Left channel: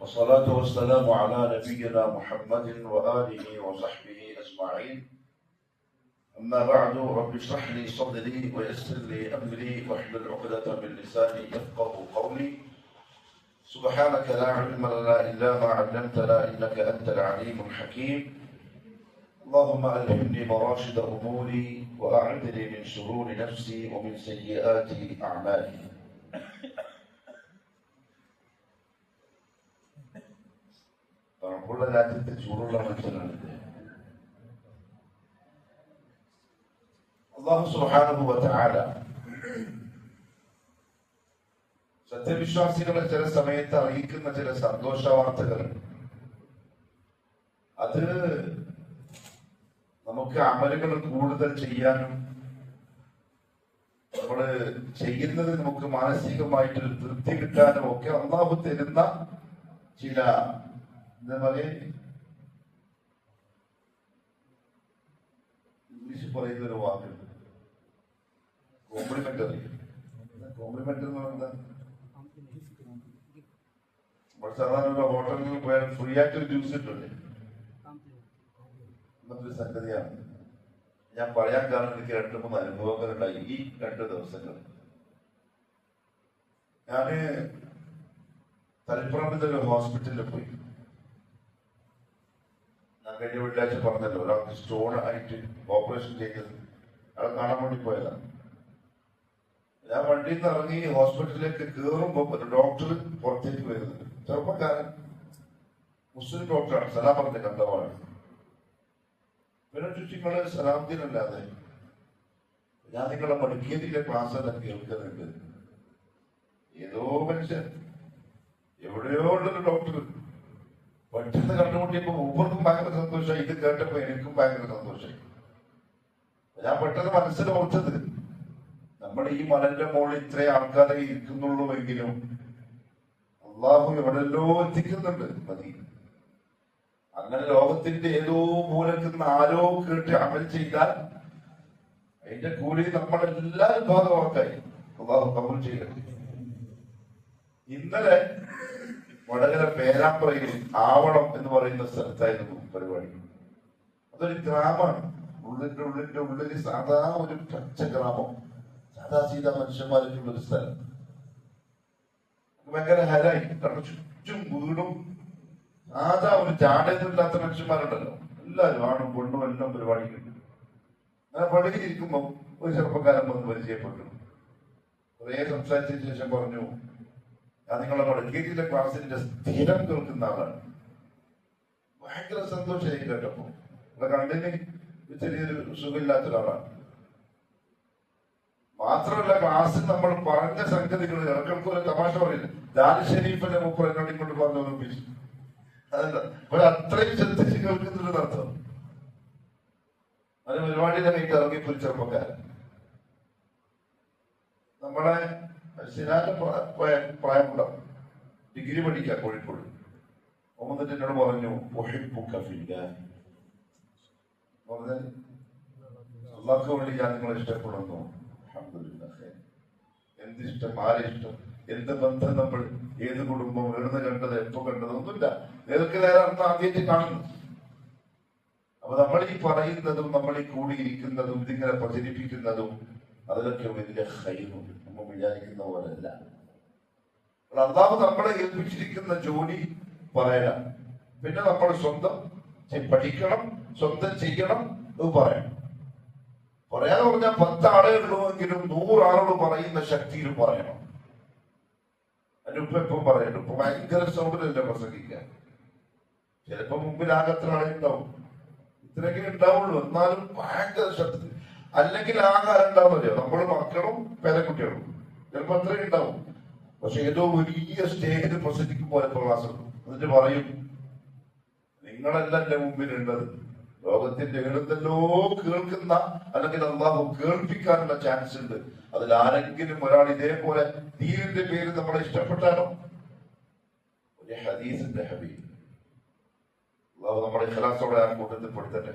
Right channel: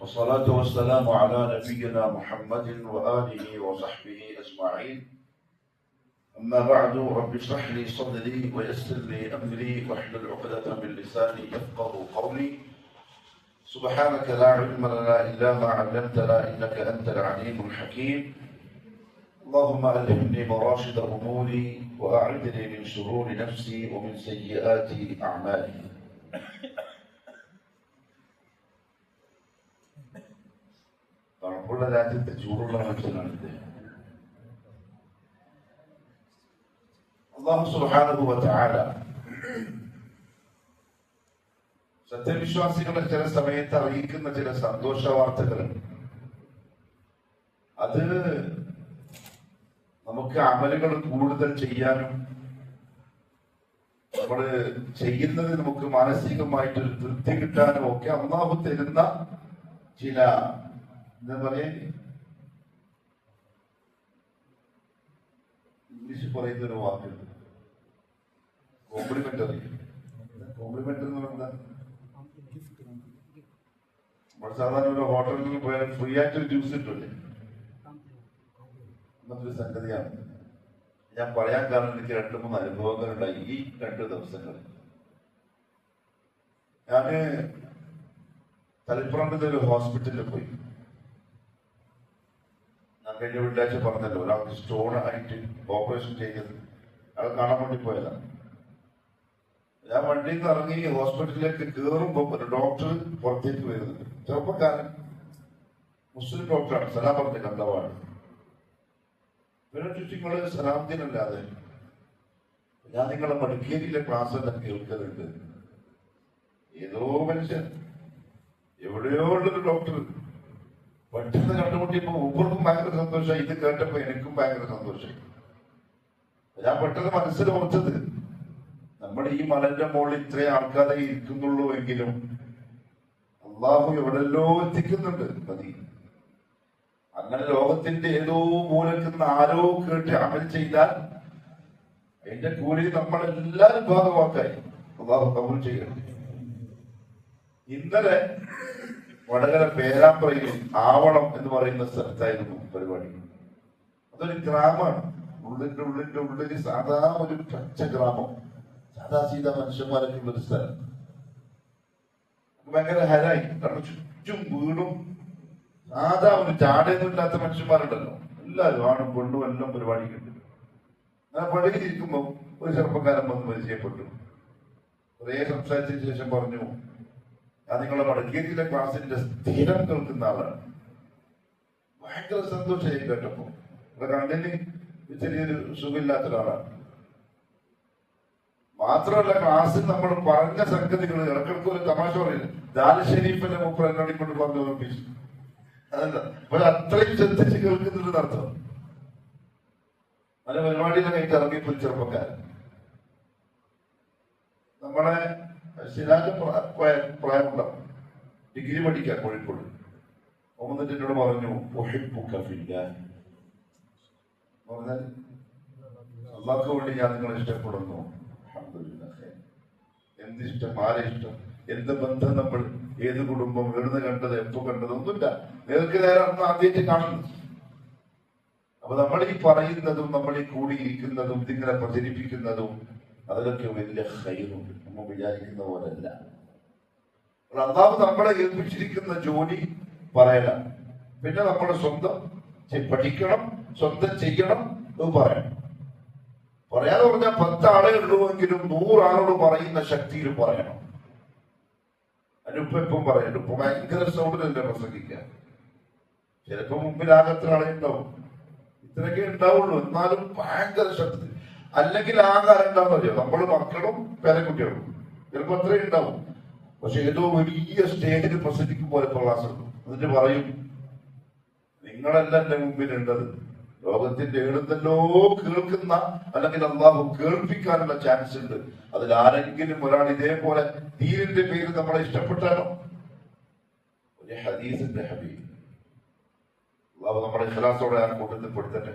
والصلاة والسلام على نبينا محمد وآله وصحبه أجمعين. أما بعد، رب اشرح لي صدري ويسر لي أمري واحلل عقدة من لساني يفقه قولي. سبحانك لا علم لنا إلا ما علمتنا إنك أنت العليم الحكيم. اللهم ألهمني مراشد أموري وأعذني من شرور نفسي ومن سيئات أعمالي. രാജ്യത്തെ ചൂടുള്ള മനുഷ്യനാണ് ഇദ്ദേഹം. അല്ലാഹു സുബ്ഹാനഹു വ തആല സത്യവിശ്വാസികളെ ചില സമയത്ത് അറിയിക്കുന്ന ചില സന്തോഷ വാർത്തകൾ, അത് നമുക്ക് അമലുകൾ കൂടുതൽ ചെയ്യാനും നമ്മൾ ചെയ്യുന്നത് നമുക്ക് മാനസികമായിട്ട് തൃപ്തി കിട്ടാനും ഒക്കെ അല്ലാഹു തരുന്ന ചില എന്താ പറയാ, ഇംഗ്ലീഷ് പറയുന്ന ഒരു വാക്കുണ്ട്, കോംപ്ലിമെന്ററി. കോംപ്ലിമെന്ററി എന്ന് പറയുന്നത് നമ്മൾ സാധാരണ ഒരു ഹോട്ടലിൽ പോയാൽ ഫ്രീ ആയിട്ടൊരു ജ്യൂസ് കിട്ടില്ലേ, എന്നൊരു സംഗതിയാണ്. ഞാൻ പറയാൻ കാരണം എനിക്ക് 2-3 അനുഭവങ്ങളുണ്ടായി ഈ 2 ദിവസങ്ങൾ. ഞാന് തളിപ്പറമ്പിന്റെ ഒരു ഹോസ്പിറ്റലിൽ പോയി. കഴിഞ്ഞ വെള്ളിയാഴ്ച പറഞ്ഞല്ലോ, ഒരാൾക്ക് സ്റ്റോൺ ആയിട്ട് ഓപ്പറേഷൻ ചെയ്തത്, അയാളെ കാണാൻ വേണ്ടി പോയതാണ്. ഞാൻ വണ്ടിയിൽ നിന്ന് ഇറങ്ങി ഹോസ്പിറ്റലിലേക്ക് കയറുമ്പോ ഒരു ഡോക്ടർ പുറത്തേക്ക് വരുന്നത്, ചെറുപ്പക്കാരൻ, മുസ്ലിം ഡോക്ടറാണ്, സലാം പറഞ്ഞ കണ്ടവാണ്. പിന്നെ ചുറ്റിങ്ങള് സലാമത്തിനല്ലാതെ ഞാൻ നിങ്ങളെ മടിക്കേരിയിലെ ക്ലാസ് എല്ലാം കേൾക്കുന്നുണ്ട്. ഏതോ മനുഷ്യൻ എവിടെയോ ഉള്ളൊരു ഡോക്ടർ പെട്ടെന്ന് കണ്ടുമുട്ടിയപ്പോ മൂപ്പർക്കും ഭയങ്കര സന്തോഷമായി, ഇത് കേട്ടപ്പോ എനിക്കും ഭയങ്കര സന്തോഷമായി. ഞാൻ പെട്ടെന്ന് മനസ്സിൽ ഓർത്തത്, നമ്മൾ ഈ മലന്റെ മുകളിൽ ഇത്രയും ആൾക്കാരെ ഇരിക്കുന്നുള്ളൂ എങ്കിലും അള്ളാഹു എവിടെല്ലോ എത്തിക്കുന്നുണ്ട്. മതി അങ്ങനെ ലോകത്തിന്റെ ഏതോ മൂലക്കുന്ന ആരോ കേട്ട് അമൽ ചെയ്താൽ അതിന്റെ കൂലി നമ്മളെല്ലാരും ഭാഗമാക്കായി അള്ളാഹു കബൂൽ ചെയ്യട്ടെ. ഇന്നലെ വടകര പേരാമ്പ്രയിൽ ആവണം എന്ന് പറയുന്ന സ്ഥലത്തായിരുന്നു പരിപാടി. അതൊരു ഗ്രാമമാണ്, ഉള്ളിന്റെ സാധാ ഒരു പച്ച ഗ്രാമം, സാധാ സീതാ മനുഷ്യന്മാരൊക്കെ ഉള്ളൊരു സ്ഥലം. ഭയങ്കര ഹരായി, കാരണം ചുറ്റും വീടും സാധാ ഒരു ജാടയൊന്നുമില്ലാത്ത മനുഷ്യന്മാരുണ്ടല്ലോ, എല്ലാവരും ആണും പെണ്ണും എല്ലാം പരിപാടിക്കുണ്ട്. ഞാൻ പള്ളിയിലിരിക്കുമ്പോൾ ഒരു ചെറുപ്പക്കാരൻ വന്ന് പരിചയപ്പെട്ടു. കുറേ സംസാരിച്ചതിന് ശേഷം പറഞ്ഞു, ഞാൻ നിങ്ങളുടെ വടക്കേരിയിലെ ക്ലാസ്സിന്റെ സ്ഥിരം കേൾക്കുന്ന ആളാണ്. ഭയങ്കര സന്തോഷമായി കേട്ടപ്പോ. കണ്ണിന് ചെറിയൊരു സുഖമില്ലാത്ത ഒരാളാണ്. മാത്രമല്ല, ക്ലാസ്സിൽ നമ്മൾ പറഞ്ഞ സംഗതികൾ ഇടക്കിടക്ക് ഒരു തമാശ പറയില്ല, ദാൽ ഷരീഫിനെ മുപ്പരങ്ങാടി കൊണ്ട് പറഞ്ഞു ഓർമ്മിച്ചു. അതല്ല, അപ്പോൾ അത്രയും ശ്രദ്ധിച്ച് കേൾക്കുന്നുണ്ട് അർത്ഥം. അതിന് പരിപാടിയിലെ കഴിഞ്ഞ് ഇറങ്ങിയപ്പോൾ ചെറുപ്പക്കാരൻ നമ്മളെ സിനാന്റെ പ്രായമുണ്ടാവും, ഡിഗ്രി പഠിക്കാം കോഴിക്കോട്. എന്നിട്ട് എന്നോട് പറഞ്ഞു, പറഞ്ഞാൽ അള്ളാഹ്ക്ക് വേണ്ടി ഞാൻ നിങ്ങളെ ഇഷ്ടപ്പെടുന്നു. എന്തിഷ്ടം, ആരെ ഇഷ്ടം, എന്ത് ബന്ധം, നമ്മൾ ഏത് കുടുംബം, എവിടുന്ന് കണ്ടത്, എപ്പോ കണ്ടത്, ഒന്നുമില്ല, നേർക്ക് നേരെ അന്ന് ആദ്യമായിട്ട് കാണുന്നു. അപ്പൊ നമ്മൾ ഈ പറയുന്നതും നമ്മൾ ഈ കൂടിയിരിക്കുന്നതും ഇതിങ്ങനെ പ്രചരിപ്പിക്കുന്നതും അതിലൊക്കെ വലിയ ഹൈറുണ്ട്, നമ്മൾ വിചാരിക്കുന്ന പോലല്ല. അള്ളാഹു നമ്മളെ ഏൽപ്പിച്ചിരിക്കുന്ന ജോലി പറയലാണ്. പിന്നെ നമ്മൾ സ്വന്തം പഠിക്കണം, സ്വന്തം ചെയ്യണം, അത് പറയണം. പറയാതെ പറഞ്ഞാൽ 10 ആളേ ഉള്ളുവെങ്കിലും 100 ആളോട് പറയുന്ന ശക്തിയിൽ പറയണം. അതിനിപ്പം പറയണം. ഇപ്പൊ ഭയങ്കര സൗണ്ടിലല്ലേ പ്രസംഗിക്കാൻ. ചിലപ്പോ മുമ്പിൽ ആകത്ര ആളെ ഉണ്ടാവും, ഇത്രയൊക്കെ ഉണ്ടാവുള്ളൂ, എന്നാലും ഭയങ്കര ശക്തി. അല്ലെങ്കിൽ ആഹാരം ഉണ്ടാവുമല്ലോ, നമ്മൾ മക്കളും പേരക്കുട്ടികളും ചിലപ്പോ അത്രയും ഉണ്ടാവും. പക്ഷെ ഏതോ വലിയ സ്റ്റേജിൽ പ്രസംഗിക്കുമ്പോൾ ക്ലാസ് ഉണ്ട്. എന്നിട്ട് പറയും, നിങ്ങളല്ല എന്റെ മുമ്പിലുള്ളത്, ലോകത്തിന്റെ എഴുന്നല്ലോ കേൾക്കുന്ന, അല്ലെങ്കിൽ അള്ളാഹു കേൾപ്പിക്കാനുള്ള ചാൻസ് ഉണ്ട്. അതിൽ ആരെങ്കിലും ഒരാൾ ഇതേപോലെ ദീനിന്റെ പേര് നമ്മളെ ഇഷ്ടപ്പെട്ടാലോ. ഒരു ഹദീസിന്റെ ഹബീബ് അള്ളാഹു നമ്മുടെ ഇഖ്ലാസോടെ ആ കൂട്ടത്തിൽ പെടുത്തട്ടെ.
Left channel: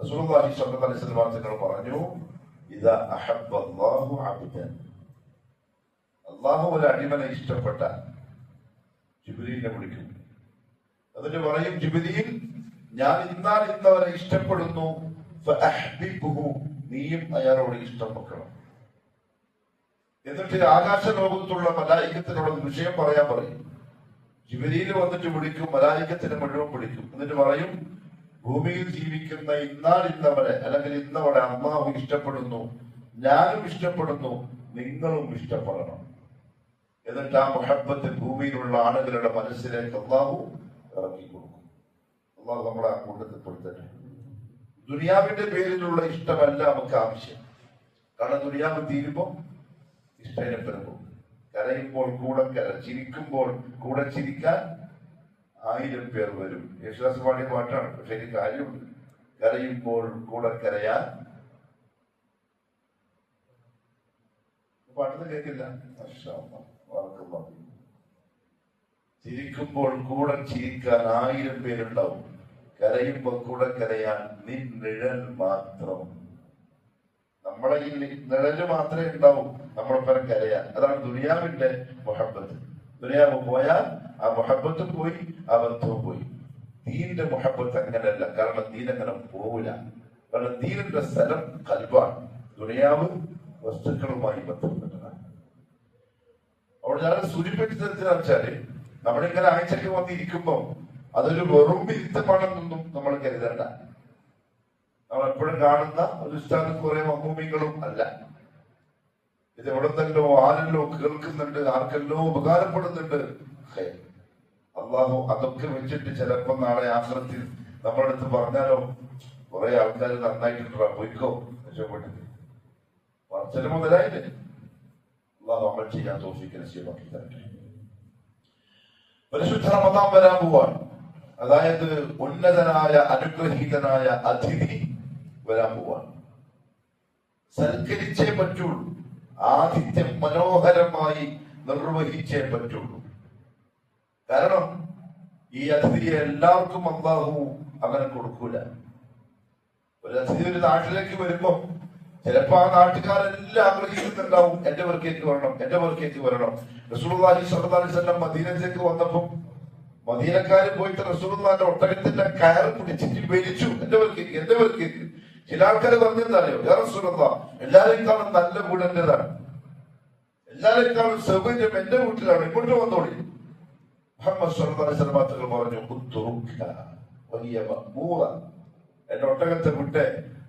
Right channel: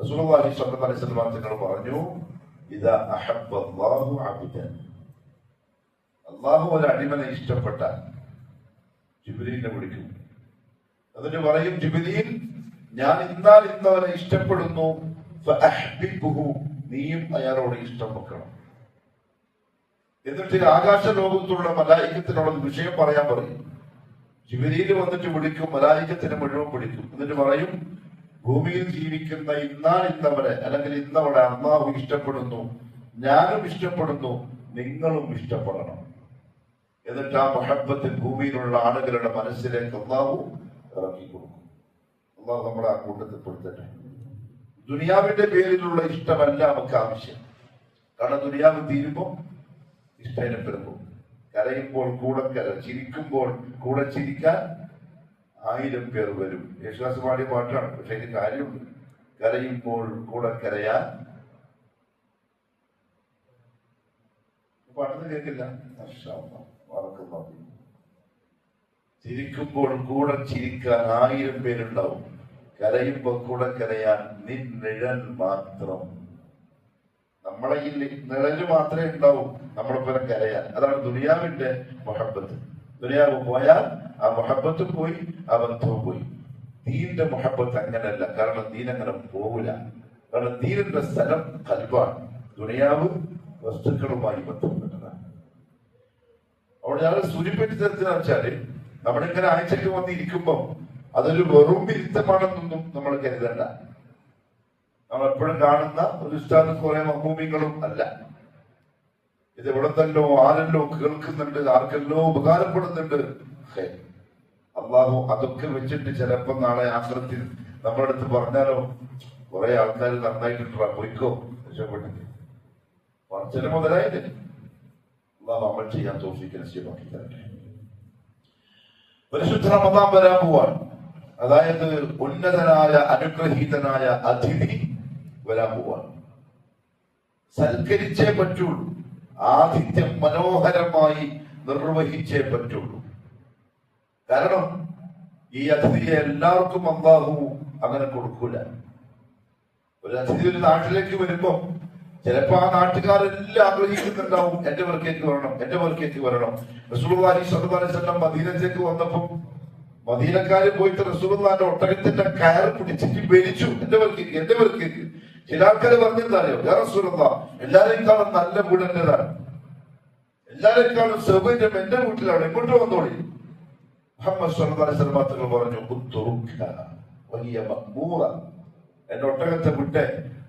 റസൂലുള്ളാഹി സ്വല്ലല്ലാഹു അലൈഹി വസല്ലം തങ്ങൾ പറഞ്ഞു, ഇദാ അഹബ്ബല്ലാഹു അബ്ദൻ, അള്ളാഹു ഒരു അടിമനെ ഇഷ്ടപ്പെട്ട, ജിബ്രീലിനെ വിളിക്കും. എന്നിട്ട് പറയും, ജിബ്രീൽ, ഞാൻ ഇന്നാൽ ഇന്നവനെ ഇഷ്ടപ്പെടുന്നു, നീയും അയാളോട് ഇഷ്ടം വെക്കണം. എന്നിട്ട് ആകാശ ലോകത്തുള്ള മലായികത്തിനുള്ള വിഷയം പറയാൻ പറയും. ജിബ്രീൽ വന്നിട്ട് വിളിക്കും, മലായികത്തിന് മുഴുവൻ വിളിക്കും. എന്നിട്ട് പറയും, ഭൂമിയിൽ ജീവിക്കുന്ന ഇന്നാൽ ഇന്നവരെ അല്ലെങ്കിൽ ഇന്നവളെ അള്ളാഹു ഇഷ്ടപ്പെടുന്നു, ഞാനും ഇഷ്ടപ്പെടുന്നു, നിങ്ങളും ഇഷ്ടപ്പെടണം. എന്നിട്ട് ആ മുഹബ്ബത്ത് ഭൂമിയിലുള്ള ആളുകളുടെ മനസ്സിലേക്ക് അള്ളാഹു ഇറക്കി കൊടുക്കും. അള്ളാഹു നമ്മളെ ആ കൂട്ടത്തിൽ പെടുത്തട്ടെ. ദുനിയാവിന്റെ പേരിലുള്ള ഇഷ്ടമല്ല നമുക്ക് ആവശ്യം. കാരണം ദുനിയാവ് തീരുമ്പോൾ ഇഷ്ടം പെരുമ്പോൾ, കരയുമ്പോൾ കൂടെ ചിരിക്കുമ്പോൾ കൂടെ ചിരിക്കാൻ 1000 പേർ വരും. യേശുദാസ് പാടിയ പാട്ടാണ്. പക്ഷെ എനിക്ക് കാര്യമുണ്ട്. കരയുമ്പോൾ കൂടെ കരയാൻ പാട്ടൊന്നും കേൾക്കില്ല. ചിരിക്കുമ്പോൾ കൂടെ ചിരിക്കാൻ 1000 പേരുണ്ടാവും. കരയുമ്പോൾ കൂടെ കരയാൻ നിൻ നിഴൽ മാത്രം. നമ്മളെ ഈ നിഴല് മാത്രമേ ഉണ്ടാവും നമ്മളൊപ്പം കരയാൻ. അതാണ് ദുനിയാവിന്റെ മുഹബ്ബത്ത്. ദുനിയാവ് പോയാൽ ആ മുഹബ്ബത്തും പോയി, ആ ബന്ധവും പോയി. ദീനിന്റെ മുഹബ്ബത്ത് അങ്ങനെയല്ല. കാരണം ദീൻ അങ്ങനെ പോവില്ല. കാരണം ദീനിന്റെ സ്ഥലം കൽബാണ്. ദുനിയാവ് വസ്തുക്കളുമായി ബന്ധപ്പെട്ടതാണ്. അവിടെ ഞങ്ങൾ സൂചിപ്പിച്ചതെന്ന് വെച്ചാല്, നമ്മളിങ്ങനെ ആഴ്ചക്ക് വന്നിരിക്കുമ്പോ അതൊരു വെറും വിരുദ്ധമാണെന്നൊന്നും നമ്മൾ കരുതണ്ട. നമ്മൾ എപ്പോഴും കാണുന്ന ഒരു ഉസ്താദും കുറെ മഹ്മൂമികളും അല്ല. ഇത് എവിടെന്നല്ലോ ആരെല്ലോ കേൾക്കുന്നുണ്ട്, ആർക്കെല്ലോ ഉപകാരപ്പെടുന്നുണ്ട്. അള്ളാഹു അതൊക്കെ വെച്ചിട്ട് ചിലപ്പോ നാളെ ആശ്രത്തിൽ നമ്മുടെ അടുത്ത് പറഞ്ഞാലോ, കുറെ ആൾക്കാർ നന്നായിട്ടുണ്ടാ, പോയിക്കോ രക്ഷപ്പെട്ടിട്ട് പറച്ചില് മുതലായില്ലേ. അള്ളാഹു അമൽ ചെയ്യാൻ തോഫീക്ക് നസീബാക്കി തരട്ടെ. പരിശുദ്ധ റമദാൻ വരാൻ പോവാണ്. അതായത് ഉന്നതനായ അനുഗ്രഹീതനായ അതിഥി വരാൻ പോവാണ്. സൽക്കരിച്ചേ പറ്റുള്ളൂ. ആതിഥ്യം മനോഹരമായി നിർവഹിച്ചേ പറ്റുള്ളൂ. കാരണം ഈ അതിഥിയെ എല്ലാവർക്കും അല്ലാഹു അങ്ങനെ കൊടുക്കൂല. ഒരു അതിഥി ഒരു നാട്ടിലേക്ക് വരുമ്പോ ചിലപ്പോ ആ നാട്ടുകാരെല്ലാം ആഗ്രഹിക്കുന്നുണ്ടാവും, എന്റെ പേർക്കേക്ക് വരണം, എന്റെ പേർക്കേക്ക് വരണം. റസൂലുള്ളാഹി സ്വല്ലല്ലാഹു അലൈഹി വസല്ലം മദീനത്തേക്ക് വന്നപ്പോ മദീനക്കാര് പോയിട്ട് റസൂലുള്ളാഹിന്റെ ഒട്ടകത്തിന്റെ കയറ് പിടിച്ചിട്ട് വലിച്ചു, എന്റെ പേർക്കേക്ക്, എന്റെ പേർക്കേക്ക്. ചില ആൾക്കാർ പറഞ്ഞെന്താറിയോ, യാ റസൂലല്ലാഹ്, എല്ലാരെക്കാളും നല്ല വീട് എന്റേതാണ്, എല്ലാരെക്കാളും സൗകര്യം എന്റെ വീട്ടിലാണ്, ഇങ്ങോട്ട് വന്നോളി. മുഹമ്മദ് സ്വല്ലല്ലാഹു അലൈഹി വസല്ലം തങ്ങൾ പറഞ്ഞു, വലിയ മഖ്ബൂറ, എന്റെ ഒട്ടകത്തെ വിട്ട്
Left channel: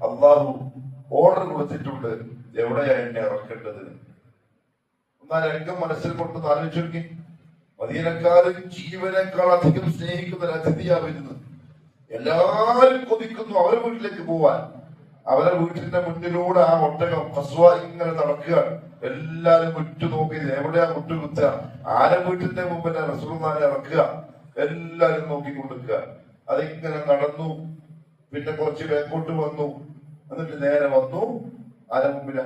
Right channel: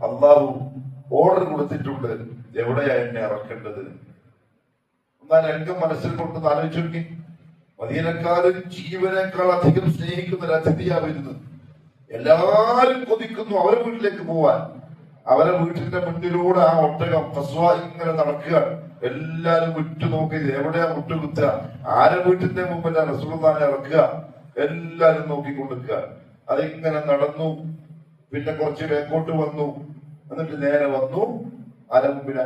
അള്ളാഹു ഓർഡർ കൊടുത്തിട്ടുണ്ട്, എവിടെയാ എന്നെ ഇറക്കേണ്ടത്. എന്നാൽ രംഗം മനസ്സിൽ കൊണ്ട് ആലോചിച്ചു നോക്കി. മദീനക്കാരൻ ജീവനേക്കാൾ അധികം സ്നേഹിക്കുന്ന ഒരു അതിഥിയാ വരുന്നത്. എല്ലാരും കൊതിക്കുന്നു അവരെ വീട്ടിലേക്ക് പോവാൻ. അവരെ വീട്ടിന്റെ മുന്നിലൂടെ ആ ഒട്ടകം കസ്വ ഇങ്ങനെ നടക്കുക. എല്ലാരും ഉറ്റുനോക്കി എവിടെയാ മുട്ടുകുത്തുക, ആരെ വീട്ടിന്റെ മുമ്പിൽ റസൂലുള്ളാഹിനെ ഇറക്കുക, എല്ലാരും നോക്കിക്കൊണ്ടിരിക്കുക. അതിങ്ങനെ നടന്നു. പിന്നെ കുറച്ച് വേക്കോട്ട് വന്നു. എന്നിട്ട് നേരെ വന്നു ആരെ മുമ്പിലാ?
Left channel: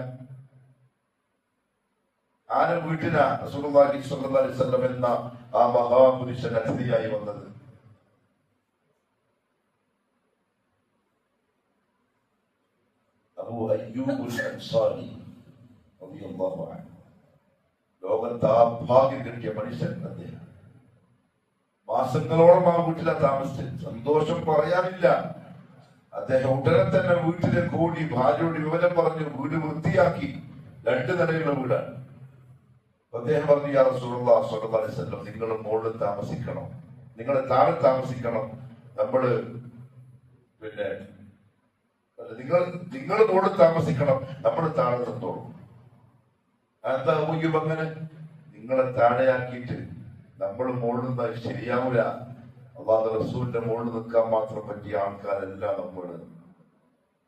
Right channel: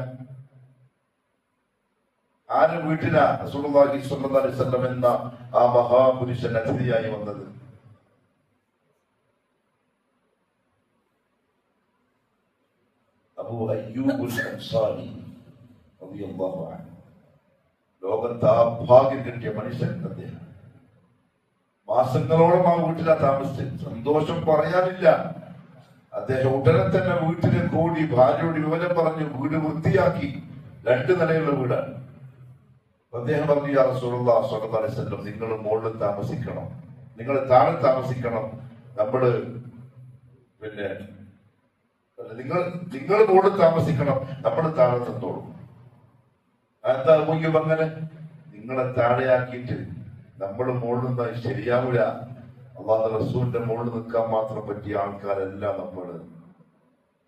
ആരെ വീട്ടിലാ റസൂലുള്ളാഹി സ്വല്ലല്ലാഹു അലൈഹി വസല്ലം എന്ന ആ മഹാപുരുഷൻ അതിഥിയായി വന്നത്? അബൂ അയ്യൂബുൽ അൻസാരി റളിയല്ലാഹു അൻഹു. ലോകത്ത് ആ ഭാഗ്യം കിട്ടിയ മനുഷ്യൻ അദ്ദേഹം. മാസങ്ങളോളം ആ വീട്ടിലാ താമസിച്ചത്. സന്തോഷം പറയാനില്ല. അദ്ദേഹം ഉടനെ തന്നെ വീട്ടിലേക്ക് ഓടി ഭാര്യയോട് വിവരം പറഞ്ഞു, വീട് വൃത്തിയാക്കി. 2 നിലയുള്ള വീടാണ്. അദ്ദേഹം പറഞ്ഞു, യാ റസൂലുള്ളാഹി സ്വല്ലല്ലാഹു അലൈഹി വസല്ലം, നിങ്ങൾ മുകളിൽ താമസിക്കണം, നിങ്ങൾ താഴെ താമസിക്കണം. നമ്മള് പിന്നെ നിങ്ങൾ മുകളിൽ താമസിക്കണം, നമ്മൾ താഴെ നിന്നോളൂ. എന്താ അങ്ങനെ? നിങ്ങളെ താഴെയാക്കിയിട്ട് നമ്മൾ മുകളിൽ നിന്നാൽ ശരിയാവില്ല. അല്ലാഹു റസൂലിന്റെ മുകളിൽ നിൽക്കാൻ മാത്രം പറ്റിയ ആൾക്കാരല്ല നമ്മൾ.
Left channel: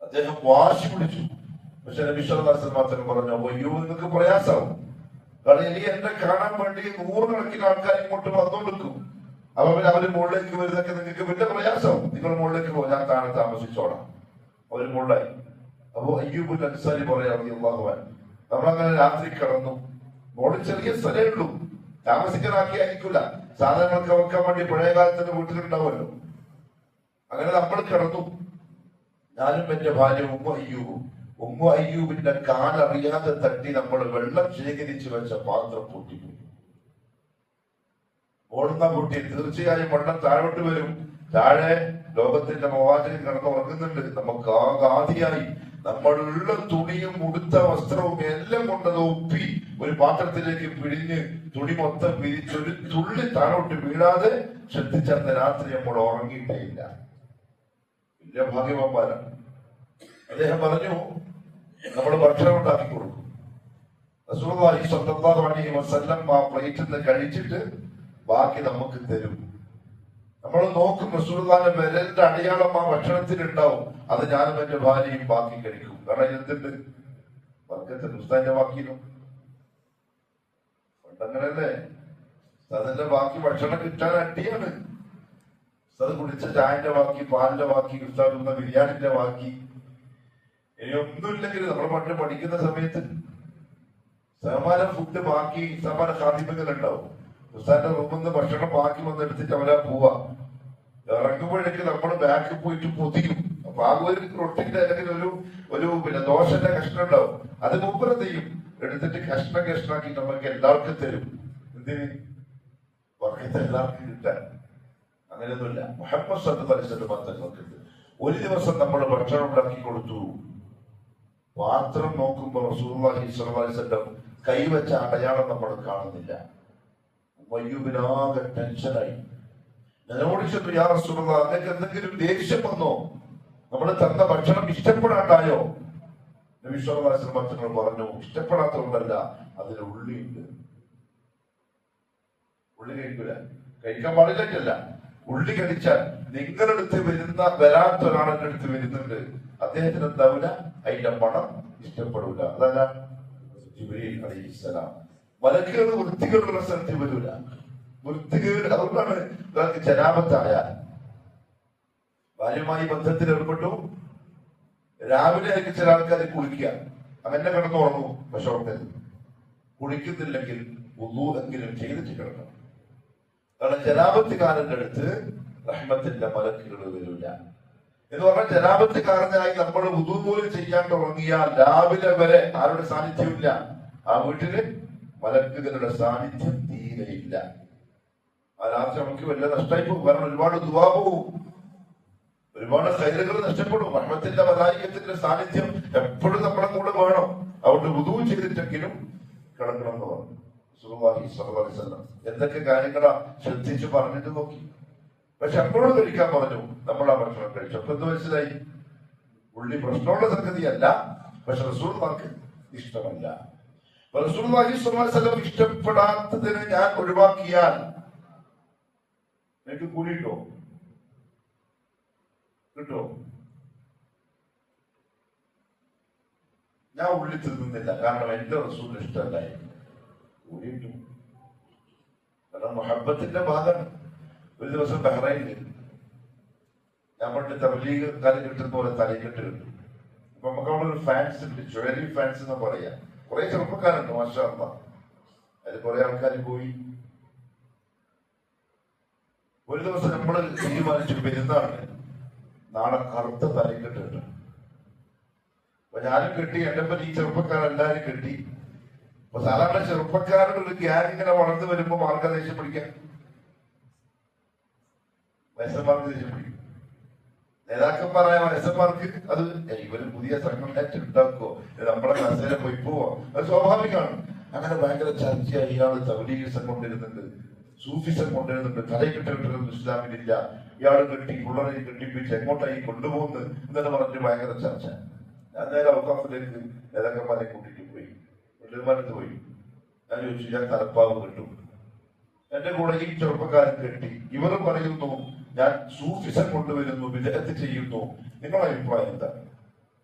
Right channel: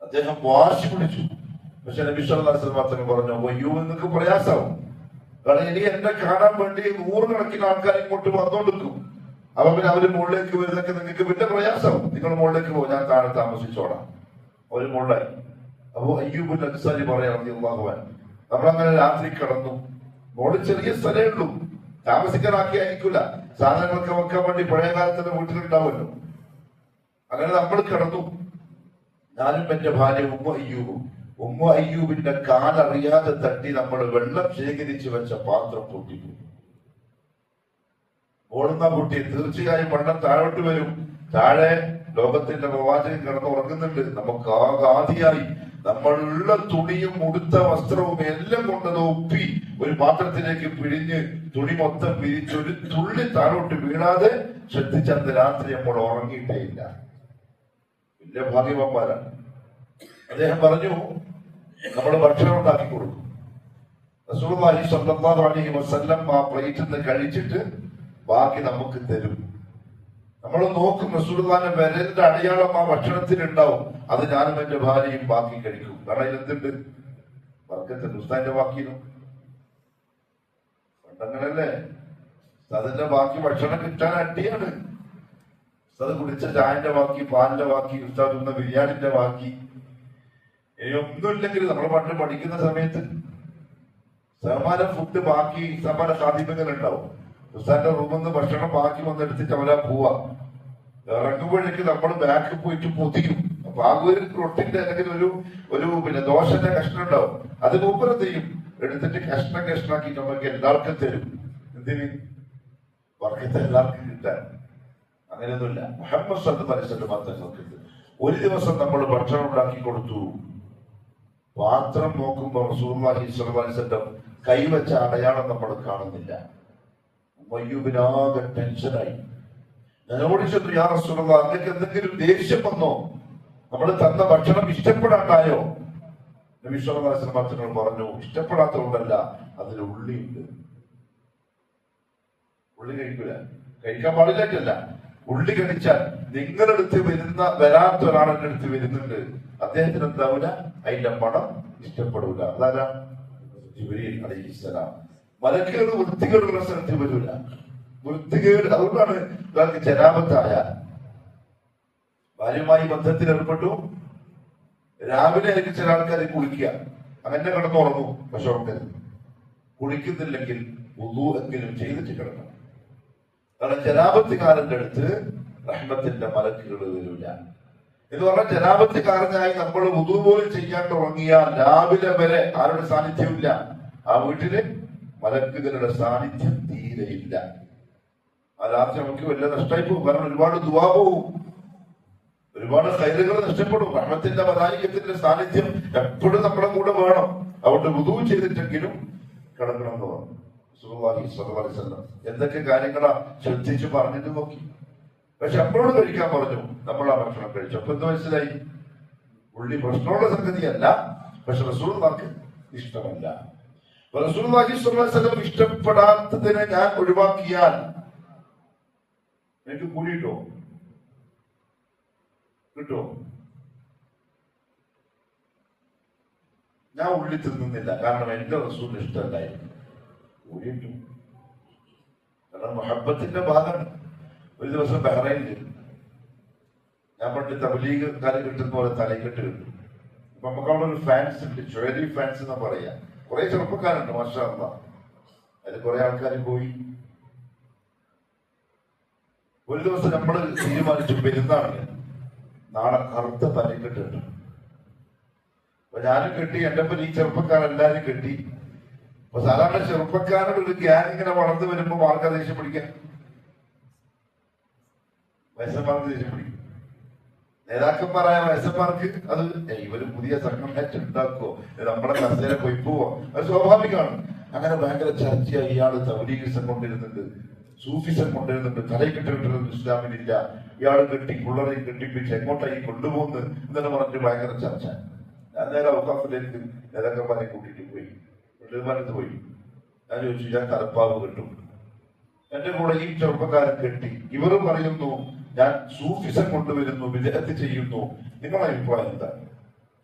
അദ്ദേഹം വാശി പിടിച്ചു. പക്ഷെ നബി സല്ലല്ലാഹു അലൈഹി വസല്ലം മാത്രം പറഞ്ഞു, അയ്യോ നിങ്ങൾക്ക് പ്രയാസമാവും. കാരണം ഇനി എന്നെ കാണാൻ വേണ്ടി 100 കണക്കിന് ആൾക്കാർ ഇങ്ങോട്ട് വന്നോണ്ടിരിക്കും. അപ്പൊ പിന്നെ അവര് മുകളിലേക്ക് വരുന്നൊക്കെ നിങ്ങൾക്ക് വലിയ പ്രയാസമാവും. നിങ്ങൾ മുകളിലേക്ക് പോകും, ഞാൻ താഴെ താമസിച്ചോളാം. അവര് മുകളിലായി. അപ്പൊ അയ്യൂബുൽ അൻസാരി പറയാ, റളിയല്ലാഹു അൻഹു, നമ്മളങ്ങനെ രാത്രി കിടന്നു. മുകളിൽ ചെറിയ സ്ഥലമേ ഉള്ളൂ, താമസിക്കാനാക്കിയായിരിക്കില്ല. സാധനങ്ങളൊക്കെ വെക്കാൻ വേണ്ടി പഴയ കാലത്തിന്റെ വീട്ടിലുണ്ടാവുമല്ലോ. അങ്ങനെ നമ്മൾ കിടന്നു. ഞാനും എന്റെ ഭാര്യ ഉമ്മ അയ്യൂബിന്റെ കാലറിയാതെ തട്ടി നമ്മൾ വെള്ളം ശേഖരിച്ചു വെച്ച പാത്രം പൊട്ടിപ്പോയി. ഓടുന്ന കുട്ടി തീർച്ചയായും വെള്ളം താഴോട്ട് വരും. താഴെ ലോകത്തിന്റെ പ്രവാചകൻ കിടന്ന് ഉറങ്ങുന്നുണ്ട്. നമുക്ക് ആദിയായി നമ്മളുള്ള തുണിയും ഉടുത്ത വസ്ത്രവും എല്ലാം കൊണ്ടത് ഒപ്പി ഒരു പാത്രത്തിലേക്ക് പിഴിഞ്ഞ് തുണി മൊത്തം പിരിച്ചൊരു തുള്ളി താഴോട്ട് വീഴാതെ ശ്രദ്ധിച്ചത് രാത്രി നമ്മൾ ഉറങ്ങിയിട്ടേ ഇല്ല. വലിയ ഭാഗ്യവന്മാരാണ്. അദ്ദേഹം പറഞ്ഞു, നമ്മൾ ഭക്ഷണം ഉണ്ടാക്കി കൊടുക്കും. റസൂലുള്ളാഹി സ്വല്ലല്ലാഹു അലൈഹി വസല്ലം ആ പ്ലേറ്റിൽ നിന്ന് കഴിച്ചിട്ട് ബാക്കി നമുക്ക് തരും. നമ്മൾ നോക്കും, റസൂലുള്ളാഹിന്റെ വിരലിന്റെ അടയാളം ആ ഭക്ഷണത്തിൽ ഉണ്ടാവും. അത് ഞാനും എന്റെ ഭാര്യയും ബാക്കി കഴിക്കും. കാരണം ഇതിലെന്തുണ്ട്? വർക്കത്തുണ്ട്. ഉസ്താദിന്റെ ബാക്കിയിലും പണ്ടങ്ങനല്ലേ? അതിന്റെ ബാക്കി ഭക്ഷണം കിട്ടാൻ അടിയാണ്. ഉസ്താദ് കുടിച്ച ചായന്റെ ബാക്കി, പാലിന്റെ ബാക്കി, ഉസ്താദ് തിന്ന ബിരിയാണിന്റെ ബാക്കി, ഒന്നുമില്ലെങ്കിൽ നമ്മൾ പണ്ട് പഠിക്കുന്ന സമയത്ത് സമാന ഫുഡ് ബാക്കി സമാന സാധ്യതകൾ ഉണ്ടാവും. ഉസ്താന്റെ റൂമിൽ നിന്ന് ഭക്ഷണം ബാക്കി വന്നെടുത്തിട്ട് അവരാ പോവാ. ഇറങ്ങുമ്പോഴേക്ക് നമ്മൾ ബാക്കിൽ പോയിട്ട് പൊതിയും. അപ്പൊ ആ ഒരു റൊട്ടിന്റെ അല്ലെങ്കിൽ ഒരു ദോശന്റെ കഷ്ണം ഉണ്ടാവും. അത് മൂപ്പരം ചെയ്യും, എടുത്തിട്ട് കഷ്ണാക്കി നമുക്ക് എല്ലാവർക്കും തരും. എന്തിന്? വർക്കത്തെ എല്ലാവർക്കും കിട്ടാൻ. അങ്ങനെയൊന്നുമില്ല. മുഹമ്മദ് സല്ലല്ലാഹു അലൈഹി വസല്ലം തങ്ങൾക്ക് ഒരു ദിവസം നമ്മൾ ഭക്ഷണം ഉണ്ടാക്കി കൊടുത്തു. പാത്രം നോക്കുമ്പോൾ റസൂലുള്ളാഹി സ്വല്ലല്ലാഹു അലൈഹി വസല്ലം കൈവച്ച അടയാളം നമ്മൾ കാണുന്നില്ല. മയ്യൂബിനാകെ ടെൻഷനായി. ഞാനോട് ചോദിച്ചു, യാ റസൂലുള്ളാഹി, നിങ്ങൾക്ക് എന്തെങ്കിലും ദേഷ്യം വന്നോ? നമ്മൾ തന്ന ഭക്ഷണം ഇഷ്ടപ്പെടാണ്ടായോ? നബി സല്ലല്ലാഹു അലൈഹി വസല്ലം പറഞ്ഞു, ഇഷ്ടപ്പെടാത്തതുകൊണ്ടല്ല, അതിൽ ഉള്ളിയുണ്ട്. ഉള്ളി കഴിക്കൂല, കഴിക്കാൻ പാടില്ല. ഉള്ളി കഴിച്ചാൽ നിങ്ങളടുത്ത് വരാത്ത ഒരാളെന്റെ അടുത്ത് വരുന്നുണ്ട്, അദ്ദേഹത്തിന് എന്താവില്ല? അതിന്റെ മണം ഇഷ്ടപ്പെടൂല. അതാരാ? ജിബ്രീൽ അലൈഹിസ്സലാം. മലക്കുകൾ വൃത്തികേടുള്ള സ്ഥലത്ത് വരൂല. വൃത്തികേട് അതുകൊണ്ടാണ് ഒരാൾക്ക് ജനാപത്തായ ഭാര്യയുമായി ബന്ധത്തിൽ ഏർപ്പെട്ടു. രാവിലെ ആയിരിക്കും ചില ആൾക്കാർ കുളിക്കുക, അങ്ങനെ കിടന്നുറങ്ങും. പക്ഷെ അവിടെ കുളിക്കുന്നില്ലെങ്കിൽ വുളൂ എങ്കിലും ചെയ്തിട്ട് കിടക്കണം. കാരണം ജനാപത്തുകാരന്റെ അടുത്ത് റഹ്മത്തിന്റെ മലക്കുകൾ വരൂല എന്ന് പറഞ്ഞാൽ, ജനാപത്തുകാരനായി നമ്മൾ വുളൂ പോലും ചെയ്യാണ്ട് ഉറങ്ങിയാൽ രാവിലെ വരെ ആരുടെ സാന്നിധ്യമില്ല. ആ വീട്ടില് മലക്കുകളുടെ സാന്നിധ്യം തീരെയില്ല. ആ രാത്രി നമുക്ക് വലിയ നഷ്ടമായി പോകും. കാരണം ഒരുപാട് ദുആ പോവും, ഒരുപാട് ഖൈറുകൾ നഷ്ടപ്പെടും. റഹ്മത്തിന്റെ മലായികത്തിന്റെ സാന്നിധ്യം എപ്പോഴും നമ്മുടെ കൂടെ വേണം. അതുകൊണ്ട് വുളൂ ചെയ്തിട്ടെങ്കിലും കിടക്കണം എന്ന് പറഞ്ഞു റസൂലുള്ളാഹി സ്വല്ലല്ലാഹു അലൈഹി വസല്ലം. എന്തൊക്കെ കാര്യങ്ങളാ ശ്രദ്ധിച്ച് പറഞ്ഞിട്ട് നോക്കി. പക്ഷെ എപ്പോഴും കഴിക്കാൻ പറഞ്ഞു. നമ്മൾ ആ ഭക്ഷണം കഴിച്ചു. അപ്പൊ എന്ത് മനസ്സിലായി? ഉള്ളി പ്രശ്നമുള്ള സംഗതിയല്ല, പക്ഷെ റസൂലുള്ളാഹിക്ക് ഇഷ്ടമല്ല. റസൂലുള്ളാഹി സ്വല്ലല്ലാഹു അലൈഹി വസല്ലം ഇഷ്ടപ്പെടാത്തതിനെ ഞാൻ ഒഴിവാക്കിയാൽ എനിക്ക് കൂലി കിട്ടോ? ഞാൻ ഉള്ളി തിന്നുന്നില്ല, കാരണം എന്റെ റസൂലിന് ഇഷ്ടമല്ലായിരുന്നു. കൂലി കിട്ടും. കാരണം മുഹബ്ബത്തിന്റെ ഭാഗമാണ്. ഒരു ദിവസം ബഹ്റൈനിൽ ഞാൻ പണ്ട് തബ്ലീഗ് കാലം കിട്ടുന്ന പോലെ തലയിലിട്ട് കിട്ടും. അപ്പൊ നമുക്ക് അവിടെ ഒരു ഫാൻസ് ഉണ്ട്, ജ്വല്ലറി ഫാൻസ് എന്ന് പറയാ. കുറെ ചെറുപ്പക്കാരുണ്ട്, മാഷാ അല്ലാഹ്. അതിൽ കുറെ ആൾക്കാർ പോയി. ഒരു ദിവസം നമ്മൾ തീരുമാനിച്ചു, പെരുന്നാളിന് നാളെ കറുത്ത തലയിലിട്ട് കിട്ടും. അപ്പൊ ഞാനും കെട്ടി, എന്റെ ഒപ്പം ഈ ചെറുപ്പക്കാരെല്ലാരും കെട്ടി. അപ്പൊ സാധാരണ ചെറുപ്പക്കാരുടെ ഒരു ഗ്യാങ് ഇങ്ങനെ വളർന്നു വരുമ്പോ ആൾക്കാർ ദേഷ്യം പിടിക്കാൻ, വയസ്സന്മാർക്ക് ദേഷ്യം പിടിക്കും. നേതാക്കന്മാരായ വയസ്സന്മാർക്ക് അത് ഇവര് പുതിയ സംഘം ഉണ്ടാക്കുവോ, നമ്മളെ കസേര പോയി പോവോ, അത് സ്വാഭാവികമാണ്. അങ്ങനെ ഭയങ്കര ചർച്ചയായി. ഇയാള് തബ്ലീഗിസം കൊണ്ടുവരുന്നുണ്ട്, സൂഫിസം കൊണ്ടുവരുന്നുണ്ട്, തലയിൽ കെട്ടിട്ടൊന്നും ഇസ്ലാമിലില്ല, ഇയാള് കെട്ടി പിള്ളേരെയും കെട്ടിപ്പിച്ച് എങ്ങോട്ടായി കൊണ്ടുപോകുന്നു എന്നെ പറഞ്ഞിട്ട് ഭയങ്കര ചർച്ച. ഞാൻ നേരെ ഔഖാഫിലേക്ക് നേതാക്കന്മാരെ കൂട്ടിട്ട് പോയി, വീട്ടുകാരത്ത് പോയി. ഞാൻ ചോദിച്ചു, ഞാൻ തലപ്പാവ് കെട്ടും. എന്റെ കൂടെ ഈ ചെറുപ്പക്കാരൻ കെട്ടി. ഇവർ പറയുന്നു ഞാൻ സൂഫിസം കൊണ്ടുവരുന്നു, വിദഗ്ധ ചെയ്യുന്നു, നിങ്ങളുടെ അഭിപ്രായം എന്താ?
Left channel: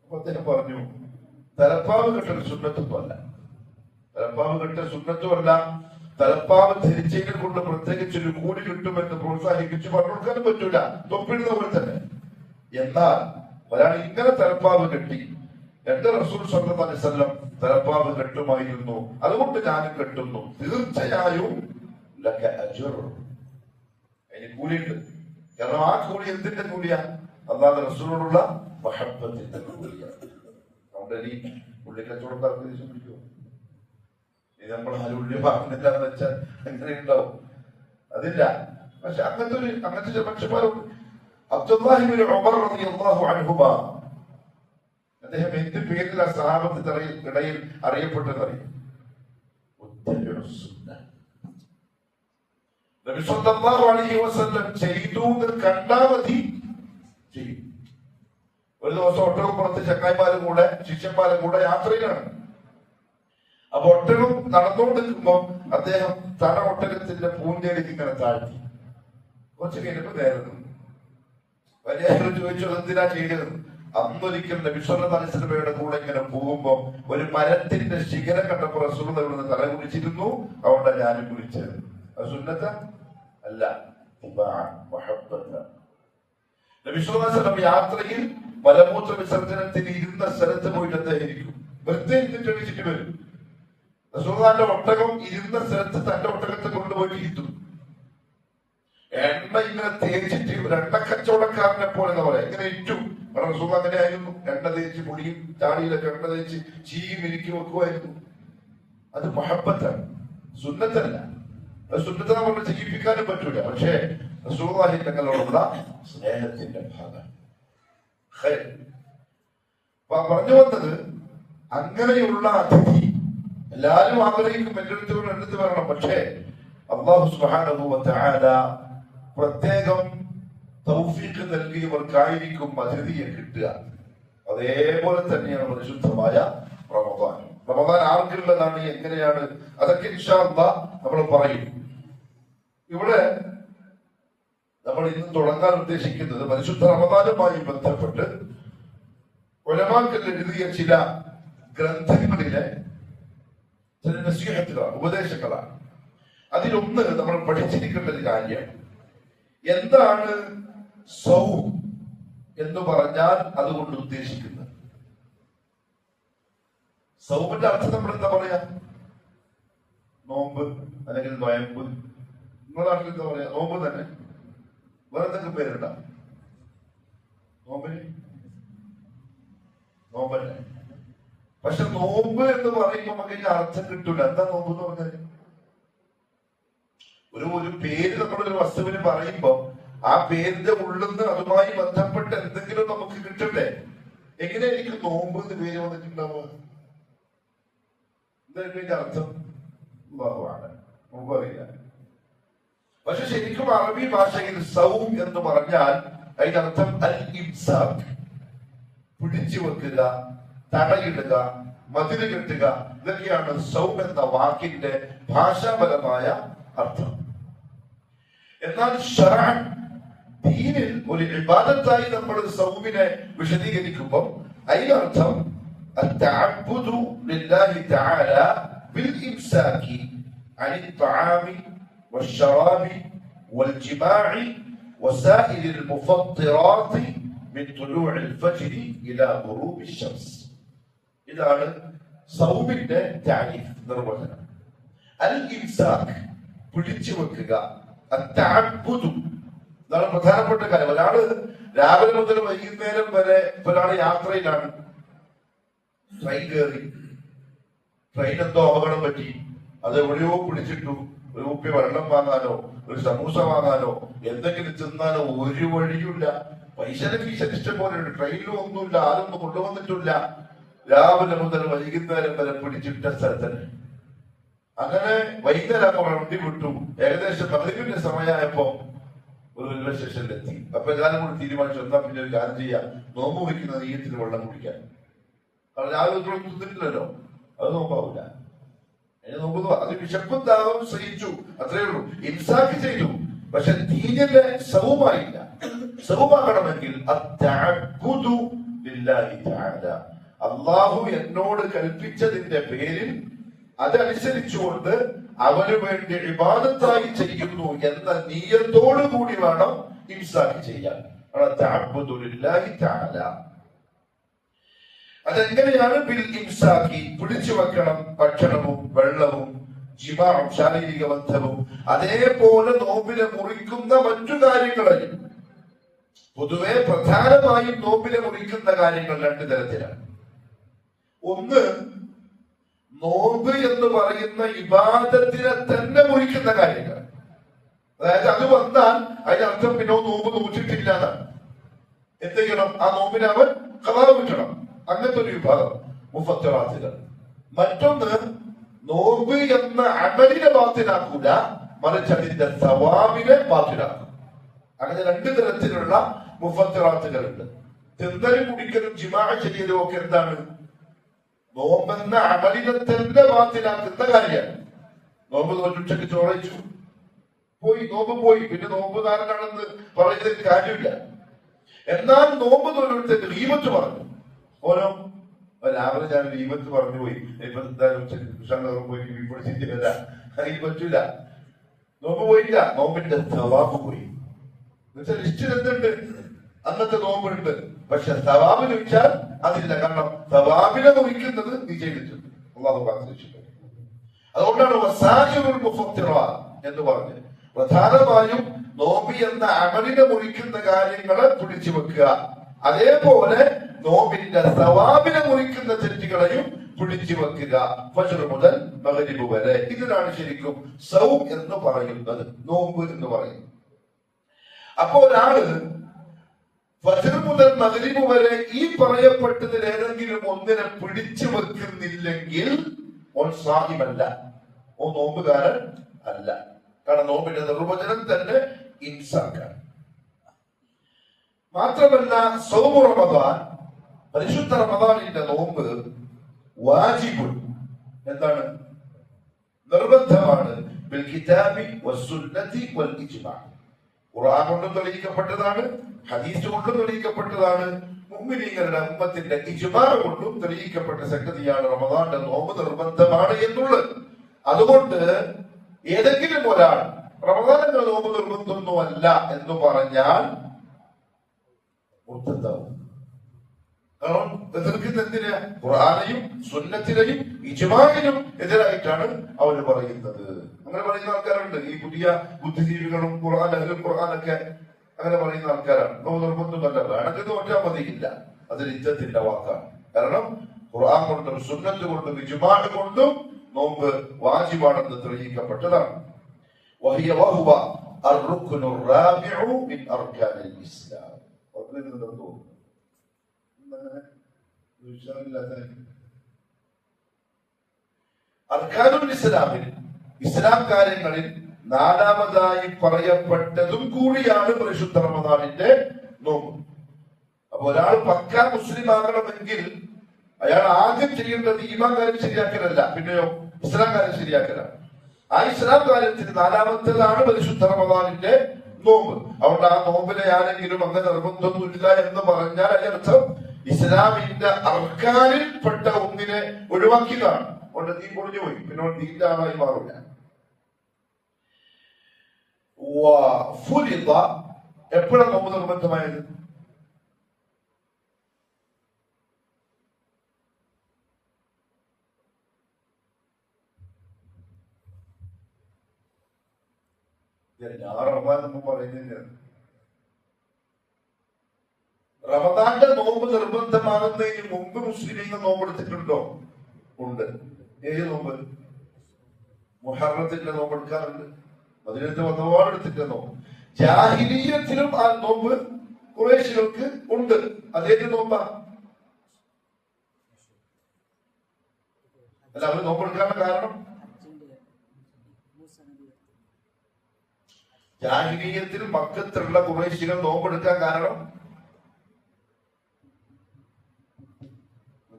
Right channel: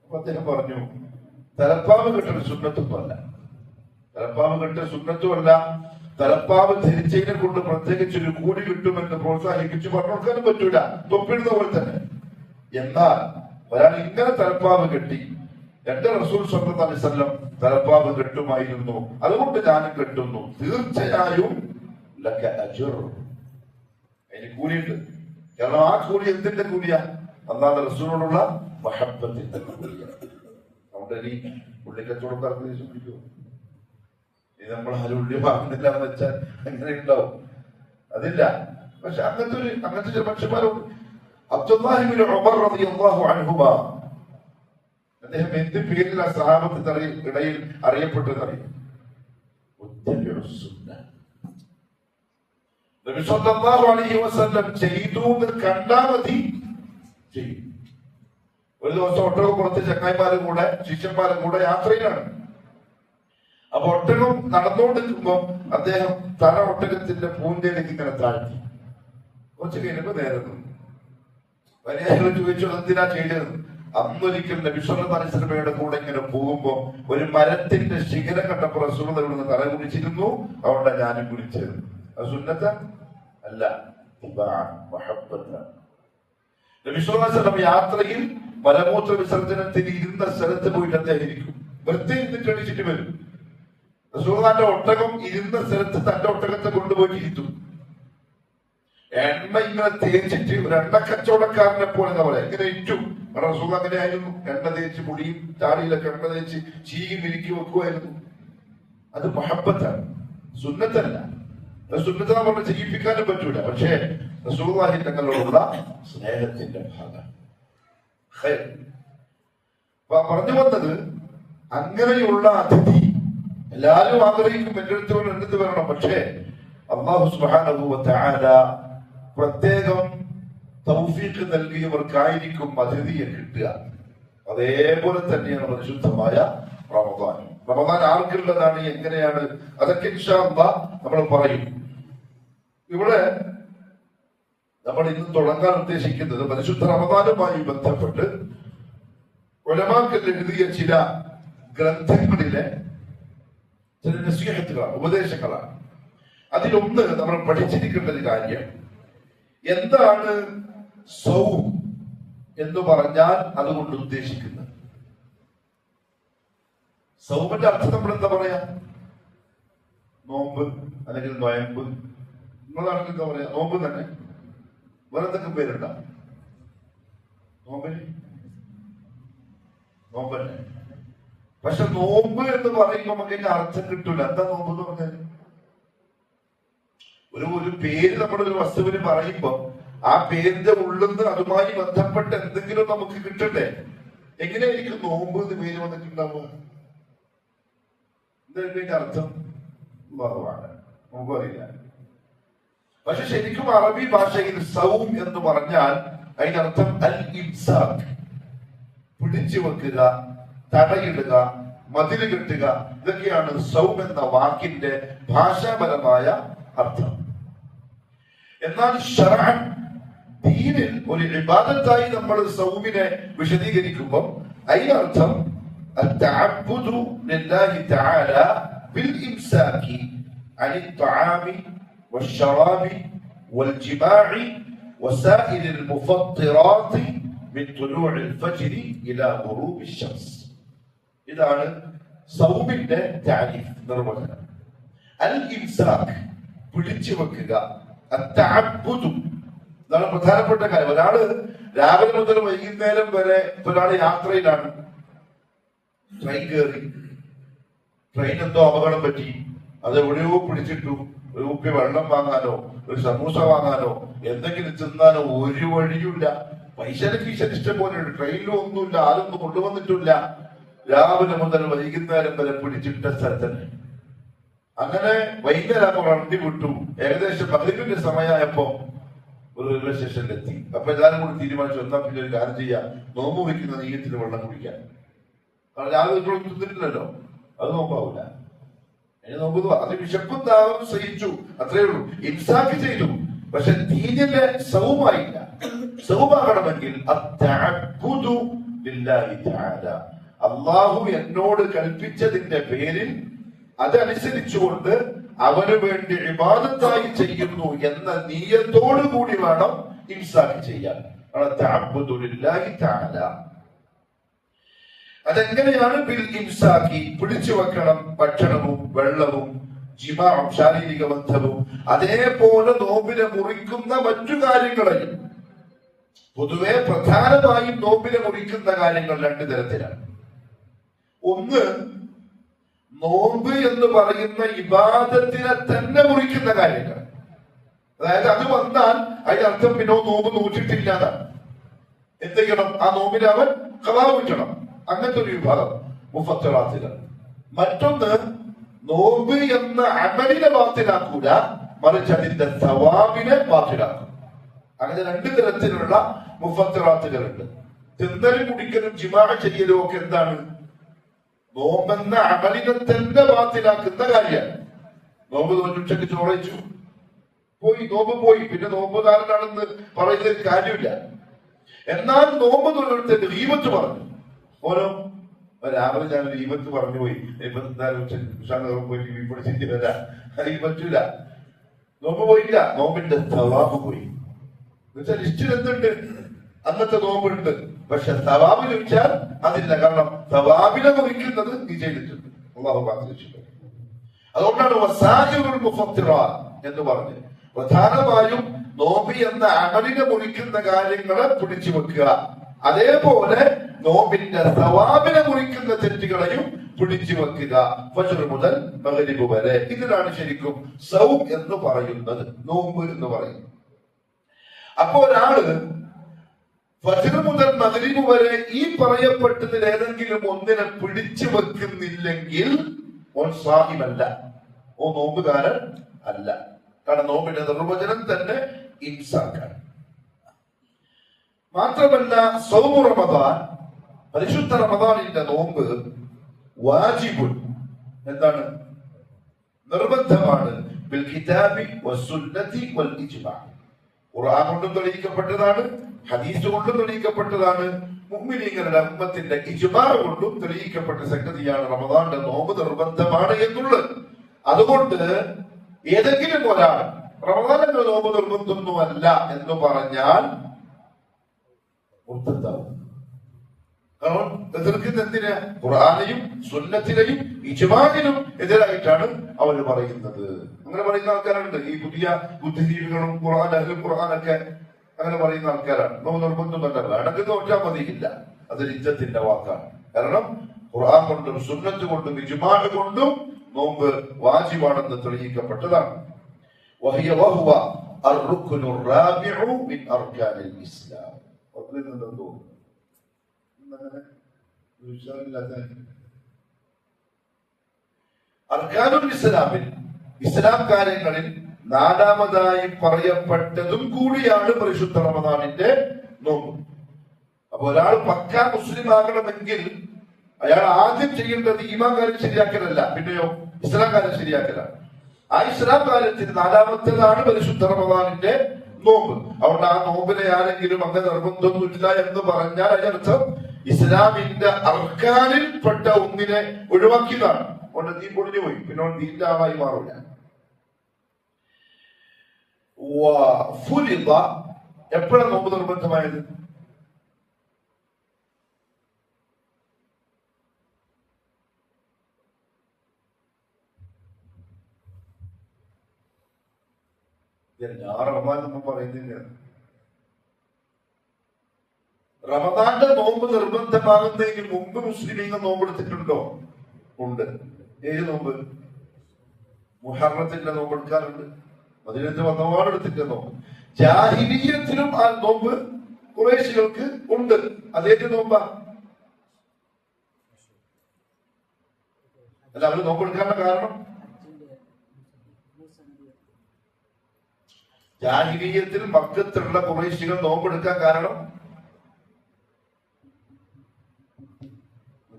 അപ്പൊ അദ്ദേഹം പറഞ്ഞു, തലപ്പാവ് കെട്ടൽ സുന്നത്തുമല്ല, തലപ്പാവ് കെട്ടൽ സുന്നത്തുമല്ല. തലപ്പാവ് ധരിച്ചതിനെ കൊണ്ട് പ്രത്യേകിച്ചൊരു കൂലി കിട്ടുമെന്ന് പ്രോത്സാഹിപ്പിച്ച് പറഞ്ഞു കൊടുക്കാനും പറ്റൂല, തൊപ്പിടുന്ന പോലെ തന്നെ. എന്നാൽ ഒരാൾ ഇങ്ങനെ തലപ്പാവ് കെട്ടി, എന്റെ റസൂൽ സ്വല്ലല്ലാഹു അലൈഹി വസല്ലം തലപ്പാവ് കെട്ടുമായിരുന്നു, അതുകൊണ്ട് ഞാനും കെട്ടുന്നു, തീർച്ചയായും അതിന് കൂലിയുണ്ട്. കാരണം ആ കൂലി എന്തിന്റെ കൂലിയാ? അല്ലാതെ റസൂലിനോടുള്ള മഹബ്ബത്തിന്റെ കൂലിയാണ്. അതുകൊണ്ട് ഇനി ഉള്ളിക്കച്ചവടക്കാർക്ക് ദേഷ്യം പിടിക്കുമോ? ഇനി നമ്മൾ ആരും ഉള്ളി വാങ്ങുന്നില്ല എന്ന് വെച്ചാൽ അങ്ങനെ ഉണ്ടാവും. അതില്ല. പക്ഷെ അങ്ങനത്തെ ചില മനുഷ്യന്മാരുണ്ട്. അബ്ദുല്ലാഹി ഇബ്നു ഉമർ റളിയല്ലാഹു അൻഹുമാ, അദ്ദേഹം എന്ത് പേരിൽ ആ സഹാബത്തിന്റെ ഇടയിൽ അറിയപ്പെട്ടതറിയും? നബി സല്ലല്ലാഹു അലൈഹി വസല്ലം ചെയ്തു എന്ന് കണ്ടാൽ മതി ചെയ്യും. ഒരു ദിവസം ഒട്ടകപ്പുറത്ത് ചങ്ങായിമാരും കൂടെ ശിഷ്യന്മാരും കൂടെ യാത്രയിലാണ്. അപ്പൊ ഒട്ടകം നടന്നുകൊണ്ടിരിക്കുമ്പോ അദ്ദേഹം തല ഒട്ടകത്തിന്റെ പൂന്തേലേക്ക് ഇങ്ങനെ താഴ്ത്തി. കുറച്ച് കഴിഞ്ഞപ്പോ നേരെ നിന്നു. വലിയ ചോദിച്ചു എന്തിനാ ചെയ്തത്? അന്നൊരിക്കൽ നബി സല്ലല്ലാഹു അലൈഹി വസല്ലമയുടെ കൂടെ ഇങ്ങനെ പോകുമ്പോ ഒരു മരത്തിന്റെ ശിഖരം കണ്ടപ്പോ റസൂലുള്ളാഹി ഇവിടുന്ന് തല കുടിച്ചിരുന്നു, അവിടെ ഞാനും കുടിച്ചത്. അത് സുന്നത്ത അല്ല, നബി സല്ലല്ലാഹു അലൈഹി വസല്ലം യാത്രയിൽ മലമൂത്ര വിസർജനത്തിന് ഇരുന്ന സ്ഥലത്ത് പോയിട്ട് അദ്ദേഹം ഇരിക്കും. വെറുതെ ഇരുന്നിട്ട് എണീച്ചിട്ട് വരും. റസൂലുള്ളാഹിന്റെ ഒട്ടകം ഇരുന്ന സ്ഥലത്ത് തന്റെ ഒട്ടകത്തെ കൊണ്ടുപോയി ഇരുത്തും. എണ്ണ ഇങ്ങനെ തേച്ചിട്ട് ഒരു എണ്ണ കച്ചവടക്കാരനെ പോലെ എന്താ പറയാ ഇങ്ങനെ ഇറ്റു. റസൂൽ അങ്ങനെ ആയിരുന്നു. എണ്ണ തേച്ച് മുടിയും താടിയിലൊക്കെ എണ്ണ തേച്ച് ചീകി മിരുക്കി വെക്കുമായിരുന്നു. അത് മഹബത്താണ്, സുന്നത്തല്ല. സുന്നത്ത് നമ്മൾ ചെയ്യിപ്പിക്കാനും പറ്റൂല. പക്ഷേ റസൂലുള്ളാഹി തങ്ങളോടുള്ള സ്നേഹത്തിന്റെ ഭാഗം. പറഞ്ഞു വന്നത്, അങ്ങനെയുള്ള അതിഥി എല്ലാരും ആഗ്രഹിക്കും എന്റെ അടുത്ത് വരണം. പക്ഷേ അല്ലാഹു സുബ്ഹാനഹു വ തആല പ്രത്യേകം തൗഫീഖ് നൽകിയവർക്കായിരിക്കും അതിഥിയെ കിട്ടുക. അതേപോലെ തന്നെയാണ് പരിശുദ്ധമായ റമദാൻ. റമദാൻ ആർക്കുള്ളതാണ്, എങ്ങനെയാണ്, അതൊക്കെ ഇൻഷാ അല്ലാഹ് നമ്മൾ പറയും. ഇവിടെ നമ്മൾ ഇന്ന് തുടങ്ങാൻ ഉദ്ദേശിക്കുന്നത് പരിശുദ്ധ റമദാനുമായി ബന്ധപ്പെട്ട് ഉലമാക്കൾ എഴുതിയ ചില ഗ്രന്ഥങ്ങളിലെ ചില നസീഹത്തുകളാണ്, ഉപദേശങ്ങളാണ്. അതിലൊന്ന് നമ്മൾ പഠിച്ചിരിക്കേണ്ട ഒരു കാര്യം, എന്താണ് സൗം എന്ന് പറഞ്ഞാൽ അതുകൊണ്ട് ഉദ്ദേശിക്കുന്നത്. സൗമിന്റെ അർത്ഥം നമ്മൾ എന്താ പറയാ? നോമ്പ് അല്ലെങ്കിൽ നോയമ്പ്. നിങ്ങളുടെ നാട്ടിൽ എന്താ പറയാ? നോമ്പ് തന്നെ. വേറെ എന്തെങ്കിലും പേരുണ്ട നോമ്പിന്? നോമ്പ് തന്നെ. പക്ഷെ നോമ്പ് എന്ന് പറയുമ്പോൾ നമുക്ക് അതിന്റെ അർത്ഥം കിട്ടൂല. എന്താ നോമ്പ് എന്ന് പറഞ്ഞാൽ? ഒരു പേര് നമ്മളൊരു വസ്തുവിന് പറയുമ്പോ ആ പേരിന്റെ ഉള്ളിന്ന് അതുമായി ബന്ധപ്പെട്ട് എന്തെങ്കിലും നമുക്ക് കിട്ടണ്ടേ? എങ്ങനെയായിരിക്കും നോമ്പ് എന്ന് പേര് വന്നിട്ടുണ്ടാവുക? എന്തായിരിക്കും അതിന്റെ അർത്ഥം? നോമ്പ് അറിയില്ല. പക്ഷെ ശരിക്കും അറബി ഭാഷയിൽ സൗം എന്ന് പറഞ്ഞാൽ അതിനർത്ഥം അൽ ഇംസാക്, പിടിച്ചു വെക്കുക, തടയിടുക, മതില് കെട്ടുക. ഇതൊക്കെയാണ് സൗം എന്ന വാക്കിന്റെ ഭാഷാപരമായ അർത്ഥം. എന്നാൽ ശറഅൻ ദീനിൽ ഒരു ഇബാദത്തായി നമ്മൾ സൗമിനെ വിശദീകരിക്കുമ്പോൾ അതിനർത്ഥം അത്തഅബ്ബുദു ലില്ലാഹി തആല ബിൽ ഇംസാകി അനി ത്വആമി വശറാബി വൽജിമാഇ വസാഇരിൽ മുഫത്തിറാത്തി മിൻ തുലൂഇൽ ഫജ്രി ഇലാ ഗുറൂബി ശംസ്. ഇതാണ് സൗമിന്റെ താരീഫ്, നിർവചനം. അൽ ഇംസാക്, പിടിച്ചു വെക്കുക. അത്തഅബ്ബുദു, ഇതാണ് പ്രധാനപ്പെട്ട കാര്യം. ഒരാള് രാവിലെ മുതൽ വൈകുന്നേരം വരെ ഒരാള് യാത്രയിലാണ്, ട്രെയിൻ കയറി, ട്രെയിൻ എന്തോ അപകടം പറ്റി, അത് എവിടെയോ പിടിച്ചിട്ടു. ഒരു കുപ്പി വെള്ളം വാങ്ങാനോ ഒരു സമൂസ വാങ്ങാനോ എന്തെങ്കിലും തിന്നാനോ ഒരു വഴിയുമില്ല. പൈസയുടെ കീശന് ഇഷ്ടം പോലെ ഉണ്ട്. ട്രെയിനിലും ഒന്നുമില്ല, ആരൊന്നും കൊണ്ടുവന്നിട്ടില്ല. രാവിലെ മുതൽ വൈകുന്നേരം വരെ പിടിച്ചിട്ട സ്ഥലത്തന്നെ. അങ്ങനെ വൈകുന്നേരം വണ്ടി വിട്ടു. ഏകദേശം 11 സമയമായപ്പോ ഒരു റെയിൽവേ സ്റ്റേഷനിലെത്തി. അപ്പൊ എല്ലാവരും കൂടി തീരുമാനിച്ചു, എന്നാ പിന്നെ ഒരു കാര്യം ചെയ്യാം, നോമ്പ് കുടിക്കുന്ന നീയത്തിന് വെള്ളം കുടിക്കാൻ. കാരണം രാവിലെ തിന്നിട്ടില്ലല്ലോ, അത് നോമ്പാവൂല. അതിന് നോമ്പ് അത് വിശപ്പും ദാഹവും സഹിച്ചു, അത്രേ ഉള്ളൂ. ഇൻസാക്ക് ചെയ്തു. പക്ഷെ ദീനിലെ സൗമായില്ല. സൗമാകണമെങ്കിൽ അല്ലാഹു എന്നോട് കൽപ്പിച്ചതിന്റെ പേരിൽ അതനുസരിച്ചുകൊണ്ട് അവന് വേണ്ടി ഇബാദത്തായി ചെയ്യുന്നു എന്ന നിയ്യത്തോടു കൂടി വേണം ഇംസാക്ക് ചെയ്യാൻ. അതെങ്ങനെയാണ്? ബിൽ ഇംസാക്കി, പിടിച്ചു വെക്കണം ഭക്ഷണവും വെള്ളവും ജിമാഉം ശാരീരിക ബന്ധവും. അതേപോലെ നോമ്പിനെ മുറിക്കുന്ന മറ്റു കാര്യങ്ങളെയും. പൊതുവെ പ്രധാനമായും നോമ്പിനെ മുറിക്കുന്ന കാര്യങ്ങൾ 2 തരത്തിലാണ്. ഒന്ന്, നോമ്പ് എന്ന് പറയുന്ന ഇബാദത്തിനെ തന്നെ മുറിക്കുന്ന കാര്യങ്ങൾ. അതായത് അത് വന്നാൽ അതിനർത്ഥം പിന്നെ നോമ്പ് നോറ്റിട്ടില്ല എന്നാണ്. എന്ത് ചെയ്യണം? ആ നോമ്പിനെ അവൻ ഖളാ വീട്ടണം. അങ്ങനത്തെ ഒരു വിഭാഗം മുഫത്തറാത്തുകൾ. മറ്റൊന്ന്, നോമ്പ് എന്ന അമലിനെ ബാത്തിലാക്കൂല, മറിച്ച് അതിന്റെ സവാബിനെ ബാത്തിലാക്കും. അങ്ങനെ രണ്ട് തരത്തിലുള്ള മുഫത്തറാത്തുകളുണ്ട്. തിന്നലും കുടിക്കലും ജിമാ ചെയ്യലും ഒക്കെ എന്താണ്? നോമ്പെന്ന അമലിനെ തന്നെ ബാത്തിലാക്കുന്ന കാര്യമാണ്. നോമ്പ് തോന്നുച്ചക്ക് ചോളയിച്ചു പോയി, നോമ്പ് പോയി, പിന്നെ നോമ്പുകാരനാണെന്ന് പറയുന്നതിൽ കാര്യമില്ല. എന്നാൽ നോമ്പ് തൊഴിലെടുത്തിട്ട് ഗീബത്ത് പറഞ്ഞു. ഓരോ രാവിലെ ഞാൻ ഗീബത്ത് പറഞ്ഞു പോയി, ഇപ്പൊ എന്തായാലും പോയി പിടിച്ചിട്ട് വരാം, ഈ പറ്റില്ല. നോമ്പ് പോയില്ല, നോമ്പിന്റെ സവാബ് പോയി. എന്നുവെച്ചാൽ ലിസ്റ്റിൽ എന്തുണ്ട്? അന്നത്തെ നോമ്പുണ്ട്, പക്ഷെ സവാബ് ചോദിച്ചാൽ അതില്ല. കാരണം സവാബിനെ കുറിക്കുന്നത് നീ ചെയ്തിട്ടുണ്ട്. അള്ളാഹു കാത്തിരക്ഷിക്കും. അതുകൊണ്ടാണ് വസായിറുൽ മുഫത്തിറാത്ത് എന്ന് പറഞ്ഞത്. പ്രധാനമായും നോമ്പ് എന്ന അമലിനെ മുറിക്കുന്ന കാര്യങ്ങളെ പിടിച്ചു വെക്കുക. അതേപോലെ നോമ്പിന്റെ സവാബിനെ മുറിക്കുന്ന തെറ്റുകളെയും പിടിച്ചു വെക്കുക. ഫജ്ർ മുതൽ മഗ്രിബ് വരെ. ഇതിനാണ് ശരിക്കും സൗം എന്ന് പറയുന്നത്, നോമ്പ് എന്ന് പറയുന്നത്. അപ്പോ ഒരാള് ഫജ്ർ മുതൽ മഗ്രിബ് വരെ ഈ പറയപ്പെട്ടതിൽ ഏതെങ്കിലും ഒന്നിനെ പിടിച്ചു വെക്കുന്നില്ലെങ്കിൽ ഓൻ സ്വാഹിമല്ല, ഓ നോമ്പുകാരൻ അല്ല. കാരണം നോമ്പിന്റെ നിർവചനം തന്നെ ഇൻസാക്കാണ്. മാത്രമല്ല സൗമു റമദാൻ, പരിശുദ്ധ റമദാനിന്റെ നോമ്പ് വാജിബുൻ, എന്താണ്? നിർബന്ധമാണ്. ബിൽ കിതാബി വസ്സുന്നതി വൽ ഇജ്മാ. ഖുർആൻ കൊണ്ട് തെളിയിക്കപ്പെട്ടതാണ്, ഹദീസ് കൊണ്ട് തെളിയിക്കപ്പെട്ടതാണ്, മുഅ്മിനീങ്ങളുടെ ഉമ്മത്തിന്റെ ഇജ്മാ കൊണ്ടും തെളിയിക്കപ്പെട്ട സംഗതിയാണ് റമദാന്റെ നോമ്പ് നിർബന്ധമാണ് എന്നുള്ളത്. അതുകൊണ്ട് ഏതെങ്കിലും ഒരാൾ റമദാനിന്റെ നോമ്പ് നിർബന്ധമൊന്നുമല്ല എന്ന് പറഞ്ഞാൽ മുർത്തദ്ദാവും. കാരണം എതിർക്കുന്ന എന്തിനാ? ഖുർആനെയും സുന്നത്തിനെയും ഇജ്മാഇനും എതിരായിട്ടാണ് അവർ പറയുന്നത്. അങ്ങനെ പറയുന്ന ആൾക്കാരുണ്ട്. ഈ പുതിയ ബുദ്ധിജീവികളും ഖുർആനൊക്കെ അങ്ങനെ പറയുന്ന ആൾക്കാരാണ്. നോമ്പ് നിർബന്ധമല്ല, വേണമെങ്കിൽ നോറ്റാൽ മതിയില്ല, അത് ഇജ്ജത്തിന്റെ വാക്കാണ്. കാരണം ഖുർആൻ കൊണ്ടും സുന്നത്ത് കൊണ്ടും ഇജ്മാഅ് കൊണ്ടും നോമ്പ് വാജിബാണെന്ന് തെളിയിക്കപ്പെട്ടതാണ്. വഹിയ വഹുവ അർറുക്നു റാബിഉ മിൻ അർകാനിൽ ഇസ്ലാം. അർക്കാനുൽ ഇസ്ലാമിൽ, ഇസ്ലാം കാര്യങ്ങളിൽ നാലാമതായി പറയപ്പെട്ടതും കൂടിയാണ് പരിശുദ്ധ റമദാനിന്റെ നോമ്പ്. അപ്പൊ ഒരാൾ പക്കാ മുസ്ലിം ആകണമെങ്കിൽ അയാൾ ആദ്യം ചെയ്യേണ്ടത് ഈമാൻ കാര്യം ശരിയാക്കലല്ല, പിന്നെയോ ഇസ്ലാം കാര്യം ശരിയാക്കലാണ്. ആ ഇസ്ലാം കാര്യത്തിന് നാലാമത്തേതാണ് പരിശുദ്ധ റമദാനിന്റെ നോമ്പ്. അതുകൊണ്ട് ആ നോമ്പിനെ ആരെങ്കിലും അങ്ങനെ നിർബന്ധമൊന്നുമില്ല എന്ന് പറഞ്ഞാൽ അതിനർത്ഥം ഇസ്ലാമിന്റെ അർക്കാനിൽ പെട്ട ഒന്നിനെ ഒഴിവാക്കിയതാണ്. അതുകൊണ്ട് നീ പൊളിഞ്ഞു പോയി, പിന്നെ നീന്റെ ആളായി മാറില്ല. എപ്പോഴാണ് നോമ്പ് നിർബന്ധമായത്? റമദാൻ പറയുന്നില്ല. റമദാന്റെ നോമ്പ് നിർബന്ധമാകുന്നതിന് മുമ്പ് മുസ്ലിമീങ്ങൾ നോമ്പെടുത്തിട്ടുണ്ടോ? ഉണ്ട്. ഏത് നോമ്പ്? മുഹറത്തിന്റെ നോമ്പ് എടുക്കാറുണ്ട്. മദീനത്ത് വന്നപാട് എടുത്തിട്ട് നോമ്പ്. ജാഹിലിയ്യത്തിലും ആ നോമ്പ് ഖുറൈശികൾക്ക് ഉണ്ട്. അതേത് നോമ്പാ? അല്ല, അവർ നോമ്പെടുക്കാനുള്ള കാരണം ജാഹിലിയ്യത്തിൽ മക്കത്തുള്ള ഖുറൈശികൾ നോമ്പെടുക്കാൻ കാരണം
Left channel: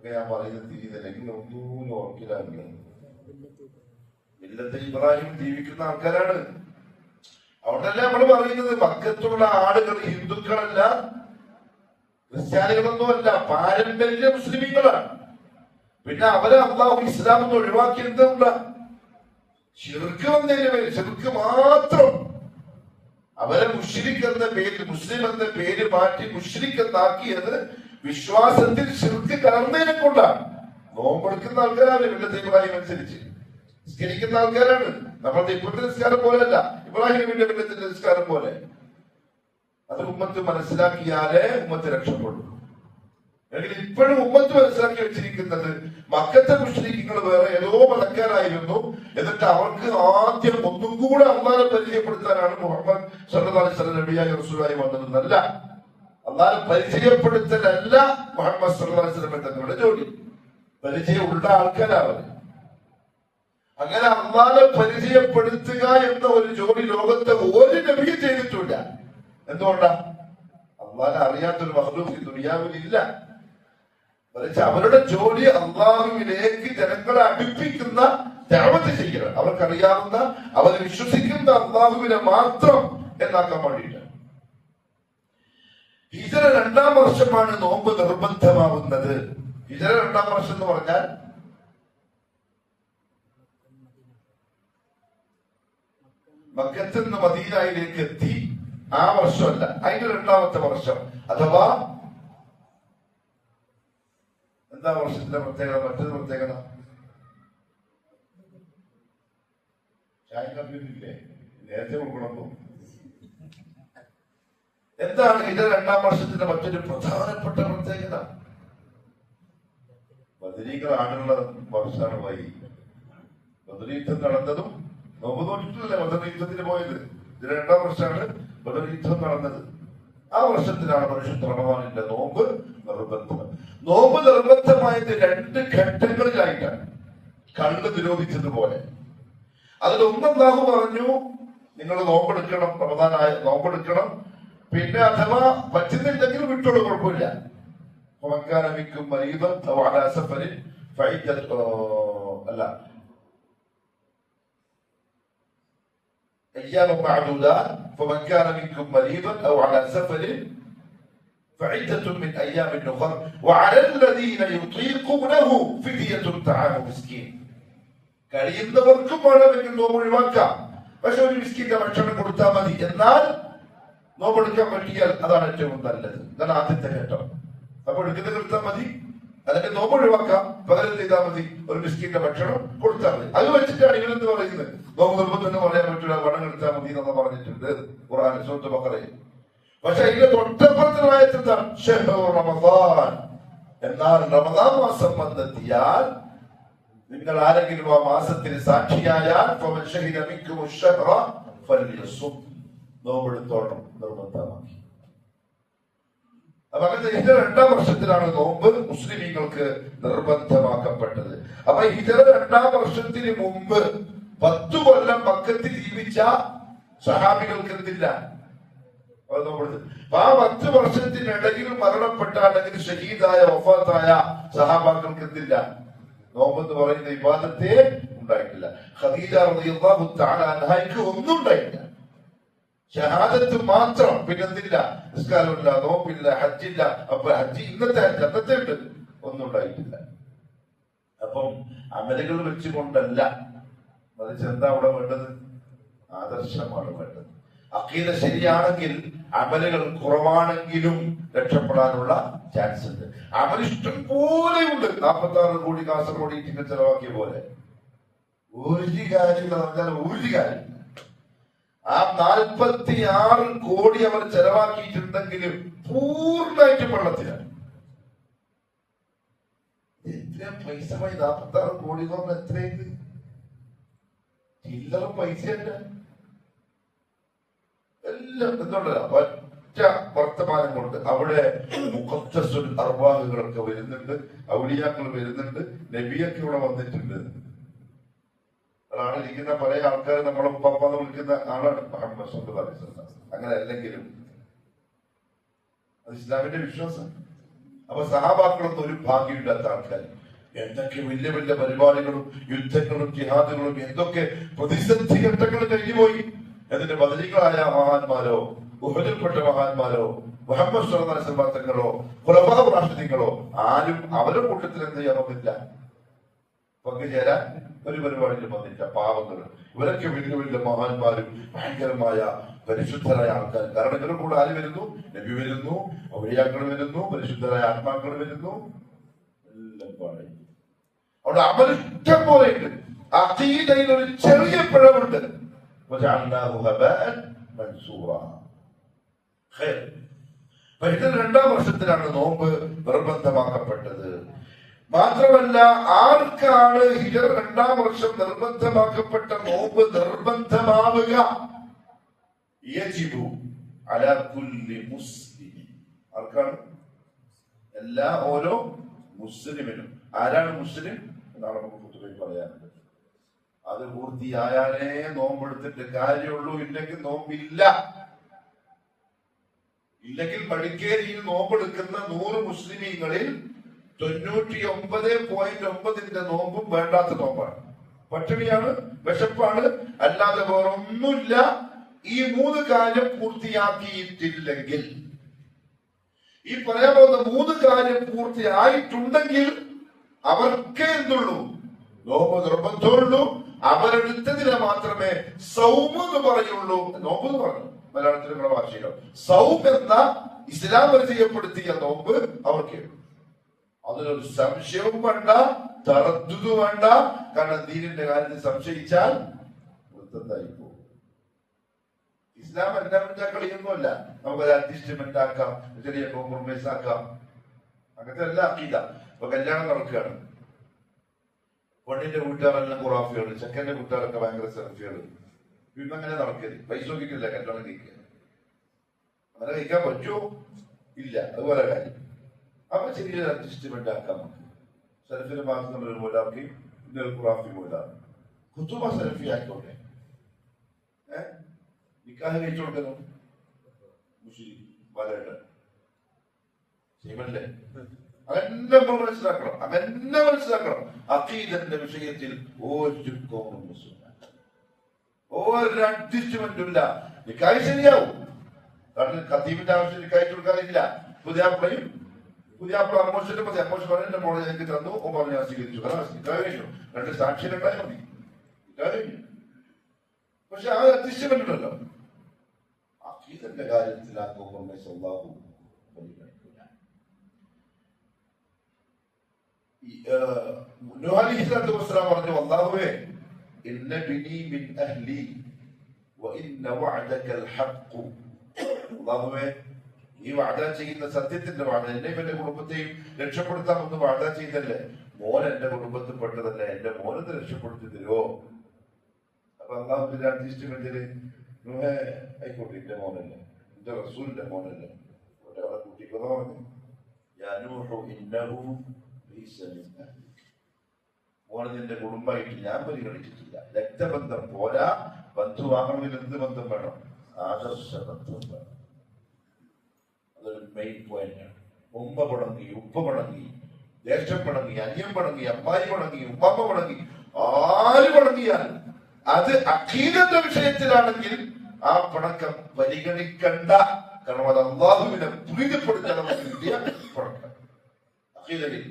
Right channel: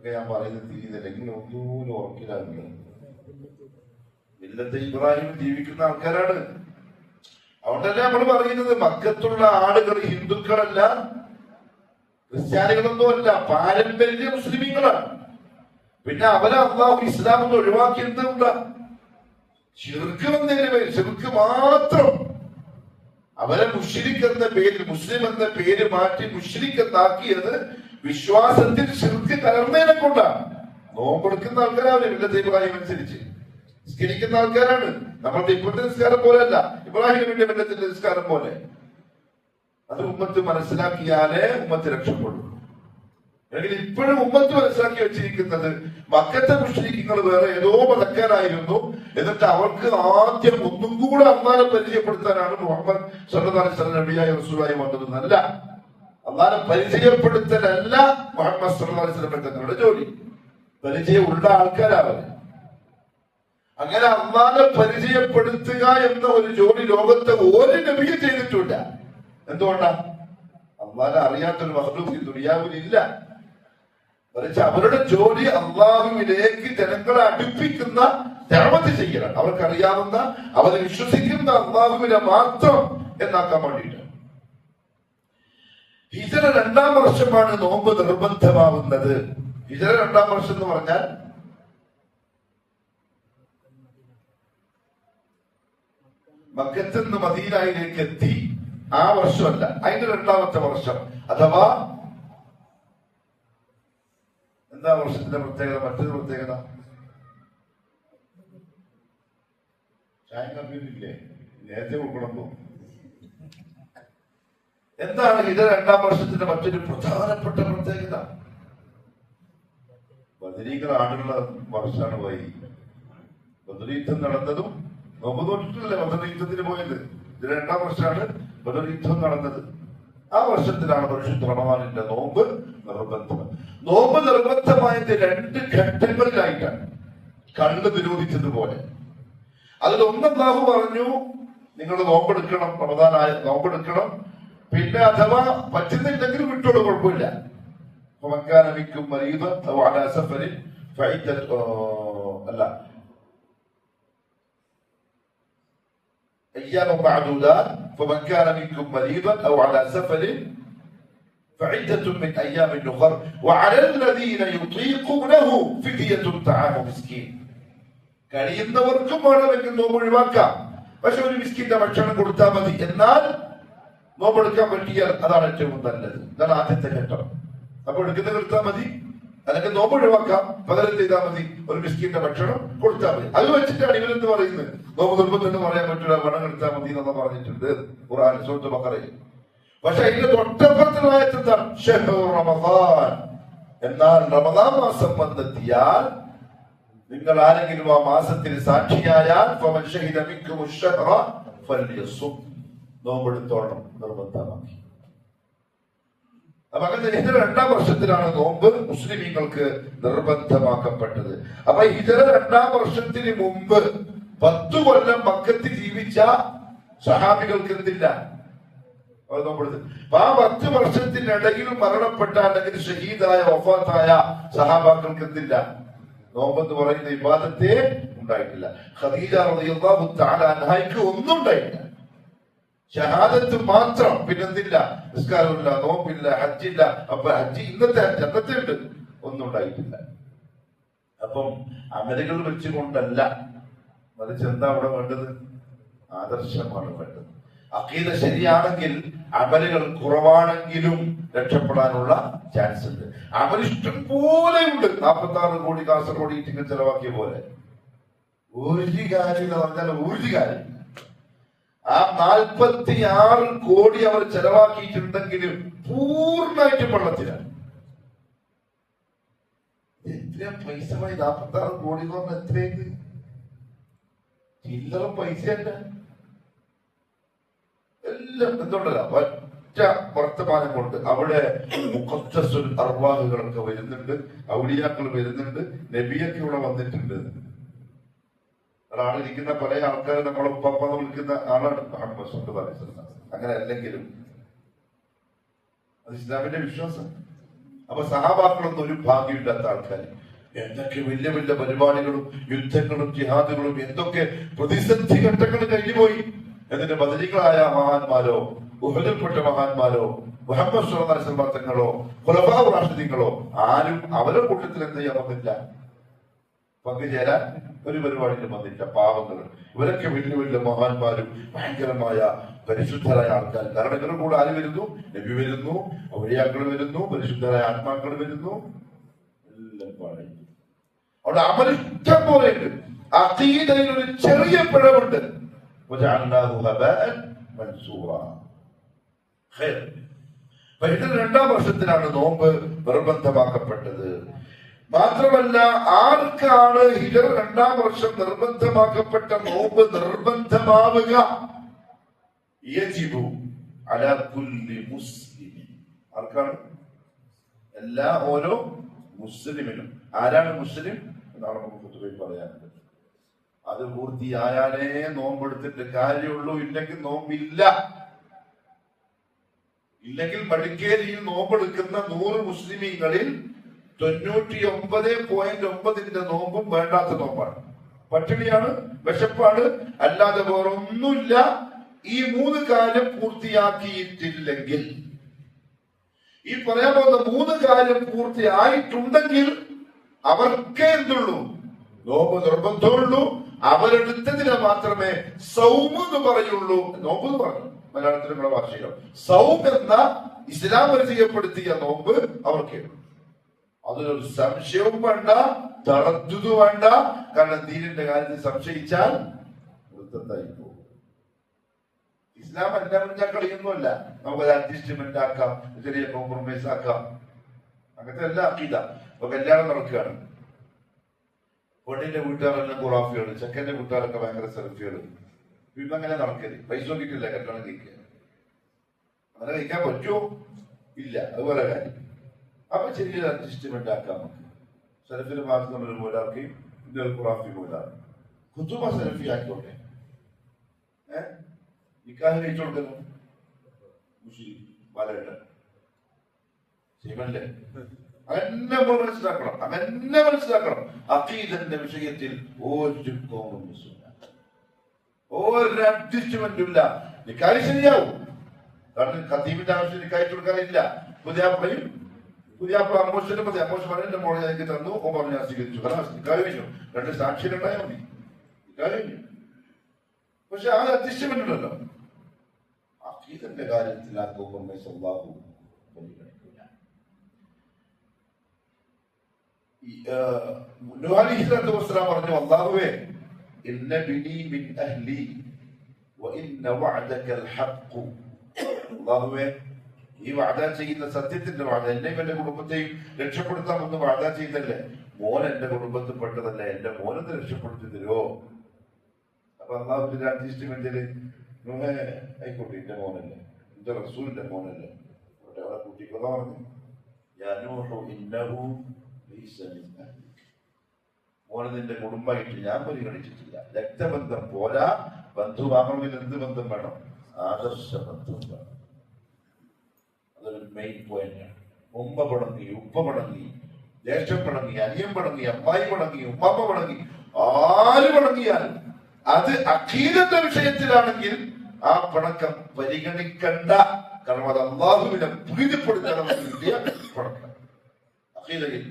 ഞാൻ പറയുന്നത് തിരിയുന്നില്ലെങ്കിൽ ഒന്നും ഓർക്കിലാണ്. മില്ലത്ത് ഇബ്രാഹിം ജീവിക്കുന്ന ആൾക്കാരാണ്. അതുകൊണ്ടല്ലേ നമ്മൾ പറയുന്നത് മക്കത്തുള്ള ആളുകൾ ഹിന്ദുക്കളല്ല, ക്രിസ്ത്യാനികളൊന്നുമല്ല, പാരമ്പര്യ മുസ്ലിമീങ്ങളാണ്. പിന്നെ അവരെ അള്ളാഹു ഇസ്ലാം എന്ന് ഒഴിവാക്കിയെന്താ? ശിർക്ക് വന്നതിന് പേര്, ശിർക്ക് മാത്രം. അവരെ മുശ്രിക് എന്ന പേര്, മുസ്ലിം എന്ന പേര് മാറ്റി മുശ്രിക് എന്നാക്കിയത് വിശ്വാസത്തിൽ ശിർക്ക് കലർന്നതിനെ കൊണ്ടാണ്. നോമ്പെടുക്കുന്ന ആൾക്കാരാണ് മില്ലത്ത് ഇബ്രാഹിം അനുസരിച്ച് നിസ്കരിക്കുന്ന ആൾക്കാരാണ്. നമ്മളുടെ ഇപ്പോഴത്തെ നിസ്കാരം പോലെയല്ല, ഇബ്രാഹിമിന്റെ മില്ലത്തിന്റെ നിസ്കാരം പോലെ. അത് ഉമ്മത്ത് മനസ്സിലാക്കിയാലേ ഉമ്മത്ത് രക്ഷപ്പെടും. അല്ലെങ്കിൽ ഇപ്പോഴും ഉമ്മത്ത് മനസ്സിലാക്കി വെച്ചിരിക്കുന്നത് മക്കത്തെ മുശ്രിക്കുകൾ വേറെ ഏതോ മതക്കാരായിരുന്നു, എന്നിട്ട് അവർക്ക് ആദ്യം ഒന്നും കൂടെ അള്ളാനെ പരിചയപ്പെടുത്താനാണ് മുഹമ്മദ് സല്ലല്ലാഹു അലൈഹി വസല്ലം നബിയായി റസൂലായി വന്നതെന്നല്ല. അള്ളാനെ പരിചയപ്പെടുത്തലല്ല മുഹമ്മദ് സല്ലല്ലാഹു അലൈഹി വസല്ലം തങ്ങളുടെ ജോലി. പരിചയമുള്ള ആൾക്കാരാവർ. അങ്ങനെ അള്ളാനെ പരിചയപ്പെടുത്തുക എന്ന ഒരു ജോലി ലോകത്തെ ഒരു നബിയും ചെയ്തിട്ടില്ല. എന്തുകൊണ്ടാ? അള്ളാനെ അറിയാത്തൊരു മഖ്ലൂഖ് ദുനിയാവിലില്ല. മറിച്ച് അവരുടെ ജോലി അള്ളാഹുവിലേക്ക് ജനങ്ങളെ അടുപ്പിക്കുന്ന ദഅവത്ത് ചെയ്യണം. അവർക്കറിയാവുന്ന, അവരെ വിശ്വസിക്കുന്ന അള്ളാഹുവിനെ മാത്രം എന്നാക്കാൻ വേണ്ടിയിട്ട്. ഹിജ്റ 2-ാം വർഷമാണ് നോമ്പ് നിർബന്ധമാവുന്നത്. ഹിജ്റ 2-ാം വർഷം എന്ന് പറഞ്ഞാൽ മക്കത്തിൽ നിന്ന് മദീനയിലേക്ക് എത്തി ആ വർഷമല്ല, അതിന്റെ 2-ാമത്തെ വർഷം. അഥവാ എന്താ വർഷത്തിന്റെ പ്രത്യേകത? മറ്റൊരു പ്രത്യേകത ചായക്കാപ്പില്ലേ, നേരത്തെ കൊടുക്കണമോ? എന്താണ് ഇത് 2-ാം വർഷത്തിന്റെ മറ്റൊരു പ്രധാനപ്പെട്ട പ്രത്യേകത? ബദരീകൾ ആടുള്ള വർഷമാണ് വൈകി. ബദർ യുദ്ധം നടന്നതും നോമ്പ് നോക്കിയിട്ടില്ല. ബദർ യുദ്ധത്തിന് പോയത് ഇത് 2-ാം വർഷമാണ് ബദർ യുദ്ധം നടന്നത്. ആ വർഷത്തിലാണ് പരിശുദ്ധ റമദാനിന്റെ നോമ്പ് നിർബന്ധം. നോമ്പ് നിർബന്ധമായത് 2 ഘട്ടങ്ങളിലായിട്ടാണ്, കണ്ണ് വിരോധിച്ചതുപോലെ. അതിലൊന്ന് അല്ലാഹു പറഞ്ഞു, നിങ്ങൾ നോമ്പെടുക്കണം, റമദാനായ നോമ്പെടുക്കണം. പിന്നെ അഥവാ പറ്റുന്നില്ലെങ്കിൽ വിട്ടോളൂ, കുഴപ്പമില്ല. മക്കാനമിക്കും മരീദൻ ഔ അലാ സഫരിൻ ഫഇദ്ദത്തു അല്ല أيام معدودات فمن كان منكم مريضا أو على سفر فعدة من أيام أخر وعلى الذين يطيقونه فدية طعام مسكين. കഴിയുന്നവർക്കും വേണമെങ്കിൽ നോമ്പ് ഒഴിവാക്കാം, പക്ഷെ ഒരു മിസ്കിന്റെ ഭക്ഷണം കൊടുത്താൽ മതി. എന്നാൽ നോമ്പെടുക്കാൻ പറ്റിയാൽ അതാണ് ഏറ്റവും നല്ലത്. അതാണ് ആദ്യത്തെ ഘട്ടം. അപ്പൊ എടുക്കുന്നത് എടുത്താൽ മതി, അല്ലെങ്കിൽ നോമ്പ് ഒഴിവാക്കാം, പകരം ചെയ്താൽ മതി, ഒരു മിസ്കിന്റെ ഭക്ഷണം കൊടുത്താൽ മതി. അത് വെച്ചിട്ടാണ് ഇവരെന്ന് പറയുന്നത് നോമ്പ് നിർബന്ധം എന്ന് പറയാൻ പറ്റില്ല, പണം എടുത്താൽ മതി എന്നൊക്കെ പറഞ്ഞിട്ടുണ്ട് ഖുർആൻ സൂറത്തുൽ ബഖറയിൽ. പക്ഷെ അതിന്റെ തൊട്ടപ്പുറത്തിനായെന്താണ് ശഹ്റു റമദാൻ. എന്നാൽ റമദാൻ മാസം വന്നെത്തിയാൽ നിങ്ങൾ ആരെങ്കിലും ആ മാസത്തിന് സാക്ഷിയായാൽ ഫമൻ ശഹിദ മിൻകും അശ്ശഹ്റ ഫൽയസും, നോമ്പെടുത്തോളം നിർബന്ധമാക്കി. അപ്പൊ അങ്ങനെ ഹിജ്റ 2-ാം വർഷത്തിലാണ് നോമ്പ് മുസ്ലിമീങ്ങൾക്ക് നിർബന്ധമാക്കപ്പെട്ടത്. അപ്പൊ ഹിജ്റ 2-ാം വർഷത്തിന് മുമ്പ് 10 കൊല്ലം മക്കത്തിൽ ജീവിച്ച സഹാബികൾക്ക് എന്തില്ല? അപ്പൊ ആ 10 വർഷത്തിനിടയിൽ മരണപ്പെട്ട അല്ലെങ്കിൽ ഷഹീദായ വഫാത്തായ സഹാബാക്കൾക്ക് എന്തില്ല? നോമ്പെന്ന് പറയുന്ന ഇബാദത്തെ ഉണ്ടായിട്ടില്ല. ഖദീജ റളിയല്ലാഹു തആല അൻഹയ്ക്ക് ഒന്നും ഉണ്ടായില്ല, ഷഹാദത്ത് മാത്രം. പിന്നെന്തില്ല? നിസ്കാരമില്ല, നോമ്പില്ല, ഹജ്ജില്ല. അപ്പൊ ഹജ്ജ് ഇന്നത്തെ ഹജ്ജ് അന്നത്തെ ഉണ്ട്, ഒന്നും ഉണ്ടായിട്ടില്ല. അപ്പം അമലുകൾ വെച്ചുകൊണ്ടല്ല, മറിച്ച് എന്താ അവിടെ വേണ്ടത്? ആദർശമാണ് വേണ്ടത്. അഖീദ ശരിയാണെങ്കിൽ അമലുകൾ കുറവാണെങ്കിലും രക്ഷപ്പെടാനുള്ള ചാൻസ് ഉണ്ട്. അമലിഷ്ടം പോലെയുണ്ട്. 46 കോടി കാസർഗോഡ് ഈറ്റിങ്ങൾ ചെലവാക്കിയ പോലെ ഒരു കാര്യമില്ല പറഞ്ഞാൽ ഒരു കാര്യം. ആ 46 കോടി അവർ ചെലവാക്കിയിട്ടുണ്ടെങ്കിലും പൂർണ്ണമായിട്ടും വെള്ളത്തിലാണ്. എത്ര പൈസ? 46 കോടി എന്ന് പറഞ്ഞാൽ എത്രയൊക്കെ ചില്ലറ പൈസയല്ല. എല്ലാം എന്തുകൊണ്ടല്ല, ഒറ്റ വർത്തമാനം കൊണ്ട് അവിടെ മുഖദ്ദസുൽ അർവാഹുകളൊക്കെ വരുന്നുണ്ട്, ഔലിയാക്കൾ വരുന്നുണ്ട്, നബിയൊക്കെ ഇവിടെ വന്നിട്ടുണ്ട്. അതാണ് ഇരിക്കുന്ന പല ആൾക്കാർ നമ്മളെ ഉപ്പാപ്പാന്ന് വിളിക്കുന്ന ആളാണ് മുഹമ്മദ് സല്ലല്ലാഹു അലൈഹി വസല്ലം. അങ്ങനെ അല്ലെങ്കിലും അത് ഇസ്ലാമിന്റെ വിശ്വാസം. അപ്പൊ സഹാബാക്കളൊന്നും ഒരു ഭാഗ്യമില്ലാത്ത ആൾക്കാർ. എന്തൊക്കെ വലിയ വലിയ പരിപാടികളും യുദ്ധങ്ങളും ജിഹാദുകളും എന്തൊക്കെ പ്രതിസന്ധി ഘട്ടങ്ങൾ കഴിഞ്ഞുപോയി. എന്നിട്ട് ബദരീകളായ മഹാന്മാരോ ഉഹദിൽപ്പെട്ട മഹാന്മാരോ മുഹമ്മദ് സല്ലല്ലാഹു അലൈഹി വസല്ലം തങ്ങളോ ഖുലഫാഉർ റാഷിദീങ്ങളോ ആരും അവരുടെ കൂട്ടത്തിൽ എന്ത് ചെയ്യാൻ വന്നില്ല, പങ്കുചേരാൻ ഒരു പരിപാടിയിൽ വന്നില്ല. പാവങ്ങൾ ഇവരൊക്കെ വലിയ വലിയ മഹാന്മാരും ഭയങ്കരമായ പരിശുദ്ധരായ ആൾക്കാർ. കാരണം ഇവരുടെ കൂടെ ആര് വരുന്നു? നബി വരുന്നു, ഔലിയാക്കൾ വരുന്നു, പരിശുദ്ധരായ ആത്മാക്കൾ വരുന്നു. എല്ലാം പാടി അവിടെ അമലിഷ്ടം പോലെയുണ്ട്. അഖീദയിൽ ഒരു ചെറിയ പിഴവുണ്ട്. ഹിജറ 2-ാം വർഷത്തിലാണ് നോമ്പ് നിർബന്ധമാക്കപ്പെട്ടത്. മാത്രമല്ല, ആർക്കാണ് ഹിജറ 2-ാം വർഷം നിർബന്ധമാക്കപ്പെട്ട നോമ്പ് നിർബന്ധമാവുക? യജിബു അലാ കുല്ലി മുസ്ലിമിൻ. ആർക്കാണ്? എല്ലാ ഓരോ മുസ്ലിമിനും. ആരാണ് മുസ്ലിം എന്നാണ് നമുക്ക് പൊതുവെ പറയാനുള്ളത്. അത് പൂർത്തിയായാലേ നോമ്പെടുത്തിട്ട് കാര്യമുള്ളൂ, ഇല്ലെങ്കിൽ നോമ്പില്ല. ഇല്ലെങ്കിൽ മടിക്കേരിയിൽ നോമ്പെടുക്കുന്ന 100 മുസ്ലിമീങ്ങളിൽ 99.9 നോമ്പും വേണ്ടാത്ത നോമ്പാണ്, പട്ടിണിയാണ്, വിശപ്പാണ്, അല്ലാതെ വേറെ ഒന്നുമില്ല. ഈ 3 കാര്യം പൂർത്തിയാക്കിയിട്ടില്ലെങ്കിൽ, ഈ പറയാൻ പോകുന്ന 3 കാര്യം പൂർത്തിയായിട്ടുണ്ടെങ്കിൽ അവർക്കേ എന്തുള്ളൂ? നോമ്പ് നിർബന്ധമുള്ളൂ. അവരെടുത്തതിനെ മാത്രമേ സൗമ് എന്ന് പറയുള്ളൂ. നോമ്പ് എന്ന് പറഞ്ഞു മലയാളത്തിലുള്ള ഭാഷയിലോ സൗം എന്ന ഇസ്ലാം പരിചയപ്പെടുത്തിയ നോമ്പ് അവർക്ക്. അതിനൊരു സംശയവും വേണ്ട, തറദ്ദുദ് വേണ്ട. കാരണം ദീനിന്റെ കാര്യത്തിൽ സംശയിച്ചാൽ വൃത്തത്തായി പോകും. ഇസ്ലാം എന്താ പറഞ്ഞാൽ കളിയൊന്നുമല്ല. നമുക്കത് അഡ്ജസ്റ്റ്മെന്റ് ആക്കാം, ചെറിയ കോംപ്രമൈസ് ആക്കാം. അങ്ങനത്തെ എല്ലാ അക്കീദ. ഇപ്പൊ കല്യാണം നടക്കുകയാണ്, പെണ്ണിന്റെ വീട്ടുകാരെല്ലാം ഖുറാഫികള്, ചെക്കന്റെ വീട്ടുകാരൊക്കെ ഭയങ്കര സെൽഫികള്. പിന്നെ അങ്ങനെ നടക്കരുത്. പൈസ നോക്കിയിട്ടില്ല കല്യാണം കഴിക്കുക. അങ്ങനെ കഴിക്കാൻ പറ്റുമോ? ഇല്ല. അതുപോലെ കാര്യം. അപ്പൊ ചെറിയൊരു അഡ്ജസ്റ്റ്മെന്റ് ആക്കാം. നമുക്ക് സെൽഫിന് മാർക്കുള്ളൊരു മൂലാക്കി, ഇന്നൊരു ഖുറാഫി മൂലാക്കി, കുത്തുമ സെൽഫി ആയിക്കോട്ടെ. നിക്കാഹ് കഴിച്ചു കൊടുക്കല്ലോ മുസ്ലിം വലയുടെ ചെയ്യല്ലേ? അങ്ങനെ മനസ്സിലാക്കണം, അങ്ങനെ മനസ്സിലാക്കണം. അഖീദന്റെ വിഷയത്തിൽ ഒരു കോംപ്രമൈസും ഇല്ല, ഒരു അഡ്ജസ്റ്റ്മെന്റും ഇല്ല. നിക്കാഹ് ശരിയാവും. കാരണം ഖത്തീബിന്റെ ആവശ്യം നിക്കാഹ് കൊടുക്കാനില്ല. പുതിയാപ്പയും പുതിയാപ്പ അമോഷന്റെ മതി. അമോഷൻ പറഞ്ഞ മോളെ എനിക്ക് തന്നു, ഓ പറഞ്ഞു ഞാൻ സ്വീകരിച്ചു. കാരണം നിക്കാഹ് കഴിഞ്ഞു. 2 സാക്ഷികളുണ്ടായാൽ മതി, നിക്കാഹ് കഴിഞ്ഞു. പക്ഷെ ആ അഡ്ജസ്റ്റ്മെന്റ് ഉണ്ടല്ലോ. അഖീദന്റെ കാര്യത്തിൽ ആ കോംപ്രമൈസ് അല്ലാഹു പരിഗണിക്കില്ല. നൂഹ് അലൈഹിസ്സലാത്തു വസ്സലാം പറഞ്ഞു, അല്ലാഹുവേ ഇന്ന ബിനി മിൻ അഹ്ലി വ ഇന്ന വഅദകൽ ഹഖ്. അല്ലാഹുവേ, ഈ വാദ ചെയ്യുന്ന സത്യത്തിന്റെ വാദ, എന്നെയും എന്റെ കുടുംബത്തെയും രക്ഷപ്പെടുത്താമെന്ന് വാദ ചെയ്തല്ലേ. മോൻ എന്റെ കുടുംബത്തിൽ പെട്ടതല്ല, എന്റെ മോനെ രക്ഷപ്പെടുത്തി തരുമോ? അപ്പൊ അള്ളാഹുവിന്റെ അഡ്ജസ്റ്റ്മെന്റില് നൂഹേ ആയിക്കോട്ടെ, എന്റെ മോനല്ലേ, എന്റെ റസൂലിന്റെ മോനല്ലേ, അവിടെ കൂട്ടിക്കൊന്നാ പറഞ്ഞു. മോനെ നിന്റെ കുടുംബമായിട്ട് ഞാൻ പരിഗണിച്ചിട്ടില്ല. രക്തബന്ധം പോരാ, ബന്ധുവാങ്ങണമെങ്കിൽ എന്ത് ബന്ധം വേണം? ആദർശ ബന്ധം വേണം. അതൊരു മെയിൻ പോയിന്റാണ്. ഉമ്മ പടങ്ങി, ഉപ്പ പടങ്ങി, ജ്യേഷ്ഠൻ പടങ്ങി, അനിയൻ പടങ്ങി, അമ്മായി പടങ്ങി, ഉമ്മാമ്മ പടങ്ങി, ആര് പടങ്ങിയാൽ അത് അഖീദത്തെ വിഷയത്തിലാണെങ്കിൽ ആ പണക്കം പരിഗണിക്കണ്ട. കാരണം അത് അള്ളാഹുവിനെ പ്രീതിപ്പെടുത്താൻ വേണ്ടിയ പണക്കം. അഖീദയിൽ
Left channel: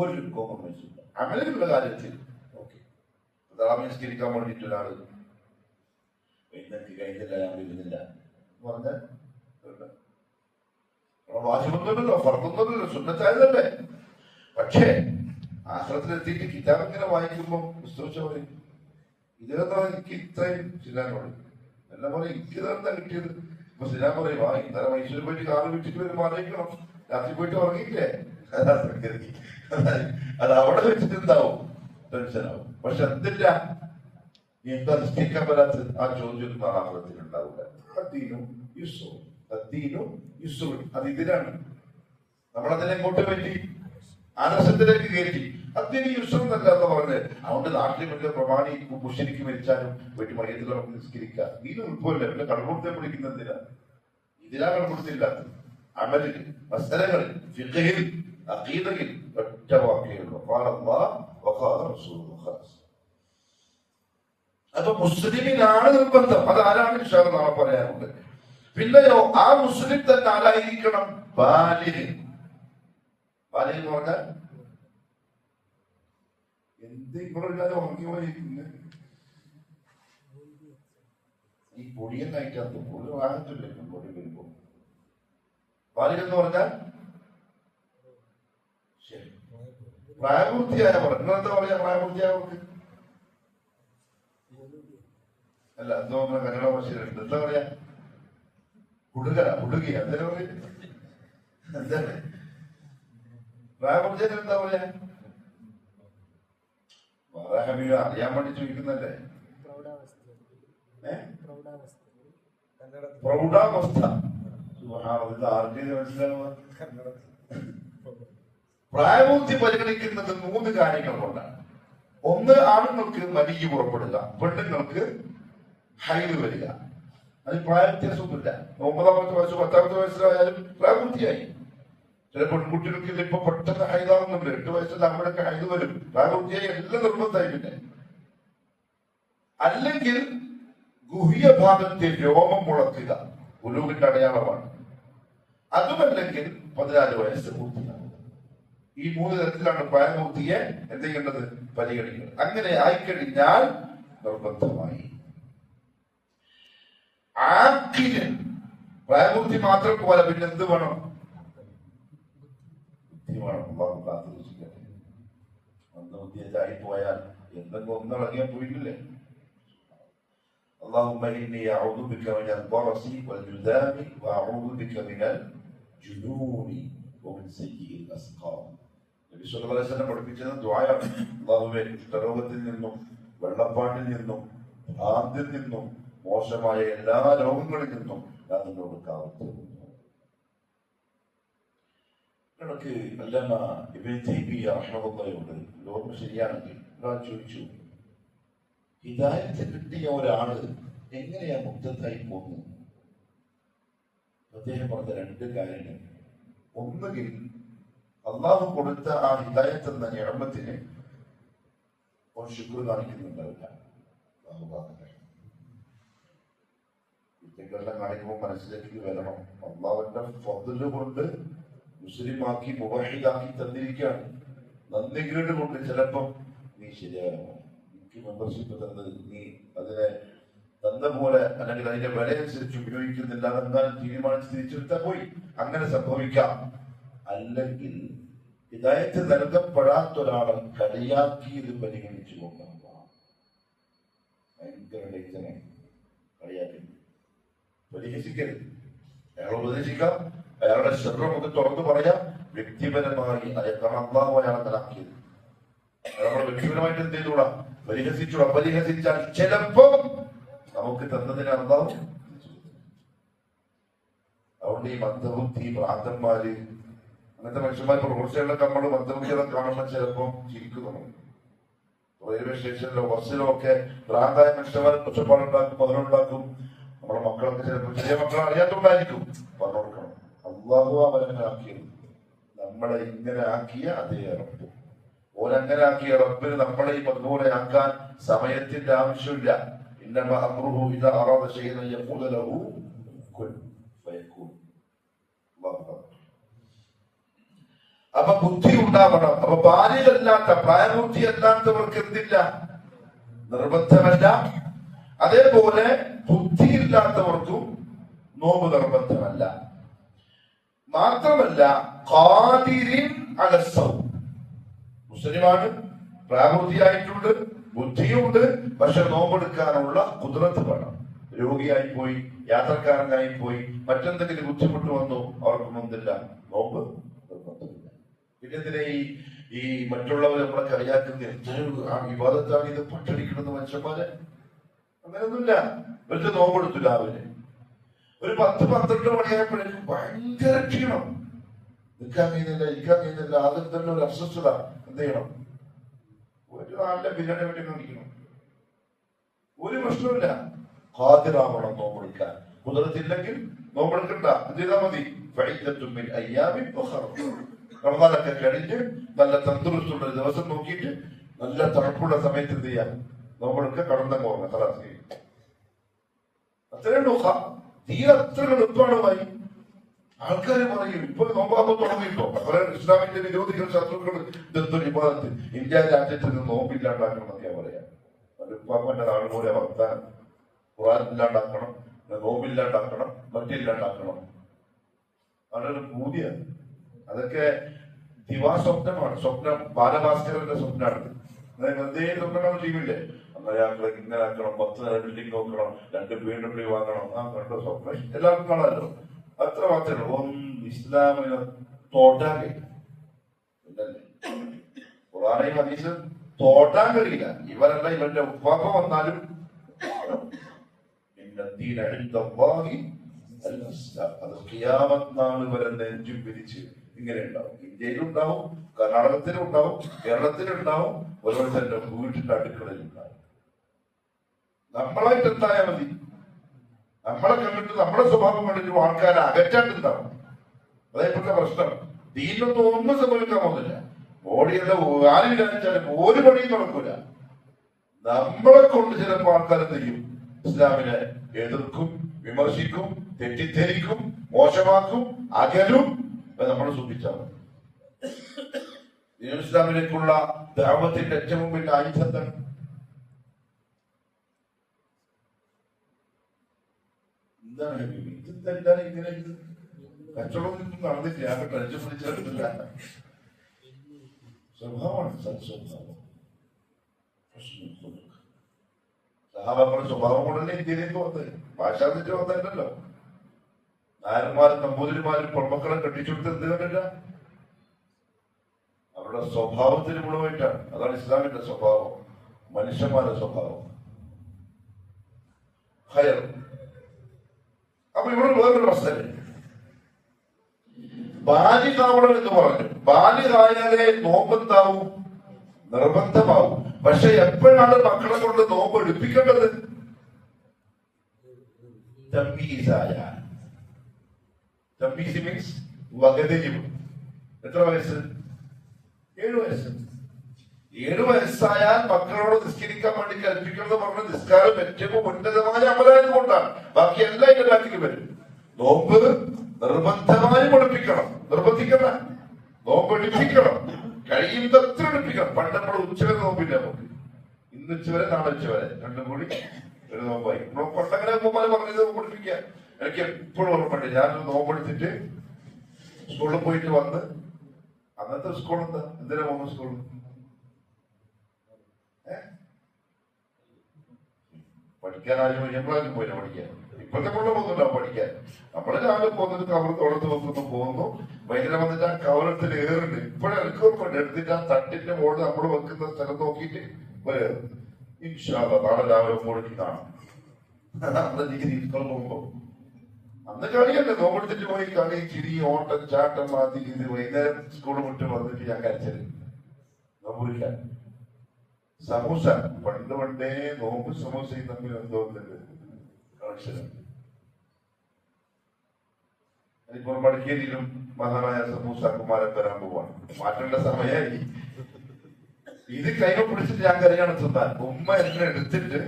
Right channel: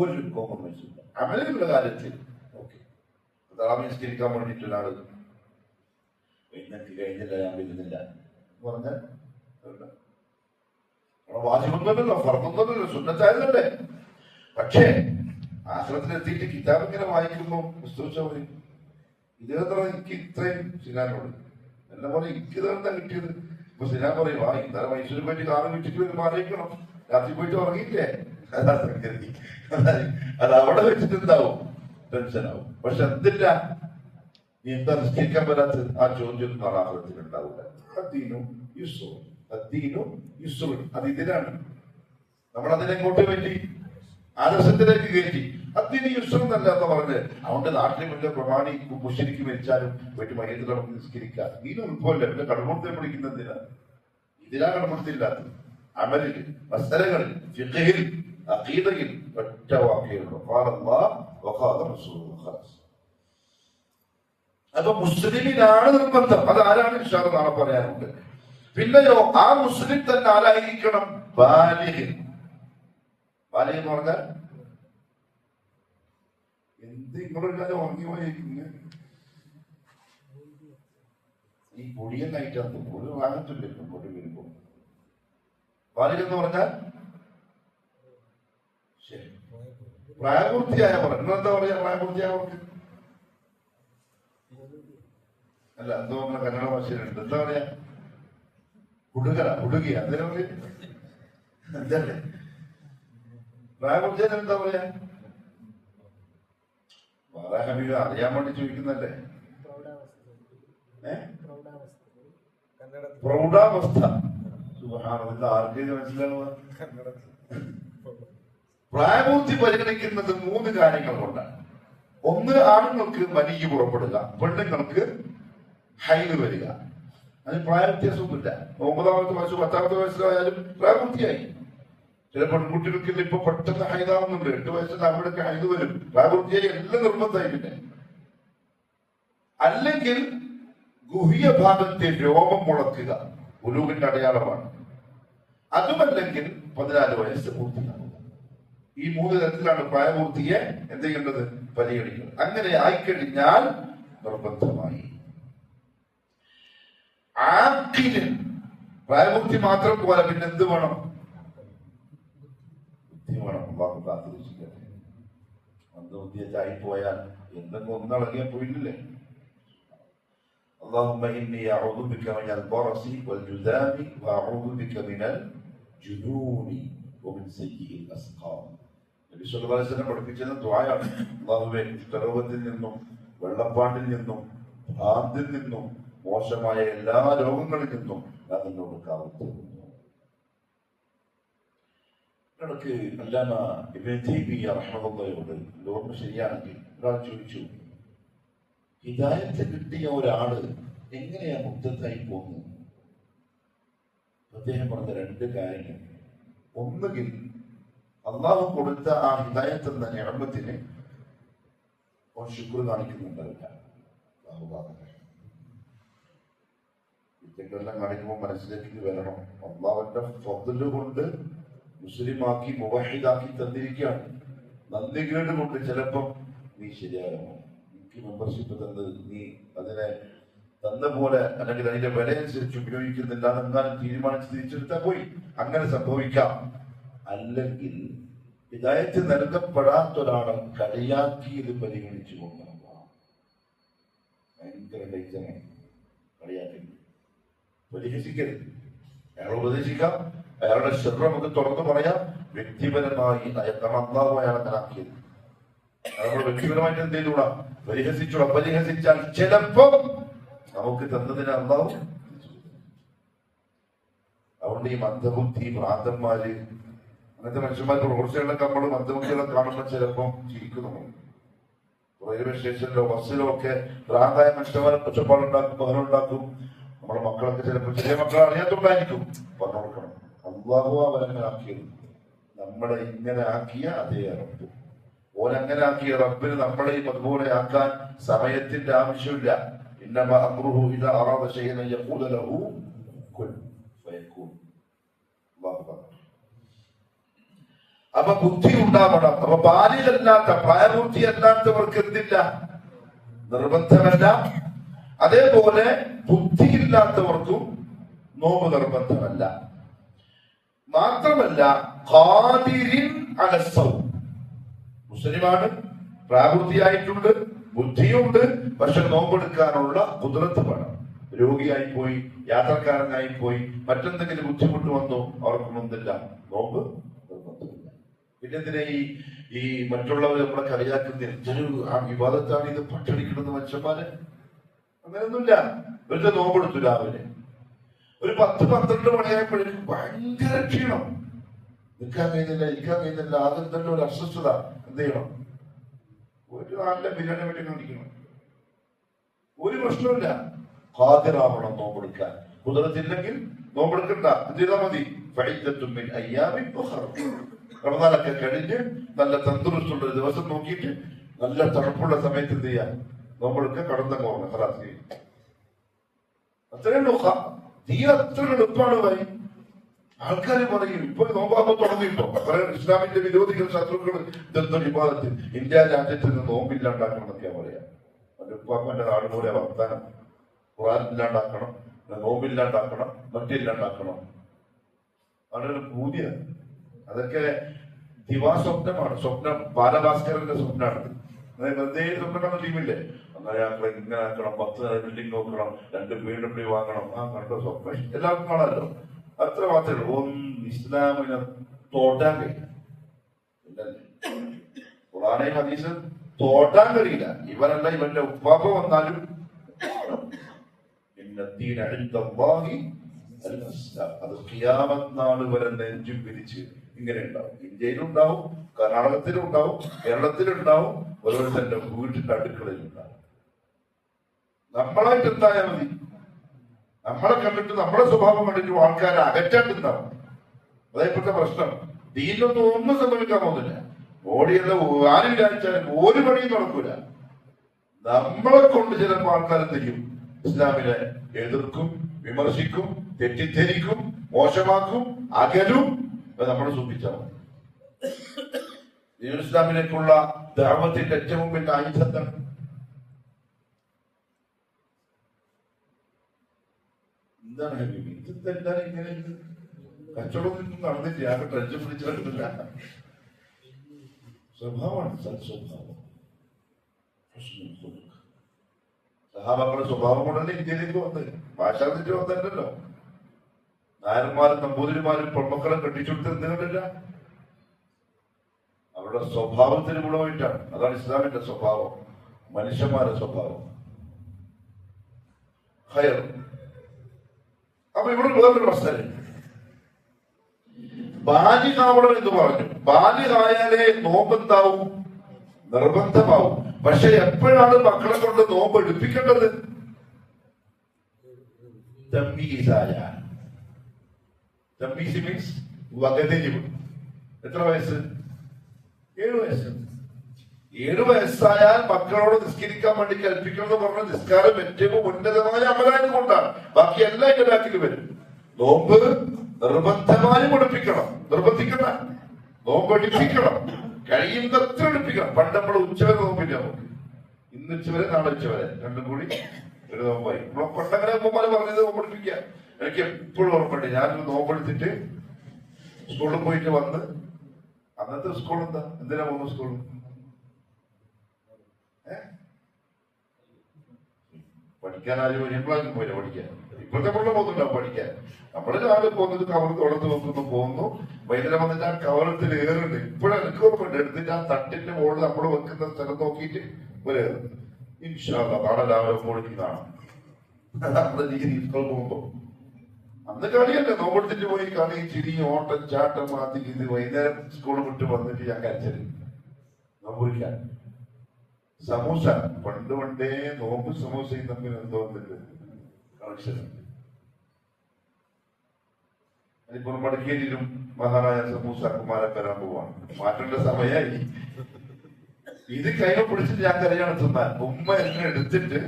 ഒരു കോംപ്രമൈസും ഇല്ല. അമലിനുള്ള കാര്യത്തിൽ ഓക്കെ. താമസിക്കാൻ വേണ്ടിയിട്ട് ഒരാള് ഇന്നൊക്കെ കഴിഞ്ഞില്ല, ഞാൻ വരുന്നില്ല എന്ന് പറഞ്ഞാൽ വാജിബൊന്നുമല്ലോ, ഫർദൊന്നുമല്ലോ, സുന്നത്തായതല്ലേ. പക്ഷേ ആശ്രമത്തിലെത്തിയിട്ട് കിതാബ് ഇങ്ങനെ വായിക്കുമ്പോൾ പുസ്തകം പറയും, ഇതെന്താ എനിക്ക് ഇത്രയും സിനാനോട് എല്ലാം പറയും, എനിക്ക് ഇതെന്താ കിട്ടിയത്? ഇപ്പൊ സിനാൻ പറയും, ആ ഇന്നലെ മൈസൂരിൽ പോയിട്ട് കാറ് വിട്ടിട്ട് വരും, മാറിയിക്കണം, രാത്രി പോയിട്ട് ഉറങ്ങിയില്ലേ? അത് അവിടെ വെച്ചിട്ടുണ്ടാവും, ടെൻഷനാവും. പക്ഷെ എന്തില്ല, നീ എന്താ നിശ്ചയിക്കാൻ പറ്റാത്തത്? ആ ചോദ്യം ആഹാരത്തിനുണ്ടാവില്ല. അദ്ദീനും യുസ്റുൻ, അദ്ദീനും യുസ്റുൻ. അത് ഇതിലാണ്. നമ്മളതിനെ എങ്ങോട്ട് പറ്റി? ആദർശത്തിലേക്ക് കയറ്റി. അദ്ദീന് യുസ്റുൻ എന്നല്ല എന്ന് പറഞ്ഞ് അതുകൊണ്ട് നാട്ടിൽ വലിയ പ്രമാണി മുശ്രിക്ക് മരിച്ചാലും വീട്ടിൽ മയ്യത്തിൽ നമുക്ക് നിസ്കരിക്കാം. ഇതിന് ഉൾപ്പല്ല. പിന്നെ കടമുടുത്തെ പിടിക്കുന്നതിനാ? ഇതിനാ കടമുടുത്തില്ലാത്തത്. അമലിൽ, മസ്അലകളിൽ, ഫിഖ്ഹിൽ, അഖീദയിൽ ഒറ്റ വാക്കുകളുള്ളൂ. ഖാല അല്ലാഹ് വഖാല റസൂലുള്ളാഹ്. അപ്പൊ മുസ്ലിമിനാണ് നിർബന്ധം. അത് ആരാണ് ഇൻഷാ അല്ലാഹ് നാളെ പറയാനുണ്ട്. പിന്നെയോ ആ മുസ്ലിം തന്നെ ആരായിരിക്കണം? ബാലിഗ്. ബാലിഗ് എന്ന് പറഞ്ഞാൽ എന്ത് ഇങ്ങോട്ടില്ലാതെ ഉറങ്ങി പോയിരിക്കുന്നു. ഈ പൊടിയെ കഴിക്കാത്ത ഒരു വാങ്ങത്തില്ല മുന്നോട്ട് വരുമ്പോ. ബാലിഗ് എന്ന് പറഞ്ഞാൽ പ്രായപൂർത്തിയായ പറഞ്ഞു. എന്താ പറയാ പ്രായപൂർത്തിയായവർക്ക്? അല്ല, എന്തോ കന്നഡ ഭാഷയിലുണ്ട്. എന്താ പറയാ? കുടുക, കുടുകിയ. അതിനെ പറയും എന്താണ് പ്രായപൂർത്തിയാൽ എന്താ പറയാ? വേറെ അറിയാൻ വേണ്ടി ചോദിക്കുന്നല്ലേ? പ്രൗഢാവസ്ഥ. ആർക്ക് മനസ്സിലാവുക? പ്രായപൂർത്തി പരിഗണിക്കുന്നത് 3 കാര്യങ്ങൾ കൊണ്ടാണ്. ഒന്ന്, ആണുങ്ങൾക്ക് മനിക്ക് പുറപ്പെടുക, പെണ്ണുങ്ങൾക്ക് ഹൈല് വരിക. അതിന് പ്രായവ്യത്യാസമൊന്നുമില്ല. 9ാമത്തെ വയസ്സ് 10ാമത്തെ വയസ്സിലായാലും പ്രായപൂർത്തിയായി. ചില പെൺകുട്ടികൾക്ക് ഇപ്പൊ പെട്ടെന്ന് ഹൈതാവുന്നുണ്ട്. 8 വയസ്സിൽ അവിടെയൊക്കെ ഹൈത് വരും. പ്രായപൂർത്തിയായി എല്ലാം നിർബന്ധമായി. പിന്നെ അല്ലെങ്കിൽ ഗുഹ്യ ഭാഗത്തെ രോമം മുളക്കുക ഉലൂവിന്റെ അടയാളമാണ്. അതുമല്ലെങ്കിൽ 14 വയസ്സ് പൂർത്തിയാവുക. ഈ 3 തരത്തിലാണ് പ്രായപൂർത്തിയെ എന്ത് ചെയ്യേണ്ടത്? പരിഗണിക്കുന്നത്. അങ്ങനെ ആയിക്കഴിഞ്ഞാൽ നിർബന്ധമായി. ആക്കിന് പ്രായപൂർത്തി മാത്രം പോലെ പിന്നെ എന്ത് വേണം? ബുദ്ധി വേണം. മന്ദബുദ്ധിയായി പോയാൽ എന്തെങ്കിലും ഒന്നിളങ്ങിയാൽ പോയില്ലേ? اللهم إني أعوذ بك من البرص والجذام وأعوذ بك من الجنون ومن سيء الأسقام. നബി സല്ലല്ലാഹു അലൈഹി വസല്ലം പഠിപ്പിച്ചത് ദുആയാണ്. അല്ലാഹുവേ, കുഷ്ഠരോഗത്തിൽ നിന്നും വെള്ളപ്പാണ്ടിൽ നിന്നും ഭ്രാന്തിൽ നിന്നും മോശമായ എല്ലാ രോഗങ്ങളിൽ നിന്നും ഞാൻ നിന്നോട് കാവൽപ്പെടുന്നു. കണക്ക് അല്ലാമ ഇബ്നു തൈമിയ്യ റഹ്മത്തുള്ളാഹിയോട് ഓർമ്മ ശരിയാണെങ്കിൽ ഒരാൾ ചോദിച്ചു, ഹിദായത്ത് കിട്ടിയ ഒരാള് എങ്ങനെയാ മുക്തത്തായി പോകുന്നത്? അദ്ദേഹം പറഞ്ഞ 2 കാര്യങ്ങൾ. ഒന്നുകിൽ അള്ളാഹു കൊടുത്ത ആ ഹിദായത്ത് എന്ന നിഅമത്തിന് ശുക്ർ കാണിക്കുന്നുണ്ടാവില്ല. ഇതെല്ലാം കാണിക്കുമ്പോൾ മനസ്സിലേക്ക് വരണം, അള്ളാഹുവിന്റെ ഫദ്ല് കൊണ്ട് മുസ്ലിമാക്കി മുവഹിദാക്കി തന്നിരിക്കുകയാണ്. നന്ദി കേട് കൊണ്ട് ചിലപ്പം നീ ശരിയാകണോ, മെമ്പർഷിപ്പ് തന്നത് നീ അതിനെ തന്ന പോലെ അല്ലെങ്കിൽ അതിന്റെ വില അനുസരിച്ച് ഉപയോഗിക്കുന്നില്ല എന്നാലും തീരുമാനിച്ച് തിരിച്ചെടുത്താൽ പോയി. അങ്ങനെ സംഭവിക്കാം. അല്ലെങ്കിൽ ഹിദായത്ത് നൽകപ്പെടാത്ത ഒരാളെ കളിയാക്കിയത് പരിഗണിച്ചു കൊണ്ടാണ്. ഭയങ്കര ഡേഞ്ചറാണ് കളിയാക്കി. പരിഹസിക്കരുത്. അയാൾ ഉപദേശിക്കാം, അയാളുടെ ശ്രദ്ധ നമുക്ക് തുറന്നു പറയാം. വ്യക്തിപരമായി അയാൾ അള്ളാഹു അയാളെ നന്നാക്കിയത് അയാളോട് വ്യക്തിപരമായിട്ട് എന്ത് ചെയ്തുകൂടാ? പരിഹസിച്ചൂടാ. പരിഹസിച്ചാൽ ചിലപ്പോ നമുക്ക് തന്നതിന് അള്ളാഹു. അതുകൊണ്ട് ഈ മന്ദബുദ്ധി ഭ്രാന്തന്മാര് അങ്ങനത്തെ മനുഷ്യന്മാർക്ക് റോഡ്സൈഡിലൊക്കെ നമ്മൾ മന്ദബുദ്ധികളെ കാണുമ്പോൾ ചിലപ്പം ചിരിക്കുന്നു. റെയിൽവേ സ്റ്റേഷനിലോ ബസ്സിലോ ഒക്കെ ഭ്രാന്തായ മനുഷ്യന്മാർ ഒച്ചപ്പാടുണ്ടാക്കും, ബഹളുണ്ടാക്കും. നമ്മുടെ മക്കളൊക്കെ ചിലപ്പോൾ ചെറിയ മക്കളെ അറിയാത്തുണ്ടായിരിക്കും. പറഞ്ഞു കൊടുക്കണം, അള്ളാഹു അവരങ്ങനെ ആക്കിയത്. നമ്മളെ ഇങ്ങനെ ആക്കിയ അതേ റബ്ബ്. ഓരങ്ങനെ ആക്കിയ റബ്ബിന് നമ്മളെയും അതുപോലെ ആക്കാൻ സമയത്തിന്റെ ആവശ്യമില്ല. ഇന്നമാ അംറുഹു ഇദാ അറാദ ശൈഅൻ യഖൂല ലഹു കുൻ ഫയകൂൻ. അപ്പൊ ബുദ്ധി ഉണ്ടാവണം. അപ്പൊ ബാലികല്ലാത്ത പ്രായപൂർത്തിയല്ലാത്തവർക്ക് എന്തില്ല? നിർബന്ധമല്ല. അതേപോലെ ബുദ്ധിയില്ലാത്തവർക്കും നോമ്പ് നിർബന്ധമല്ല. മാത്രമല്ല ഖാദിരിൻ അലസ്സൗം, മുസ്ലിമാണ്, പ്രായപൂർത്തിയായിട്ടുണ്ട്, ബുദ്ധിയുണ്ട്, പക്ഷെ നോമ്പെടുക്കാനുള്ള ഖുദ്റത്ത് വേണം. രോഗിയായി പോയി, യാത്രക്കാരനായി പോയി, മറ്റെന്തെങ്കിലും ബുദ്ധിമുട്ട് വന്നു, അവർക്കും എന്തില്ല? നോമ്പ് നിർബന്ധമില്ല. പിന്നെ എന്തിനാ ഈ മറ്റുള്ളവർ നമ്മളെ കളിയാക്കുന്ന എന്തൊരു ആ വിവാദത്താണ് ഇത് പട്ടടിക്കുന്നത് മനുഷ്യന്മാരെ? അങ്ങനെയൊന്നുമില്ല. വെറുതെ നോമ്പെടുത്തു രാവിലെ ഒരു 10-12 മണിയായപ്പോഴേക്കും ഭയങ്കര ക്ഷീണം, നിൽക്കാൻ കഴിഞ്ഞില്ല, ഇരിക്കാൻ കഴിഞ്ഞില്ല, ആദ്യം തന്നെ ഒരു അസ്വസ്ഥത. എന്ത് ചെയ്യണം? ഒരു നല്ല ബിരിയാണി വേണ്ടി കുടിക്കണം. ഒരു പ്രശ്നമില്ല. ഹാജരാവണം നോമ്പെടുക്കാൻ. കുതിരത്തില്ലെങ്കിൽ നോമ്പെടുക്കണ്ട, എന്ത് ചെയ്താൽ മതി? റമദാനൊക്കെ കഴിഞ്ഞ് നല്ല തന്തുറസ്റ്റുള്ള ഒരു ദിവസം നോക്കിയിട്ട് നല്ല തണുപ്പുള്ള സമയത്ത് എന്ത് ചെയ്യാം? നോമ്പെടുക്കുക, കടന്നങ്ങ് പോകണം. അത്രയുള്ളൂ. തീരെ അത്ര എളുപ്പമാണ് ഭായി. ആൾക്കാരെ പറയും ഇപ്പൊ നോമ്പാകുമ്പോൾ തുടങ്ങിയിട്ടോ ഇസ്ലാമിന്റെ വിരോധികൾ, ശത്രുക്കൾ ഇതെന്തോ വിവാദത്തിൽ ഇന്ത്യ രാജ്യത്ത് നിന്ന് നോമ്പില്ലാണ്ടാക്കണം എന്നൊക്കെയാ പറയാം. ഉപ്പാപ്പന്റെ നാട് പോലെ വർത്താനം. ഖുർആൻ ഇല്ലാണ്ടാക്കണം, നോമ്പില്ലാണ്ടാക്കണം, മറ്റില്ലാണ്ടാക്കണം. അതൊരു കൂലിയാണ്. അതൊക്കെ ദിവാസ്വപ്നമാണ്. സ്വപ്നം ബാലഭാസ്കരന്റെ സ്വപ്നമാണ്. വെറുതെ സ്വപ്നം ടീമില്ലേ, അങ്ങനെ ആക്കണം, ഇങ്ങനെ ആക്കണം, 10 നില ബിൽഡിംഗ് നോക്കണം, 2 BMW വാങ്ങണം. ആ കണ്ടോ സ്വപ്നം എല്ലാവർക്കും കാണാമല്ലോ. അത്ര മാത്രമേ ഉള്ളൂ. ഇസ്ലാമിനെ തോട്ടാൻ കഴിയില്ല. ഖുർആനെയും ഹദീസും തോട്ടാൻ കഴിയില്ല. ഇവരല്ല ഇവന്റെ ഉപ്പാപ്പ വന്നാലും അത് ഖിയാമത്ത് നാൾ വരെ നെഞ്ചും പിരിച്ച് ഇങ്ങനെ ഉണ്ടാവും. ഇന്ത്യയിലുണ്ടാവും, കർണാടകത്തിലുണ്ടാവും, കേരളത്തിലുണ്ടാവും, ഓരോരുത്തരുടെ വീട്ടിന്റെ അടുക്കളയിലുണ്ടാവും. നമ്മളായിട്ട് എന്തായാൽ മതി. നമ്മളെ കണ്ടിട്ട് നമ്മുടെ സ്വഭാവം കണ്ടിട്ട് ആൾക്കാരെ അകറ്റാണ്ടിരുന്നാവും. അതേപോലത്തെ പ്രശ്നം. ദീനൊന്നും ഒന്നും സംഭവിക്കാൻ പോകുന്നില്ല. ബോഡിയെല്ലാം ആര് വിചാരിച്ചാലും ഒരു പണിയും നടക്കൂല. നമ്മളെ കൊണ്ട് ചിലപ്പോൾ ആൾക്കാരെ ചെയ്യും, ഇസ്ലാമിനെ എതിർക്കും, വിമർശിക്കും, തെറ്റിദ്ധരിക്കും, മോശമാക്കും, അകലും. നമ്മൾ സൂക്ഷിച്ചാൽ ഇസ്ലാമിലേക്കുള്ള ദഅവത്തിന്റെ ഏറ്റവും വലിയ ആയുധത്താണ്. എന്താണ് ഇതെന്താണ് ഇങ്ങനെ കച്ചവടം നടന്നില്ല, ആകെ ടെൻഷൻ പിടിച്ചിട്ടില്ല. സ്വഭാവമാണ് സ്വഭാവം. സഹാബാക്കളുടെ സ്വഭാവം കൊണ്ടല്ലേ ഇന്ത്യയിലേക്ക് വന്നത്. ഭാഷാ തെറ്റ് വന്നിട്ടല്ലോ. നായന്മാരും നമ്പൂതിരിമാരും പെൺമക്കളെ കെട്ടിച്ചുകൊടുത്ത് എന്ത് കണ്ടില്ല? അവരുടെ സ്വഭാവത്തിന് ഗുണമായിട്ടാണ്. അതാണ് ഇസ്ലാമിന്റെ സ്വഭാവം, മനുഷ്യന്മാരുടെ സ്വഭാവം. ഹയർ. അപ്പൊ ഇവിടെ വേറൊരു പ്രശ്നം, ബാലികാവളം എന്ന് പറഞ്ഞു. ബാലികായാലേ നോമ്പെന്താവും? നിർബന്ധമാവും. പക്ഷെ എപ്പോഴാണ് മക്കളെ കൊണ്ട് നോമ്പ് എടുപ്പിക്കേണ്ടത്? തമ്മീസായ. തമ്മീസ് മീൻസ് വകതിരിവ്. എത്ര വയസ്സ്? 7 വയസ്സ്. 7 വയസ്സായാൽ മക്കളോട് നിസ്കരിക്കാൻ വേണ്ടി കൽപ്പിക്കുന്നത് പറഞ്ഞ നിസ്കാരം ഏറ്റവും ഉന്നതമായ അമലായത് കൊണ്ടാണ്. ബാക്കി എല്ലാം ഇതിന്റെ ബാക്കിൽ വരും. നോമ്പ് നിർബന്ധമായും എടുപ്പിക്കണം. നിർബന്ധിക്കണം, നോമ്പ് എടുപ്പിക്കണം. കഴിയുന്നത്ര എടുപ്പിക്കണം. പണ്ട് നമ്മൾ ഉച്ചവരെ നോമ്പില്ല. നമുക്ക് ഇന്ന് ഉച്ചവരെ, നാളെ ഉച്ചവരെ, രണ്ടും കൂടി ഒരു നോമ്പായി. പണ്ടങ്ങനെ ഉമ്മമാരെ പറഞ്ഞത് നോമ്പെടുപ്പിക്കുക. എനിക്ക് എപ്പോഴും ഓർമ്മയുണ്ട്. ഞാനൊരു നോമ്പെടുത്തിട്ട് സ്കൂളിൽ പോയിട്ട് വന്ന്, അന്നത്തെ സ്കൂൾ എന്താ, എന്തിനാ പോകുന്ന സ്കൂളിൽ? പഠിക്കാൻ ആരും എപ്പോഴാലും പോയില്ല പഠിക്കാൻ. ഇപ്പോഴത്തെ പിള്ളേർ പോകുന്നുണ്ടാവും പഠിക്കാൻ. നമ്മള് രാവിലെ പോകുന്നത് കവർ തോളത്ത് നോക്കുന്നു, പോകുന്നു. വൈകുന്നേരം വന്നിട്ട് ആ കവറത്തിൽ ഏറുണ്ട്. ഇപ്പോഴും എനിക്ക് ഓർമ്മയുണ്ട്. എടുത്തിട്ട് ആ തട്ടിന്റെ മുകളിൽ നമ്മൾ വെക്കുന്ന സ്ഥലം നോക്കിയിട്ട് ഒരു ഇൻഷാ അല്ലാഹ് നാളെ രാവിലെ മുകളിൽ കാണാം. നമ്മുടെ രീതി സ്കൂളിൽ പോകുമ്പോ അന്ന് കളിയല്ലേ, നോമ്പെടുത്തിട്ട് പോയി കളി, ചിരി, ഓട്ടം, ചാട്ടം, അത് ഇത്. വൈകുന്നേരം സ്കൂൾ വിട്ട് വന്നിട്ട് ഞാൻ കരച്ചത് നോമ്പില്ല. സമൂസ പണ്ട് പണ്ടേ നോമ്പ് സമൂസയും തമ്മിൽ എന്തോന്നുണ്ട് കണക്ഷനുണ്ട്. അതിപ്പോ മടക്കേരിയിലും മഹാനായ സമൂസാക്കുമാരൊക്കെ വരാൻ പോവാണ്. മാറ്റേണ്ട സമയമായി. ഇത് കൈമ പിടിച്ചിട്ട് ഞാൻ കരയാണ് തിന്നാൻ. ഉമ്മ എന്നെ എടുത്തിട്ട്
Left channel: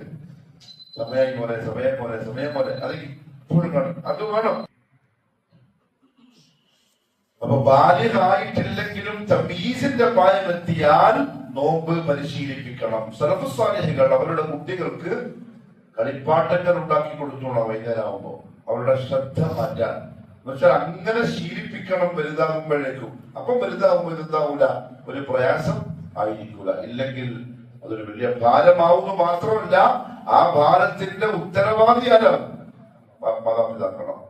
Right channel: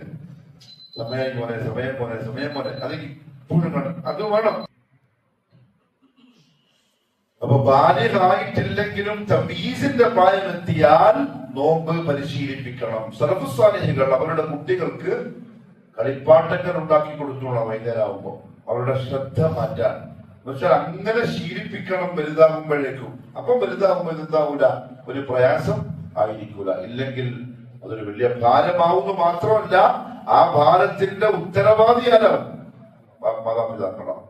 സമയം പോലെ സമയം പോലെ സമയം പോലെ അത് ഇപ്പോഴും കാണും. അത് വേണം. അപ്പൊ ബാല്യമായിട്ടില്ലെങ്കിലും തമീസിന്റെ പ്രായം എത്തിയാൽ നോമ്പ് പരിശീലിപ്പിക്കണം. സലഫു സാലിഹുകൾ അവരുടെ കുട്ടികൾക്ക് കളിപ്പാട്ടങ്ങൾ ഉണ്ടാക്കി കൊടുത്തോളാം. വൈകുന്നേരമാകുമ്പോ അവരുടെ ശ്രദ്ധ മാറ്റാൻ എന്നുവെച്ചാൽ അങ്ങനെ ശീലിപ്പിക്കണം വലുതാകുമ്പോഴേക്കും. അപ്പം വലുതാകുമ്പോൾ എന്താവൂല, ഒരു പ്രയാസം ആയിരിക്കൂല. ഇല്ലെങ്കിൽ അതൊരു വലിയ ഭാരമാവുന്നു. മാത്രമല്ല ആ ഭാരത്തിന്റെ ഉത്തരവാദിയാണ് മാതാപിതാക്കളാണ്.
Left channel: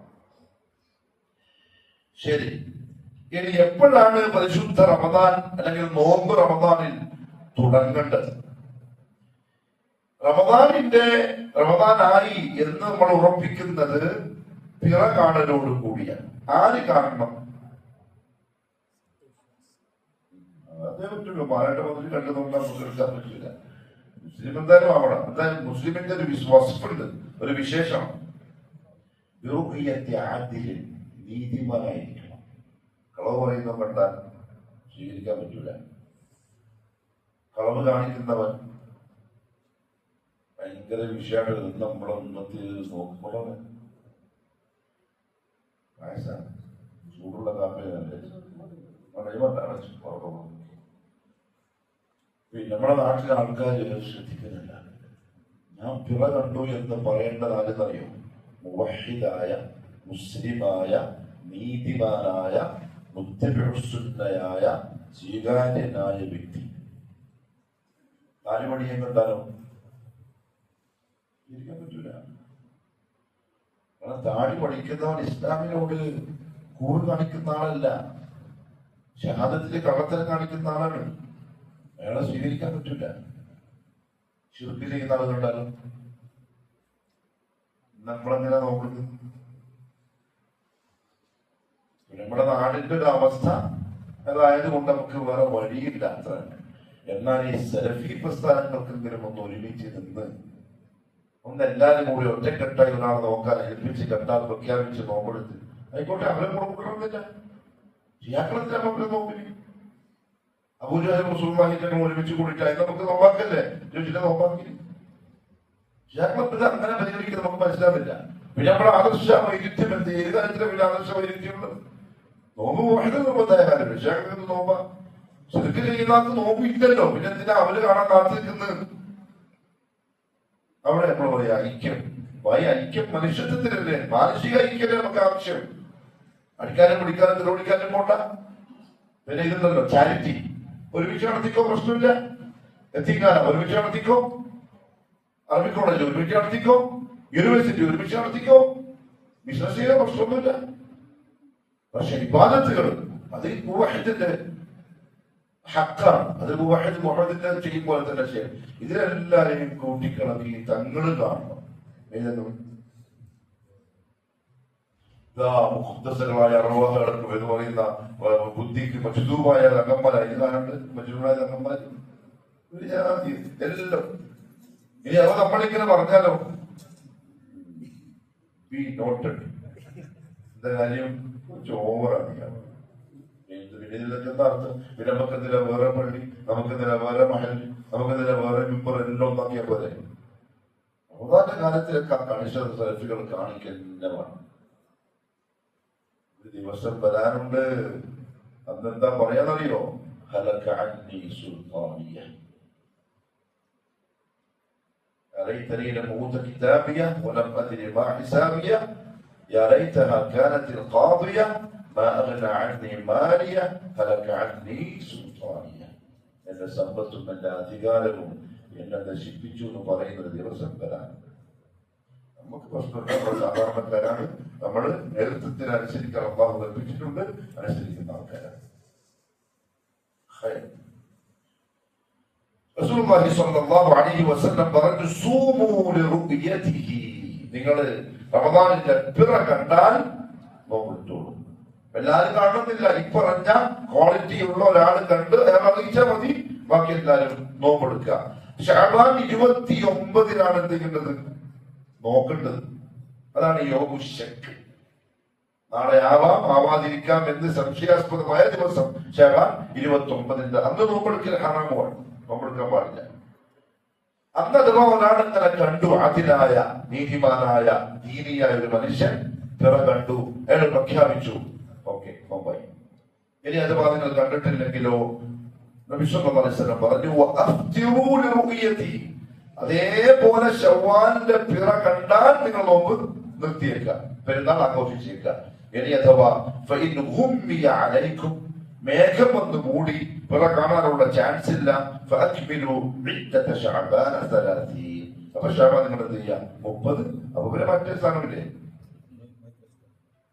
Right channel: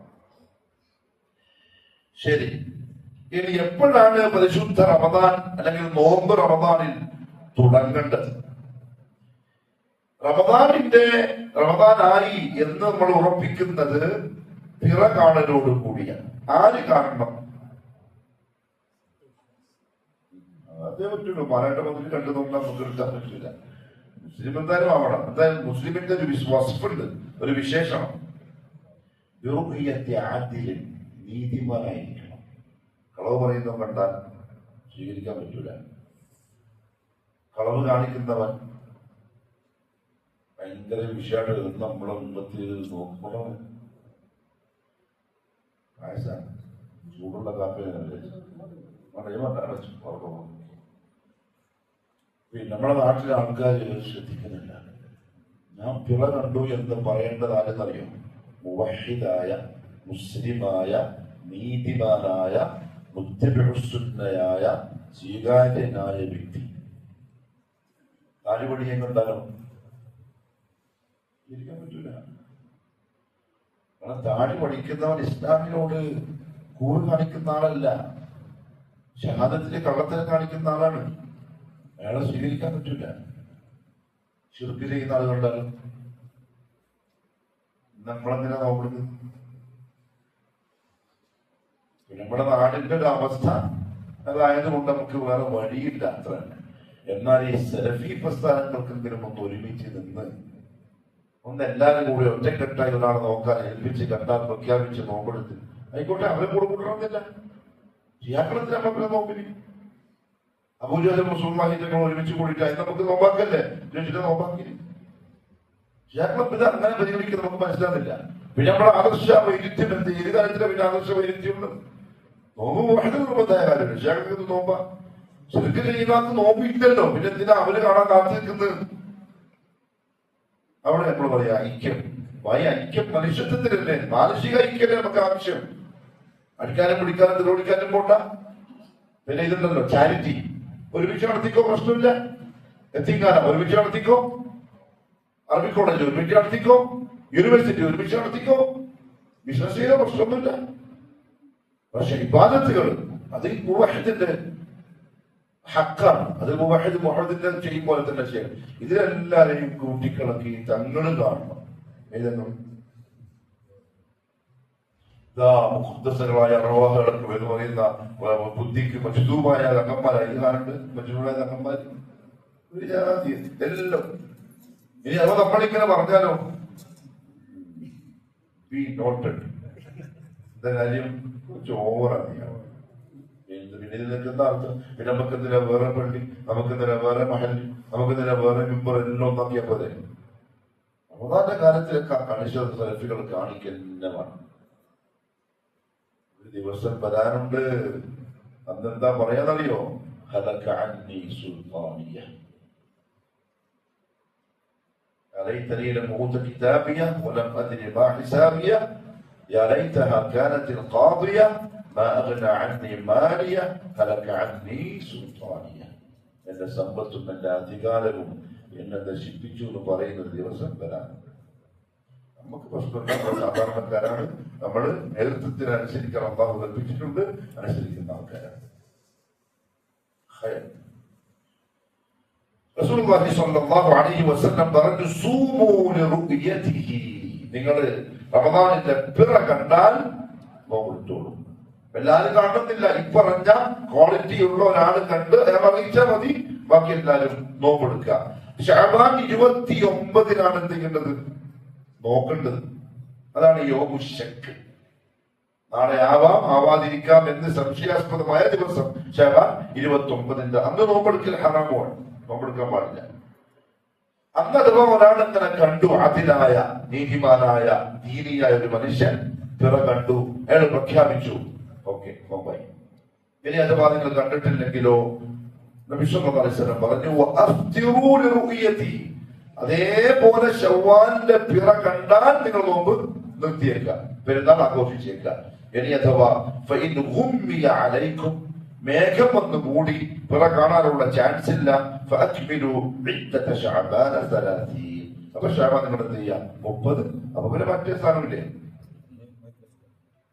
ശരി, ഇനി എപ്പോഴാണ് പരിശുദ്ധ റമദാൻ അല്ലെങ്കിൽ നോമ്പ് റമദാനിൽ തുടങ്ങേണ്ടത്? റമദാനായി എന്ന് നമ്മൾ ഉറപ്പിക്കുന്നത് പിറ കാണലോട് കൂടിയാണ്. ആര് കാണണം? അതേ പറ്റുള്ളൂ. മാനാട്ട മുതൽ കണ്ടു നോക്കാൻ നമുക്ക് എടുക്കാൻ പറ്റില്ല. മുസ്ലിം എന്തായാലും ആവണം. എന്തായാലും മുസ്ലിമിന്റെ ഒരു വസ്ഫുണ്ട്, ഒരു വിശേഷണം. നീതിമാനായിരിക്കണം. കളവ് പറയുന്നവൻ കണ്ടാൽ സ്വീകരിക്കാൻ പറ്റൂല. കളവ് കാണിക്കുന്നവൻ ഭയങ്കര വിഷയമാണ്. നമ്മളെ ഉന്നത്തിൽ നോക്കണം. പായസാണ്, ചൂടുള്ള കാപ്പിയാണ്. നമ്മുടെ നാട്ടിലെ ആൾക്കാർ ശ്രദ്ധിക്കുന്നില്ല. ഞാൻ പിറ കണ്ടു എന്ന് പറയേണ്ടത് ആരെന്നറിയോ? മുവഹിദായ, മുസ്ലിമായ, നീതിമാനായ, മുത്തബിഉസ്സുന്നയായ, സ്വീകാര്യനായ വ്യക്തി. താലിപടിയും കണ്ടാലോ ഇരിക്കാൻ പറ്റൂല. താടി പഠിക്കുന്നവൻ ഇസ്ലാമിനോട് കൂറ് കാണിക്കുന്ന ആളല്ല, ഷഹാദത്തിലെ കള്ളത്തരം കാണിക്കുന്ന ആളാണ്. അയാളെ സ്വീകരിക്കാൻ പറ്റില്ല. ശിർക്ക് ചെയ്യുന്ന ആൾ കണ്ടാലും നമ്മളെന്തിനാ നോക്കുന്നത്? നമ്മുടെ നാടിന്റെ ഒരു അവസ്ഥ അതായത് കൊണ്ട് നമുക്ക് വേറെ വഴിയില്ല അത്ര തന്നെ. എന്നാൽ ഈ സലഫി പ്രസ്ഥാനങ്ങൾക്കെങ്കിലും ഒന്ന് ഒരുമിച്ച് നിന്ന് ഒന്ന് എല്ലാവരും കൂടി ഒറ്റക്കെട്ടായി ഒരാളെ നോക്കാൻ ഏൽപ്പിച്ച് കണ്ടാൽ പ്രഖ്യാപിച്ച് നോമ്പെടുത്ത് ആയിക്കോട്ടെ, അവരെ കൂടെ കൂട്ടണമെന്നില്ല. ഷിയാക്കളത്തിൽ നമുക്ക് നോക്കില്ല. അബൂജഹലും മുസ്ലിമാഹിന്റെ ഒരുമിച്ച് കൂടിയിട്ട് അതിന് നമുക്ക് നോമ്പാക്കല്ലേ, ചോദിച്ചിട്ട് നോമ്പാക്കില്ല. ഷിയാക്കളെ അങ്ങനെ പരിഗണിക്കുന്നത് നമുക്ക് മനസ്സിലാവില്ല. പിന്നെ നമ്മൾ ആദർശ വൈരുദ്ധ്യം എന്ത്, ഏത് കാര്യത്തിലെ പിന്നെ ആദർശ വൈരുദ്ധ്യമുണ്ട്? നോമ്പ് ഭയങ്കര നിർബന്ധമായ കാര്യമില്ല. ഷിയാക്കൾക്ക് നോമ്പാ, ശരിക്കും ചെയ്യുന്ന നോമ്പ് ഇല്ലല്ലോ, പിന്നെ എന്തിനാ അവര് കാണാൻ കാത്തു നിൽക്കുന്നത്? അവിടെ നമ്മൾ പറയാ ഐക്യം. ഐക്യം മനുഷ്യത്വത്തിലല്ലേ, മാനസിക ഐക്യല്ലേ നമുക്ക് ആവശ്യം. അടിക്കാനും പിടിക്കാനും തിരോടിക്കാനും പോണ്ട. പിന്നെ ഇതുണ്ടല്ലോ ചാരിറ്റി, ഒരുമിച്ച് നടത്തിക്കോ, പ്രശ്നമില്ല. എത്തിക്കാനം ഒരുമിച്ച് നടത്തിക്കോ, അറബി കോളേജ് ഒരുമിച്ച് നടത്തിക്കോ, യൂണിവേഴ്സിറ്റി ഒരുമിച്ച് നടത്തിക്കോ, ബിസിനസ് ചെയ്ത പ്രശ്നമൊന്നുമില്ല. പക്ഷെ ഇബാദത്തുകൾ അത് മുവഹിദിന്റെ ഹക്കാണ്. അത് മുവഹിദ് മുഹമ്മദിന്റെ ചെയ്യും പോലെ തന്നെ ചെയ്യും. ഇതിലെല്ലാരെയും കൂട്ടിക്കിളക്കി തങ്ങൾ കാണണം. ഏതെങ്കിലും മുഖദ്ദസുകളായ അറുവാഹുകൾക്ക് എന്ന് പറയുന്ന ബുദ്ധിക്ക് മജ്ദൂബായ തങ്ങന്മാർ അതിൽ കാണുന്നുണ്ട്. മജ്ദൂബായ തങ്ങന്മാർ ഒരു ജാതി എല്ലാം. ഇനി അത് നമ്മളിങ്ങനെ പറഞ്ഞാലോ ബി നോട്ടഡ് എന്താ കാര്യം, കുറച്ച് ഓവറാണ്. പിന്നെ ഇതിനൊക്കെ എന്താ അർത്ഥം? പിന്നെ നമുക്കെന്തിനാ വേറെ പള്ളി, നമുക്കെന്തിനാ വേറെ മഹൽ, നമുക്കെന്തിനാ വേറെ മെമ്പർ, എല്ലാം ഒന്നാക്കിയാൽ പോലെ. റമദാന്റെ കാലത്തിലൊക്കെ കണിശ സെൽഫികൾ കാണിക്കുന്നതാണ്. ഒരു ദിവസം വരാനുണ്ട്, അന്നെന്താ പറയാന്നറിയോ? ഹലക അന്നി സുൽത്താനിയ അലൈതനി ലം ഊത കിതാബിയ വലം അദ്രി മാ ഹിസാബിയ യാ ലൈതഹാ കാനത് القاضിയ മാ അഗ്ന അന്നി മാലിയ ഹലക അന്നി സുൽത്താനിയ. എന്റെ സമ്പത്തും എന്റെ അധികാരവും എന്നെ നശിപ്പിച്ചു എന്ന് പറയുന്ന ഒരു ദിവസം വരാനുണ്ട്. നമുക്ക് പ്രശ്നമില്ല, നമ്മൾ സാധാരണക്കാരാണ്. നമ്മൾ നേതൃത്വത്തിന് അനുസരിക്കാൻ അള്ളാഹു കൽപ്പിച്ചിട്ടുണ്ട്, അനുസരിക്കുന്ന ആൾക്കാരാണ്. റസൂലുള്ളാഹി സ്വല്ലല്ലാഹു അലൈഹി വസല്ലം പറഞ്ഞു, സൂമൂ ലിറുഅയതിഹി, നിങ്ങൾ റമദാനിന്റെ പിറ കണ്ടാൽ നോമ്പെടുത്തോളൂ. എല്ലാവരും കാണുന്നില്ല, ഇപ്പറഞ്ഞ ക്വാളിറ്റി ഉള്ള ഒരാൾ കണ്ട് അയാൾ അറിയിച്ചാൽ മതി, ബാക്കി എല്ലാവരും നോമ്പെടുക്കുക. ശഅബാൻ 29 എന്ത് ചെയ്യേണ്ടത്? നോക്കേണ്ടത്. അതാണ് യൗമുശക്ക്. നാളെ ആവാം ആവാതിരിക്കാം എന്ന് സംശയാസ്പദമായ ദിവസം ശഅബാൻ 29 അന്ന് നോമ്പെടുക്കൽ ഹറാമാണ്, നോമ്പെടുക്കാൻ പാടില്ല. അന്ന് അഥവാ ഒരാൾ ഇങ്ങനെ കണ്ടു, അതിനായ നീതിമാനായ ദീനിയായ ഒരു മനുഷ്യൻ പിറ കണ്ടു, അയാൾ പ്രഖ്യാപിച്ചു, ഓക്കെ നോമ്പായി. ഇനി അഥവാ നിങ്ങൾ കണ്ടിട്ടില്ലെങ്കിലോ നബി സല്ലല്ലാഹു അലൈഹി വസല്ലം പറഞ്ഞു, വഅഫ്തിറൂ ലിറുഅയതി, അതേപോലെ ശവ്വാലിന്റെ പിറ കണ്ടാൽ നിങ്ങൾ നോമ്പ് നിർത്തിയേക്കുക, പെരുന്നാൾ ആഘോഷിച്ചേക്കുക. ഇനി അഥവാ ഫഇൻ ഗുമ്മിയ അലൈക്കും, മേഘം വന്ന് മൂടി പിറ കാണാനുള്ള ചാൻസ് ഇല്ല, ഫഅക്മിലു ഇദ്ദത ശഅബാന 30, അപ്പൊ ശഅബാൻ നിങ്ങൾ എന്ത് ചെയ്യുക? 30. അപ്പൊ പിന്നെ മറ്റേ സ്ഥാനമില്ലേ,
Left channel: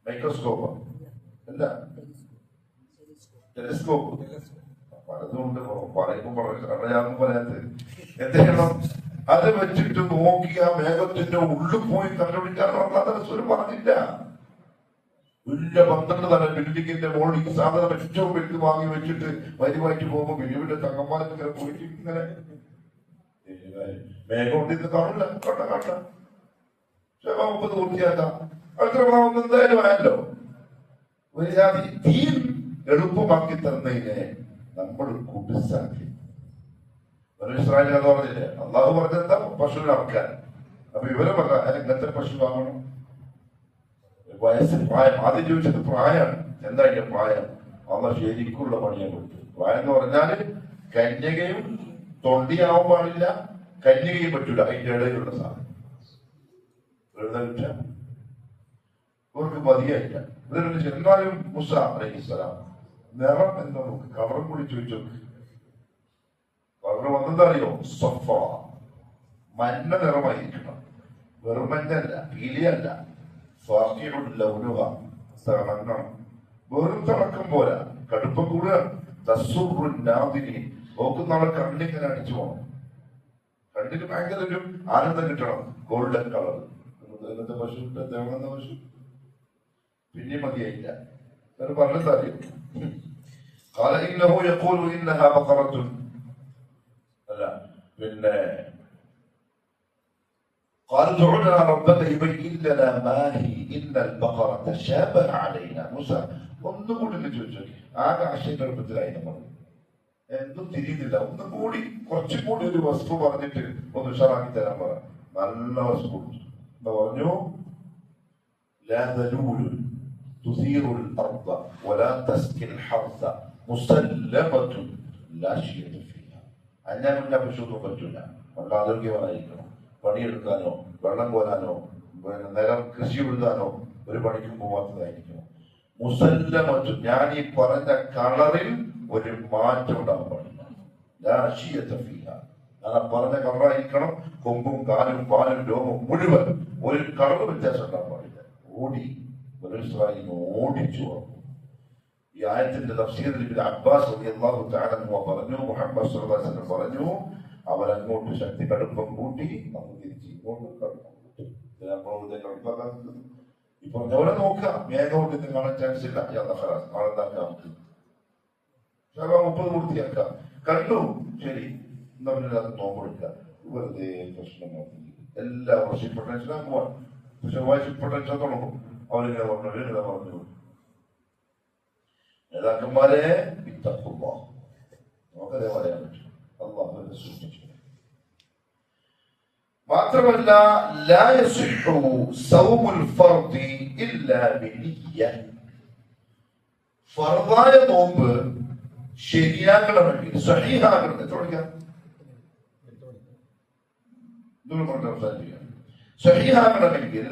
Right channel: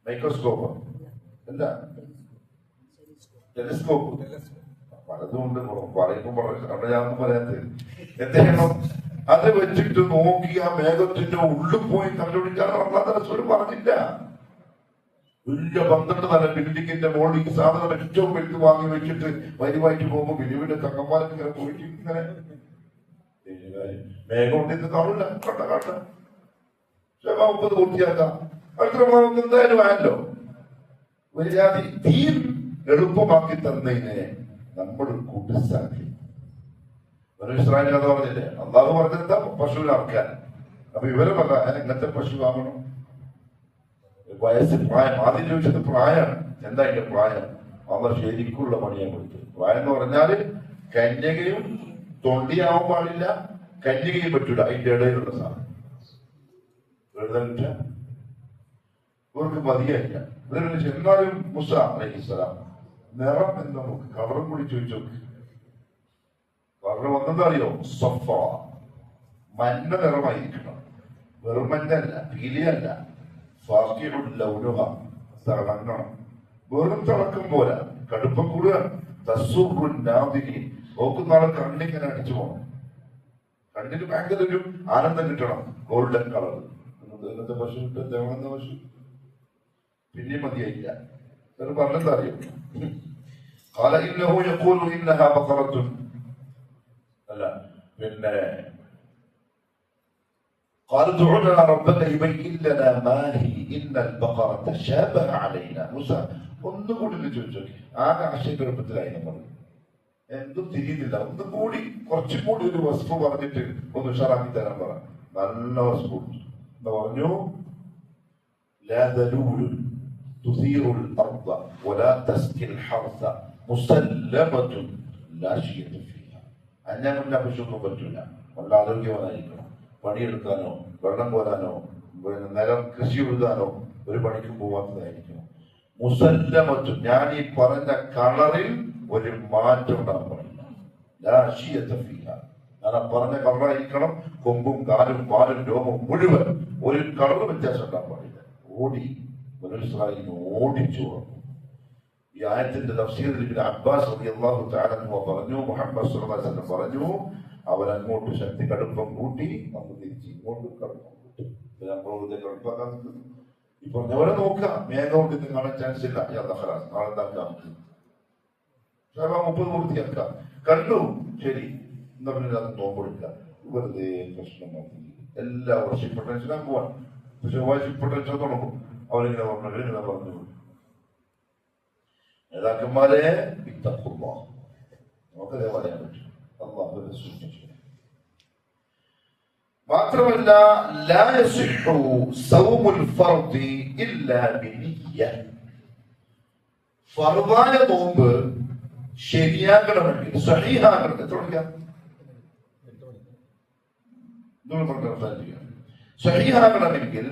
മൈക്രോസ്കോപ്പ് അല്ല ടെലിസ്കോപ്പ്, പലതുകൊണ്ട് പറയുമ്പോൾ ഞാനൊന്നും പറയാത്തത്. എന്തെങ്കിലും അത് വെച്ചിട്ട് നോക്കി ആ മേഘത്തിന്റെ ഉള്ളിൽ പോയി കണ്ടുപിടിക്കാനാണ് അല്ലാതെ റസൂൽ പറഞ്ഞില്ല. വലിയ 12 തല ബിൽഡിങ്ങിന്റെ മുകളിൽ ഈ സാധനം ഏറ്റവും വലുത് വാങ്ങി വെച്ചിട്ട് വരിവായിട്ട് പോകുമ്പോ ബിലുവിന്റെ തങ്ങന്മാരൊക്കെ ഇങ്ങനെ പോയിട്ട് ഇങ്ങനെ മേഘം ഉണ്ടെന്ന് കാണില്ല, കണ്ട കാട്ട 30 പൂർത്തിയാക്കാം. അടുത്ത എന്തായാലും ആയല്ലോ. ഒരു ജാതി ദീൻ എളുപ്പമാക്കി തന്നതിനെ നമ്മൾ കുടിസാക്കി. ഇസ്രായേലിൽ അത് പറഞ്ഞില്ലേ, അള്ളാഹു പറഞ്ഞെന്താ? പശുവിനെ അറക്കാൻ. അപ്പൊ ഇവരെ പറ എങ്ങനത്തെ പശു വാങ്ങണം? വയസ്സിൽ പ്രായം. ആദ്യം ചോദിച്ചത് പ്രായമാണ്. എന്താ അതിന്റെ പ്രായം? അള്ള ശരിക്കുള്ള പണിയാണ് കൊടുത്തത്. പ്രായം എന്ന് പറഞ്ഞാല് കന്യകയും തൊണ്ടിയാവാൻ പാടില്ല, കന്യകയും പറ്റൂല, അതിന്റെ ഇടയിലുള്ള സാധനം എഴുതാൻ പറ്റ ഇവർക്ക് മതിയായില്ല. എന്നാലും മൂസ അലൈഹിസ്സലാം നിറം എന്ന് നമുക്ക് കളറും കൂടി ചോദിച്ചു നോക്ക്. കളറ് വന്നെന്താ അറിയോ? സഫ, മഞ്ഞ നിറമായിരിക്കണം. വെറും മഞ്ഞല്ല, പീലിയല്ല, തിളങ്ങണം. വെറും തിളക്കം പോലെ കടുപ്പം കൂടുക. നോക്കുന്ന ആളെ കണ്ണിങ്ങനെ അടിച്ചു പോകണം. കണ്ണിന് ഭയങ്കര ഒരു ആനന്ദം കിട്ടണം. ഗോൾഡൻ കളർ ഇന്നത്തെ പശു കിട്ടും, തേങ്ങുന്ന പശു പിന്നെയും മതിയായില്ല. പറഞ്ഞെന്താ അറിയും, قال إنه يقول إنها بقرة അല്ല പിന്നെ قال ادع لنا ربك يبين لنا ما هي إن البقرة تشابه علينا. മൂസ ഒന്നുകൂടി ചോദിച്ചു. ആകെ ആശയക്കുഴപ്പത്തിലായി നമ്മൾ, എന്തും തിരിയുന്നില്ല. ഒന്നും കൂടി കുറച്ചും കൂടി ഒരു വസ്തു പറഞ്ഞിട്ട് ഒന്ന് ഉഷാറാക്കി തരാൻ പറ. നല്ല വസ്തു എന്താ പറഞ്ഞു, لا ذلول تثير الأرض ولا تسقي الحرث مسلمة لا شيء فيها. അന്യാ മുന്നേ പശുവൊന്നും പറ്റൂല. നല്ല ആരോഗ്യവാനായിരിക്കണം. പണിയെടുക്കാനോ വെള്ളം കോരാനോ നിലം കൃഷി എഴുതാനോ ഒരു പണിക്കും പോവാത്തതായിരിക്കണം. മുസല്ലമത്തും, ഞാൻ ഈ പറഞ്ഞ കളറിൽ ഒരു മാറ്റം ഉണ്ടാകാൻ പാടില്ല. ഞാൻ പറഞ്ഞ കളറായിരിക്കണം. കൊമ്പും കാലും പാലും രോമം മുഴുവൻ ഒരു കളർ വ്യത്യാസം ഉണ്ടാകാൻ പാടില്ല. ഓടിച്ചു. ഈ ആയത്തിന്റെ തഫ്സീറിൽ അബ്ബാസ് റളിയല്ലാഹു തആല അൻഹു പറഞ്ഞു, മുഹമ്മദ് സ്വല്ലല്ലാഹു അലൈഹി വസല്ലം പറഞ്ഞു, അവരങ്ങോട്ട് ശക്തി കടുപ്പം കൂട്ടി, നമുക്ക് തിരിച്ച് ഇങ്ങോട്ട് കടുപ്പം കൂട്ടി. കടുപ്പാക്കാൻ ഇപ്പൊ ഞവരെ നോക്കുക, മേഘം ഇത് കാണാൻ ചാൻസ് ഇല്ല. നാളെ എന്താക്കാം, നമുക്ക് 30 പൂർത്തിയാക്കാം. കണ്ടു, ശരി, എന്നാ പിന്നെ അത് നോമ്പെടുക്കുക. വെറുതെ പ്രശ്നമാക്കി എല്ലാ വർഷം ഇപ്പൊ ടെൻഷനാക്കുവാൻ. പക്ഷെ ഇപ്പൊ ടെൻഷൻ തുടങ്ങും. അവരിങ്ങനെ പറഞ്ഞു, നേതാക്കന്മാരെ നമുക്കതേ പറയാൻ പറ്റും. അല്ലാഹുവിനെ സൂക്ഷിച്ചു. മാത്രമല്ല ലാ യസിഹു സൗമുൽ ഫർദി ഇല്ലാ ബിനിയ്യ. ഫർദായ നോമ്പ് ശരിയാക്കണമെങ്കിൽ, സഹീഹാകണം, സഹീഹാകണമെങ്കിൽ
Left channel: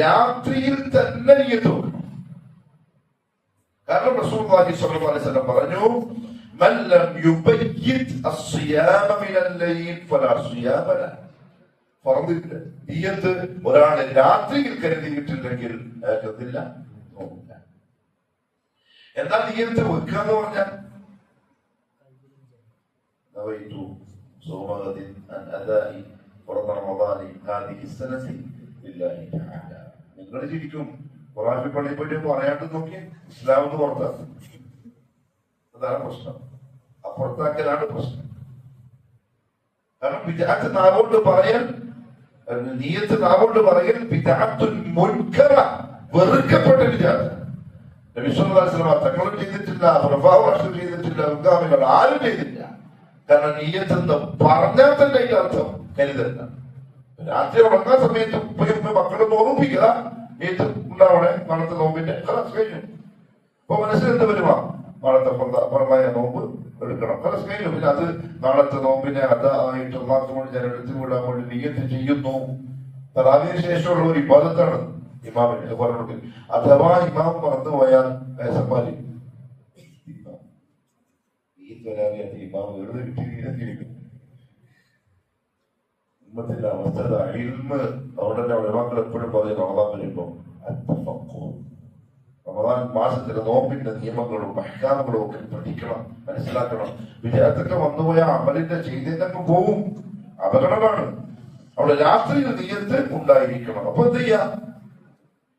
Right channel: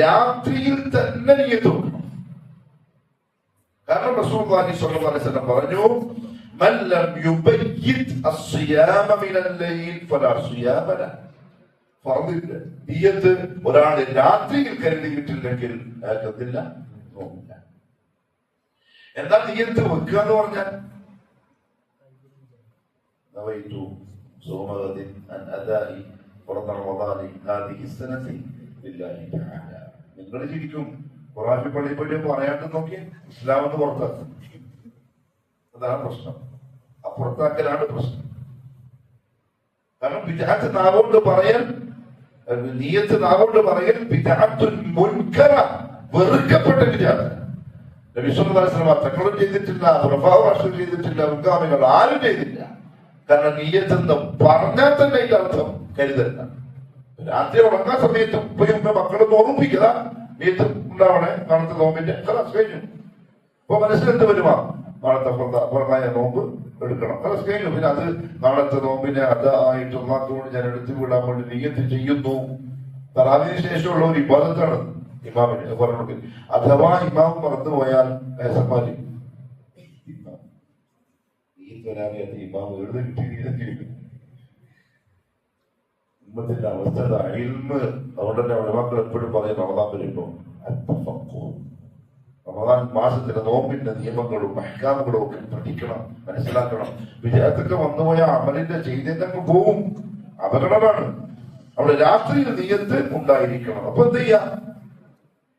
രാത്രിയിൽ തന്നെ നിയ്യത്ത് വെക്കണം. കാരണം റസൂലുള്ളാഹി സ്വല്ലല്ലാഹു അലൈഹി വസല്ലം പറഞ്ഞു, മൻ ലം യുബയ്യിത് അസ്സിയാമ മിനൽ ലൈൽ ഫലാ സിയാമ ലഹു. ഫർദിന്റെ നിയ്യത്ത് ഒരാൾ രാത്രിയിൽ കരുതിയിട്ടില്ലെങ്കിൽ അയാൾക്കെന്തില്ല, നോക്കില്ല. എന്താ നിയ്യത്ത് വെക്കുക എന്ന് പറഞ്ഞാൽ, നവൈതു സൗമഗദിൻ അൻ അദാഇ ഫർദ റമദാനി ഹാദിഹി സനതി ലില്ലാഹി തആല. നിങ്ങൾ ശരിക്കും ഖുർആനിൽ പള്ളിപ്പറ്റി പറയാണ്ട് നോക്കി ഇസ്ലാം എന്ന് പുറത്താക്കും. അതാണ് പ്രശ്നം. അപ്പുറത്താക്കലാണ് പ്രശ്നം. കാരണം ബിദ്അത്ത് നാവുകൊണ്ട് പറയൽ, നിയ്യത്ത് നാവുകൊണ്ട് പറയൽ ബിദ്അത്തുൻ മുൻകറ, വെറുക്കപ്പെട്ട ബിദ്അത്ത്. നബി സല്ലല്ലാഹു അലൈഹി വസല്ലം തങ്ങളും ചെയ്തിട്ടില്ല, ഖുലഫാഉ റാഷിദീൻ ചെയ്തിട്ടില്ല, മുൻഗാമികൾ ആരും ചെയ്തില്ല. കാരണം നിയ്യത്ത് എന്ന് പറഞ്ഞാൽ തന്നെ അതിന്റെ അർത്ഥം കരുതല്ല. രാത്രി ഉറങ്ങാൻ സമയത്ത് ഉപ്പയും മക്കളും ഓർമ്മിപ്പിക്കുക, നീയത്ത് ഉണ്ടാവണേ നാളത്തെ നോമ്പിന്റെ കഴിഞ്ഞു. അപ്പൊ മനസ്സിലെന്ത് വരുമാ, നാളത്തെ പുറമായ നോമ്പ് എടുക്കണം, കഴിഞ്ഞു. പിന്നെ അത് നാളത്തെ നോമ്പിനെ അതായിട്ടുള്ളതുകൊണ്ട് ഞാൻ എടുത്തു വിടാൻ വേണ്ടി നിയ്യത്ത് ചെയ്യുന്നു. തറാവിന് ശേഷമുള്ള ഒരു ഇബാദത്താണ് ഇമാമിന് പറഞ്ഞത്. അഥവാ ഇമാം മറന്നുപോയാൽ സമ്മാനി ഇമാം എഴുതി കിട്ടിയിരിക്കും. ഉമ്മത്തിന്റെ അവസ്ഥ ഇൽമ്. അതുകൊണ്ട് തന്നെ ഉലമാക്കൾ എപ്പോഴും പറയും, റമദാൻ വരുമ്പോ റമദാൻ മാസത്തിലെ നോമ്പിന്റെ നിയമങ്ങളും അഹ്കാമുകളും ഒക്കെ പഠിക്കണം, മനസ്സിലാക്കണം. വിജയത്തൊക്കെ വന്നുപോയ അമലിന്റെ ചെയ്തേക്കങ്ങ് പോവും, അപകടമാണ്. അവിടെ രാത്രിയിൽ നിയ്യത്ത് ഉണ്ടായിരിക്കണം. അപ്പൊ എന്ത് ചെയ്യാം,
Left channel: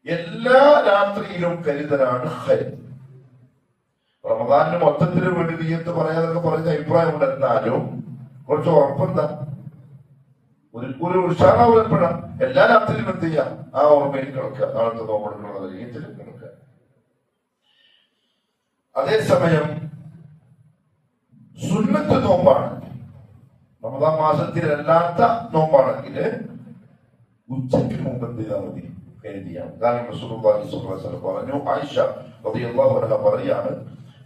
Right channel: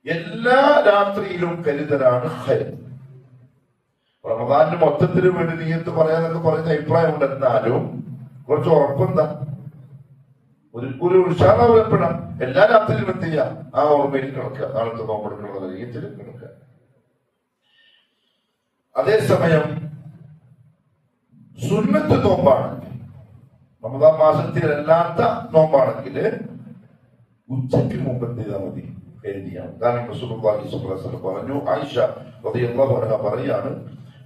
എല്ലാ രാത്രിയിലും കരുതലാണ് ഹൈർ. റമദാനിന് മൊത്തത്തിന് വേണ്ടി നിയ്യത്ത് പറയാനൊക്കെ പറയുന്ന അഭിപ്രായം ഉണ്ട്. എന്നാലും കുറച്ച് ഉറപ്പെന്താ, ഒരു ഉത്സാഹപ്പെടാം. എല്ലാ രാത്രിയിലും എന്ത് ചെയ്യാം, ആ ഓർമ്മയിൽ കിടക്കുക, നാളത്തെ നോമ്പെടുക്കുന്ന നിയ്യത്തിൽ കിടക്കുക. അതേസമയം സുന്നത്ത് നോമ്പാണെങ്കിൽ, റമദാൻ മാസത്തിലല്ലാത്ത നോമ്പാണെങ്കിൽ ഉച്ചയ്ക്ക് മുമ്പ് എന്ത് ചെയ്താൽ മതി, കരുതിയാണ്. കാരണം റസൂലുള്ളാഹി സ്വല്ലല്ലാഹു അലൈഹി വസല്ലം പറഞ്ഞു, ആയിഷ റളിയല്ലാഹു അൻഹ പറയാണ്,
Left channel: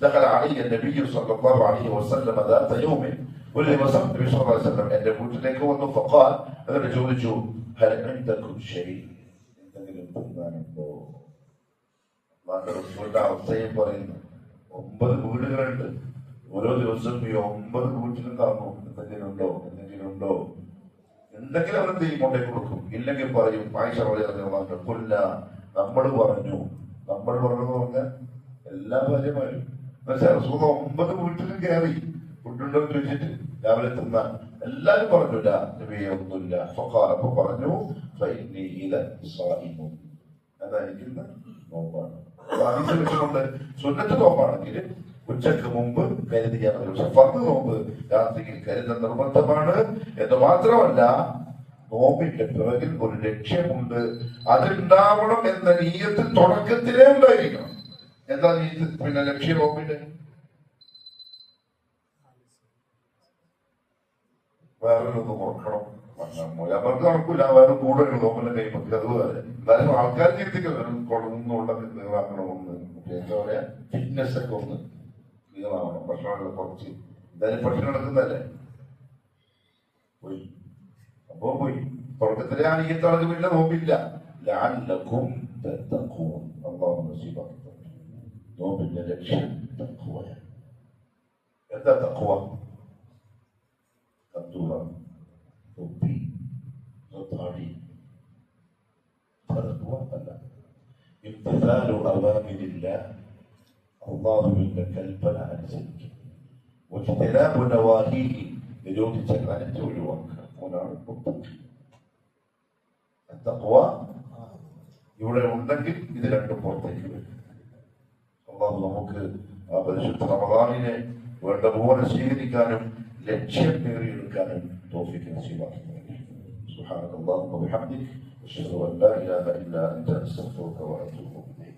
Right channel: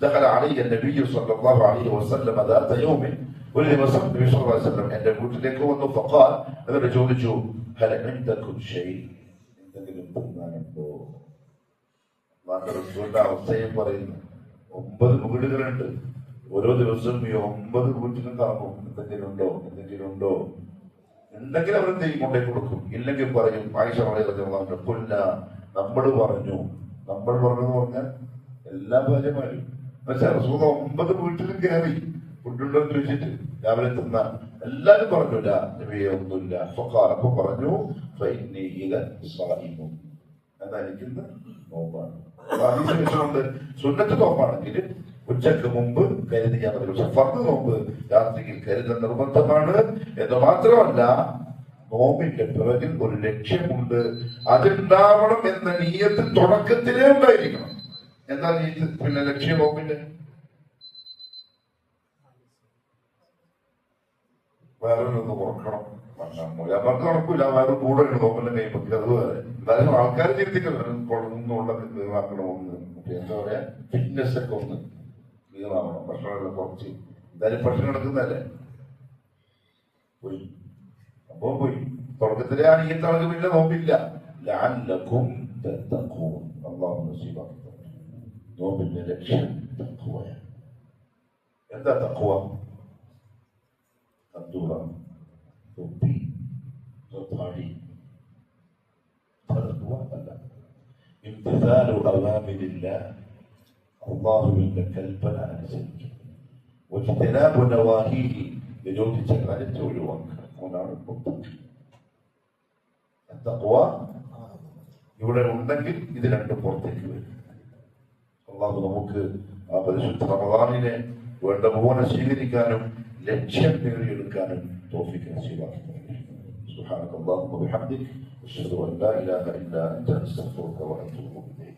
ദഖല അലയ്യ നബി സ്വല്ലല്ലാഹു അലൈഹി വസല്ലം ദാത യൗമിൻ, ഒരു ദിവസം നബി സ്വല്ലല്ലാഹു അലൈഹി വസല്ലം എന്റെ വീട്ടിലേക്ക് വന്നു. ഫഖാൽ, എന്നിട്ട് ചോദിച്ചു, ഹൽ ഇൻദകും ഷൈ, എന്തെങ്കിലും തിന്നാനുണ്ടോ? റസൂലിന്റെ അവസ്ഥയും പറയുന്നു, 9 വീടുകളുണ്ട്, ഓരോ ദിവസവും ഈ 9 വീട്ടിലും കറങ്ങും, എന്തെങ്കിലും ഉണ്ടോ, എന്തെങ്കിലും ഉണ്ടോ. ഉണ്ടെങ്കിൽ അവരെന്ത് ചെയ്യും, കൊണ്ടേ കൊടുക്കും. ഇല്ലെങ്കിൽ പറയും ആയിഷ റളിയല്ലാഹു കൊല്ല നമ്മൾ പറഞ്ഞു എന്ന് പറഞ്ഞാൽ എല്ലാ ഭാര്യമാരും റസൂൽ 9 വീട്ടിലും കയറി ഫുഡുണ്ടോ എന്ന് ചോദിച്ചിട്ട് രാവിലെ തിന്ന എല്ലാരും പറഞ്ഞില്ല നബിയെ ഒന്നുമില്ല. അപ്പൊ പറഞ്ഞു അതെനിക്കുന്ന നോമ്പാണ്. കൊണ്ട് സുന്നത്ത് നോമ്പാണെങ്കിൽ ഉച്ചക്ക് മുമ്പ് കരുതിയാൽ മതി. പക്ഷെ ഫർദ് നോമ്പ് രാത്രിയിൽ കരുതൽ നിർബന്ധമാണ്. എന്ന് മാത്രമല്ല നോമ്പിന്റെ പിറകിൽ ഒരു ലക്ഷ്യമുണ്ട്. അതുണ്ടാവണം എന്ന നീയത്ത് തുടക്കത്തിലേ ഉണ്ടായിരിക്കണം. എന്താ നീയത്ത്? പിന്നെ ലക്ഷ്യം നോമ്പിന്റെ വേറൊന്ന് കുറക്കണം. അവർക്ക് നടക്കൂല, വേറെ കൂടെ നോമ്പെല്ലാം കഴിയുമ്പോൾ അതുപോലെ എന്തായാലും ആൾക്കാർ ചിന്തിക്കുന്നു കൊള്ളുന്നുള്ള ക്ലീനാക്കണമെന്ന്. എന്താ പറയാ, ഫിറ്റ്നസ് ഒക്കെ ഒന്ന് ക്ലീനാവണം. ഭക്ഷണമെല്ലാം കുറച്ച് എന്തായാലും ഭക്ഷണം നടക്കുന്നതല്ലേ. പോയി അപ്പോ പോയി തുടക്കത്തിലെ അണിയത്തളക്ക് പിന്നെ നോമ്പില്ല. ലഅല്ലകും തത്തഖൂൻ. അല്ലാഹു നസീബാക്കി നോമ്പിന്റെ ലക്ഷ്യം തഖ്വയാണ്. എന്താ തഖ്വ? അബ്ദുള്ള തൊപ്പി താടി തഖ്വ അല്ല. ഇംതിസാലു അവ്വാമിരില്ലാഹ്, അല്ലാഹുവിന്റെ കൽപ്പന അനുസരിക്കുക. വജ്തനാബു നവാഹീഹി, വിരോധിച്ച കാര്യത്തെ ഒഴിവാക്കുക. അതാണ് തഖ്വ. ഇവിടെ ഉണ്ടെങ്കിൽ ഇത് രണ്ടും പുറത്തേക്ക് വരും. അല്ലാഹു നമുക്ക് ആ പരിശുദ്ധ റമദാനിനെ വേണ്ട പോലെ സ്വീകരിക്കാനും ലക്ഷ്യം നേടിയെടുക്കാനും തൗഫീഖ് നസീബാക്കി. സുബ്ഹാനല്ലാഹി വബിഹംദിഹി അശ്ഹദു അൻ ലാ ഇലാഹ ഇല്ലാ അൻത അസ്തഗ്ഫിറുക വഅതൂബു ഇലൈക്.